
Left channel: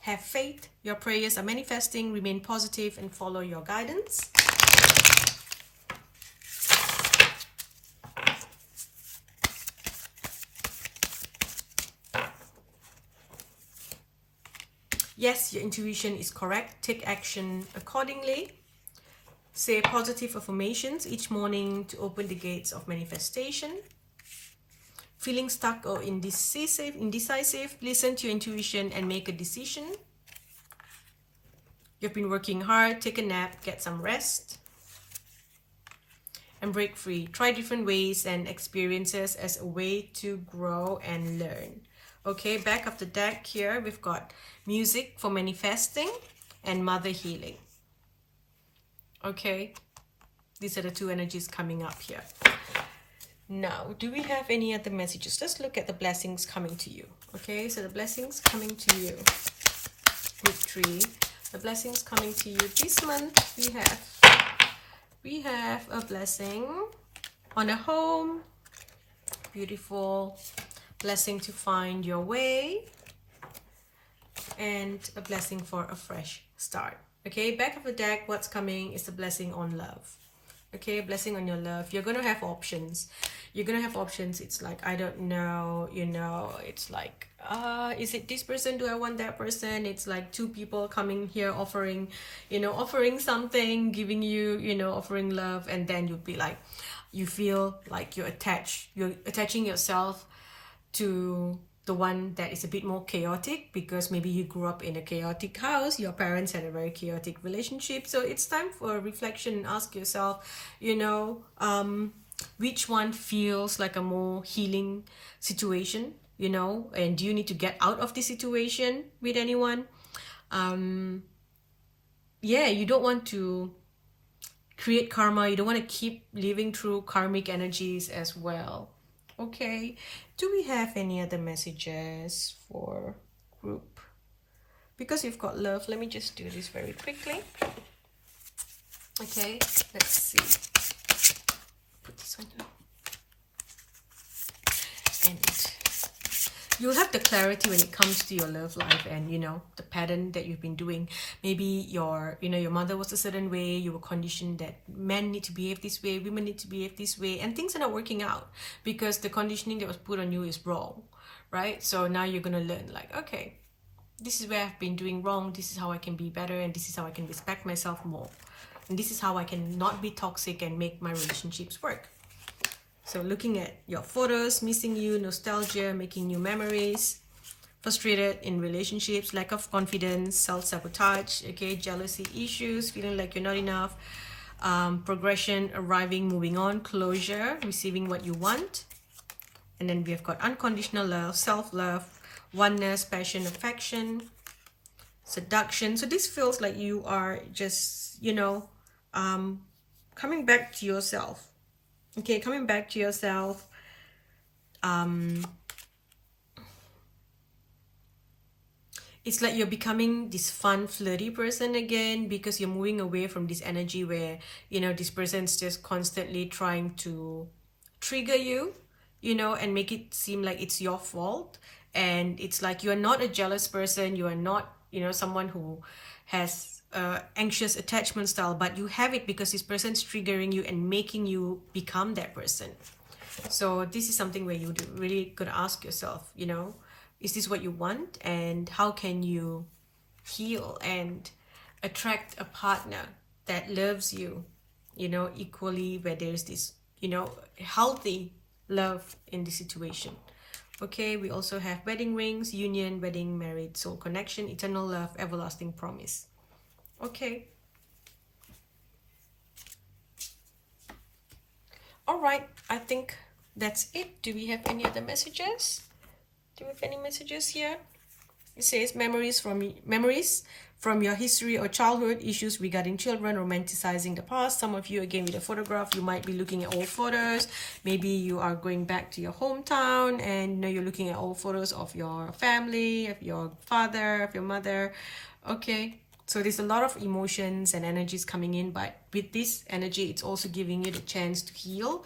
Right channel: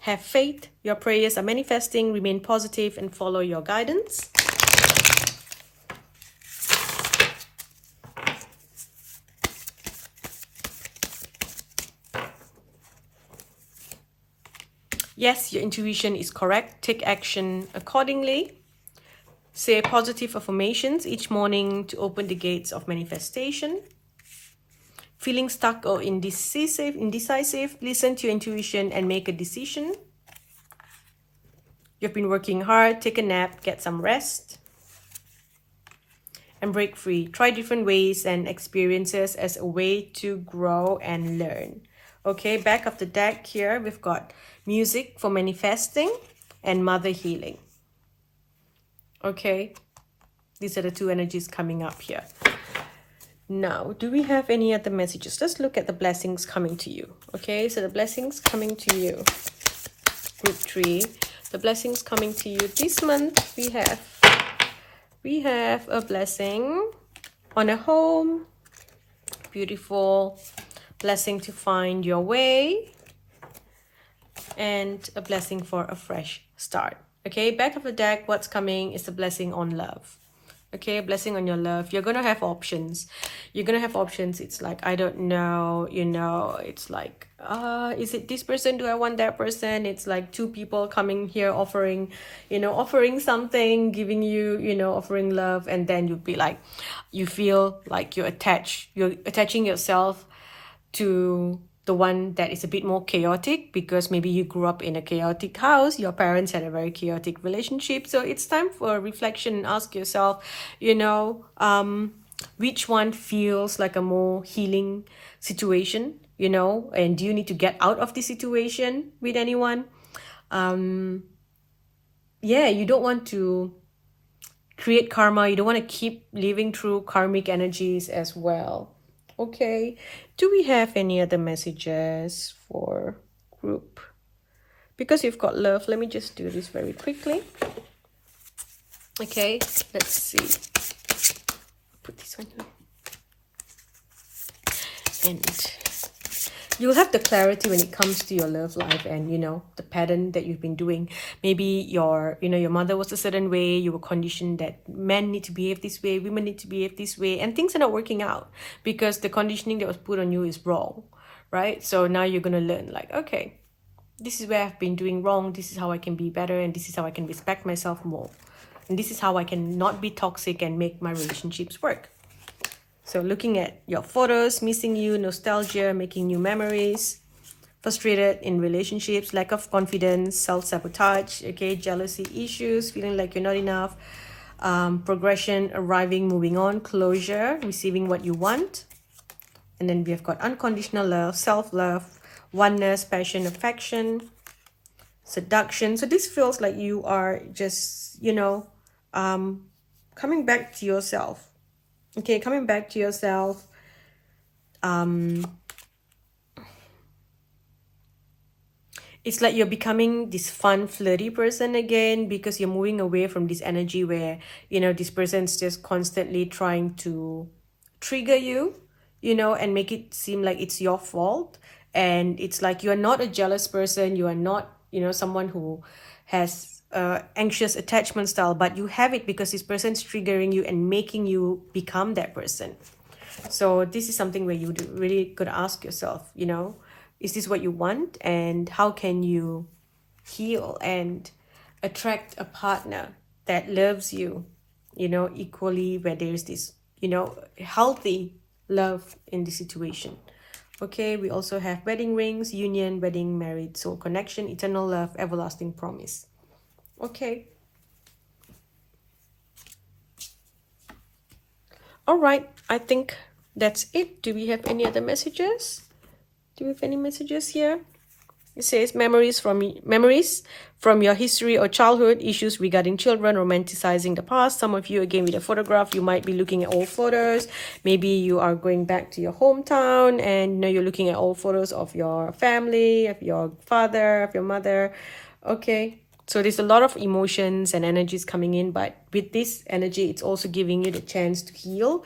Have faith. Your prayers are manifesting. Remain positive and follow your guidance. Yes, your intuition is correct. Take action accordingly. Say positive affirmations each morning to open the gates of manifestation. Feeling stuck or indecisive, listen to your intuition and make a decision. You've been working hard, take a nap, get some rest, and break free. Try different ways and experiences as a way to grow and learn. Okay, back of the deck here, we've got music for manifesting and mother healing. Okay, these are the two energies coming up here. Now, do we have any other messages? Let's look at the blessings coming to you. Okay, so the blessings coming to you. Group 3. The blessings coming to you this month, we have a blessing on a home. Beautiful. Blessing to find your way. And a blessing for a fresh start. Okay, back of the deck, what's coming is the blessing on love. Okay, blessing on your love. You're gonna have options. It's like, I don't know, it's like, is it this person? Do I want that person? It's like two people coming here offering something, giving you, offering love, and then you'd be like, you feel like you're attaching yourself to the one that is a bit more chaotic, because maybe you grew up in a chaotic house, your parents had a very chaotic relationship. So it's time for a reflection and ask yourself, which one feels like a more healing situation, and do you need to get out of the situation with anyone? You don't want to create karma. You don't want to keep living through karmic energies as well. Okay, do we have any other messages for group? Because you've got love, let me just do this very quickly. Okay, let's see. Put this one here. And you'll have the clarity when it comes to your love life and, the pattern that you've been doing. Maybe your mother was a certain way. You were conditioned that men need to behave this way, women need to behave this way, and things are not working out because the conditioning that was put on you is wrong, right? So now you're going to learn like, okay, this is where I've been doing wrong. This is how I can be better, and this is how I can respect myself more. And this is how I can not be toxic and make my relationships work. So looking at your photos, missing you, nostalgia, making new memories, frustrated in relationships, lack of confidence, self-sabotage, okay, jealousy issues, feeling like you're not enough, progression, arriving, moving on, closure, receiving what you want. And then we have got unconditional love, self-love, oneness, passion, affection, seduction. So this feels like you are just, coming back to yourself. Okay, coming back to yourself. It's like you're becoming this fun, flirty person again, because you're moving away from this energy where, this person's just constantly trying to trigger you, and make it seem like it's your fault. And it's like you're not a jealous person. You are not, someone who has anxious attachment style, but you have it because this person's triggering you and making you become that person. So this is something where you really gotta ask yourself, is this what you want? And how can you heal and attract a partner that loves you, equally, where there's this, healthy love in the situation. Okay, we also have wedding rings, union, wedding, married, soul connection, eternal love, everlasting promise. Okay. All right, I think that's it. Do we have any other messages? Do you have any messages here? It says memories from your history or childhood, issues regarding children, romanticizing the past. Some of you, again, with a photograph, you might be looking at old photos. Maybe you are going back to your hometown and you're looking at old photos of your family, of your father, of your mother. Okay, so there's a lot of emotions and energies coming in, but with this energy, it's also giving you the chance to heal,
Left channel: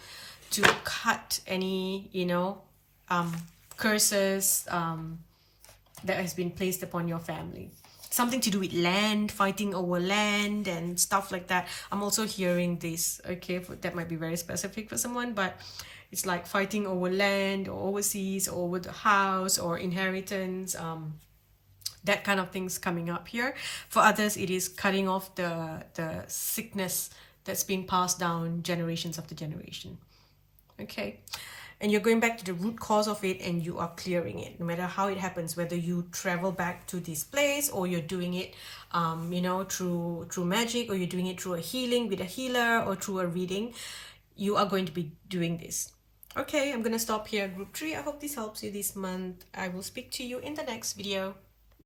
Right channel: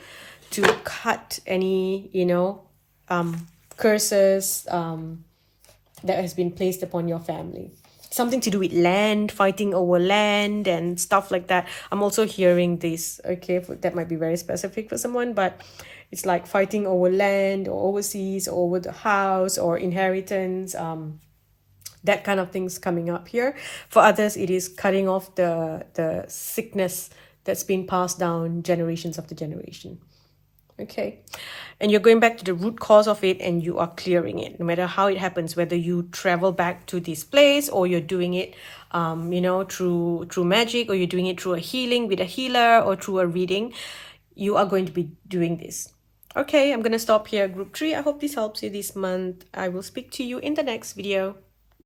to cut any, curses that has been placed upon your family. Something to do with land, fighting over land and stuff like that. I'm also hearing this, okay, that might be very specific for someone, but it's like fighting over land or overseas or over the house or inheritance, that kind of things coming up here. For others, it is cutting off the sickness that's been passed down generations after generation. Okay, and you're going back to the root cause of it and you are clearing it, no matter how it happens, whether you travel back to this place or you're doing it through magic, or you're doing it through a healing with a healer or through a reading. You are going to be doing this. Okay, I'm gonna stop here, group 3. I hope this helps you this month. I will speak to you in the next video.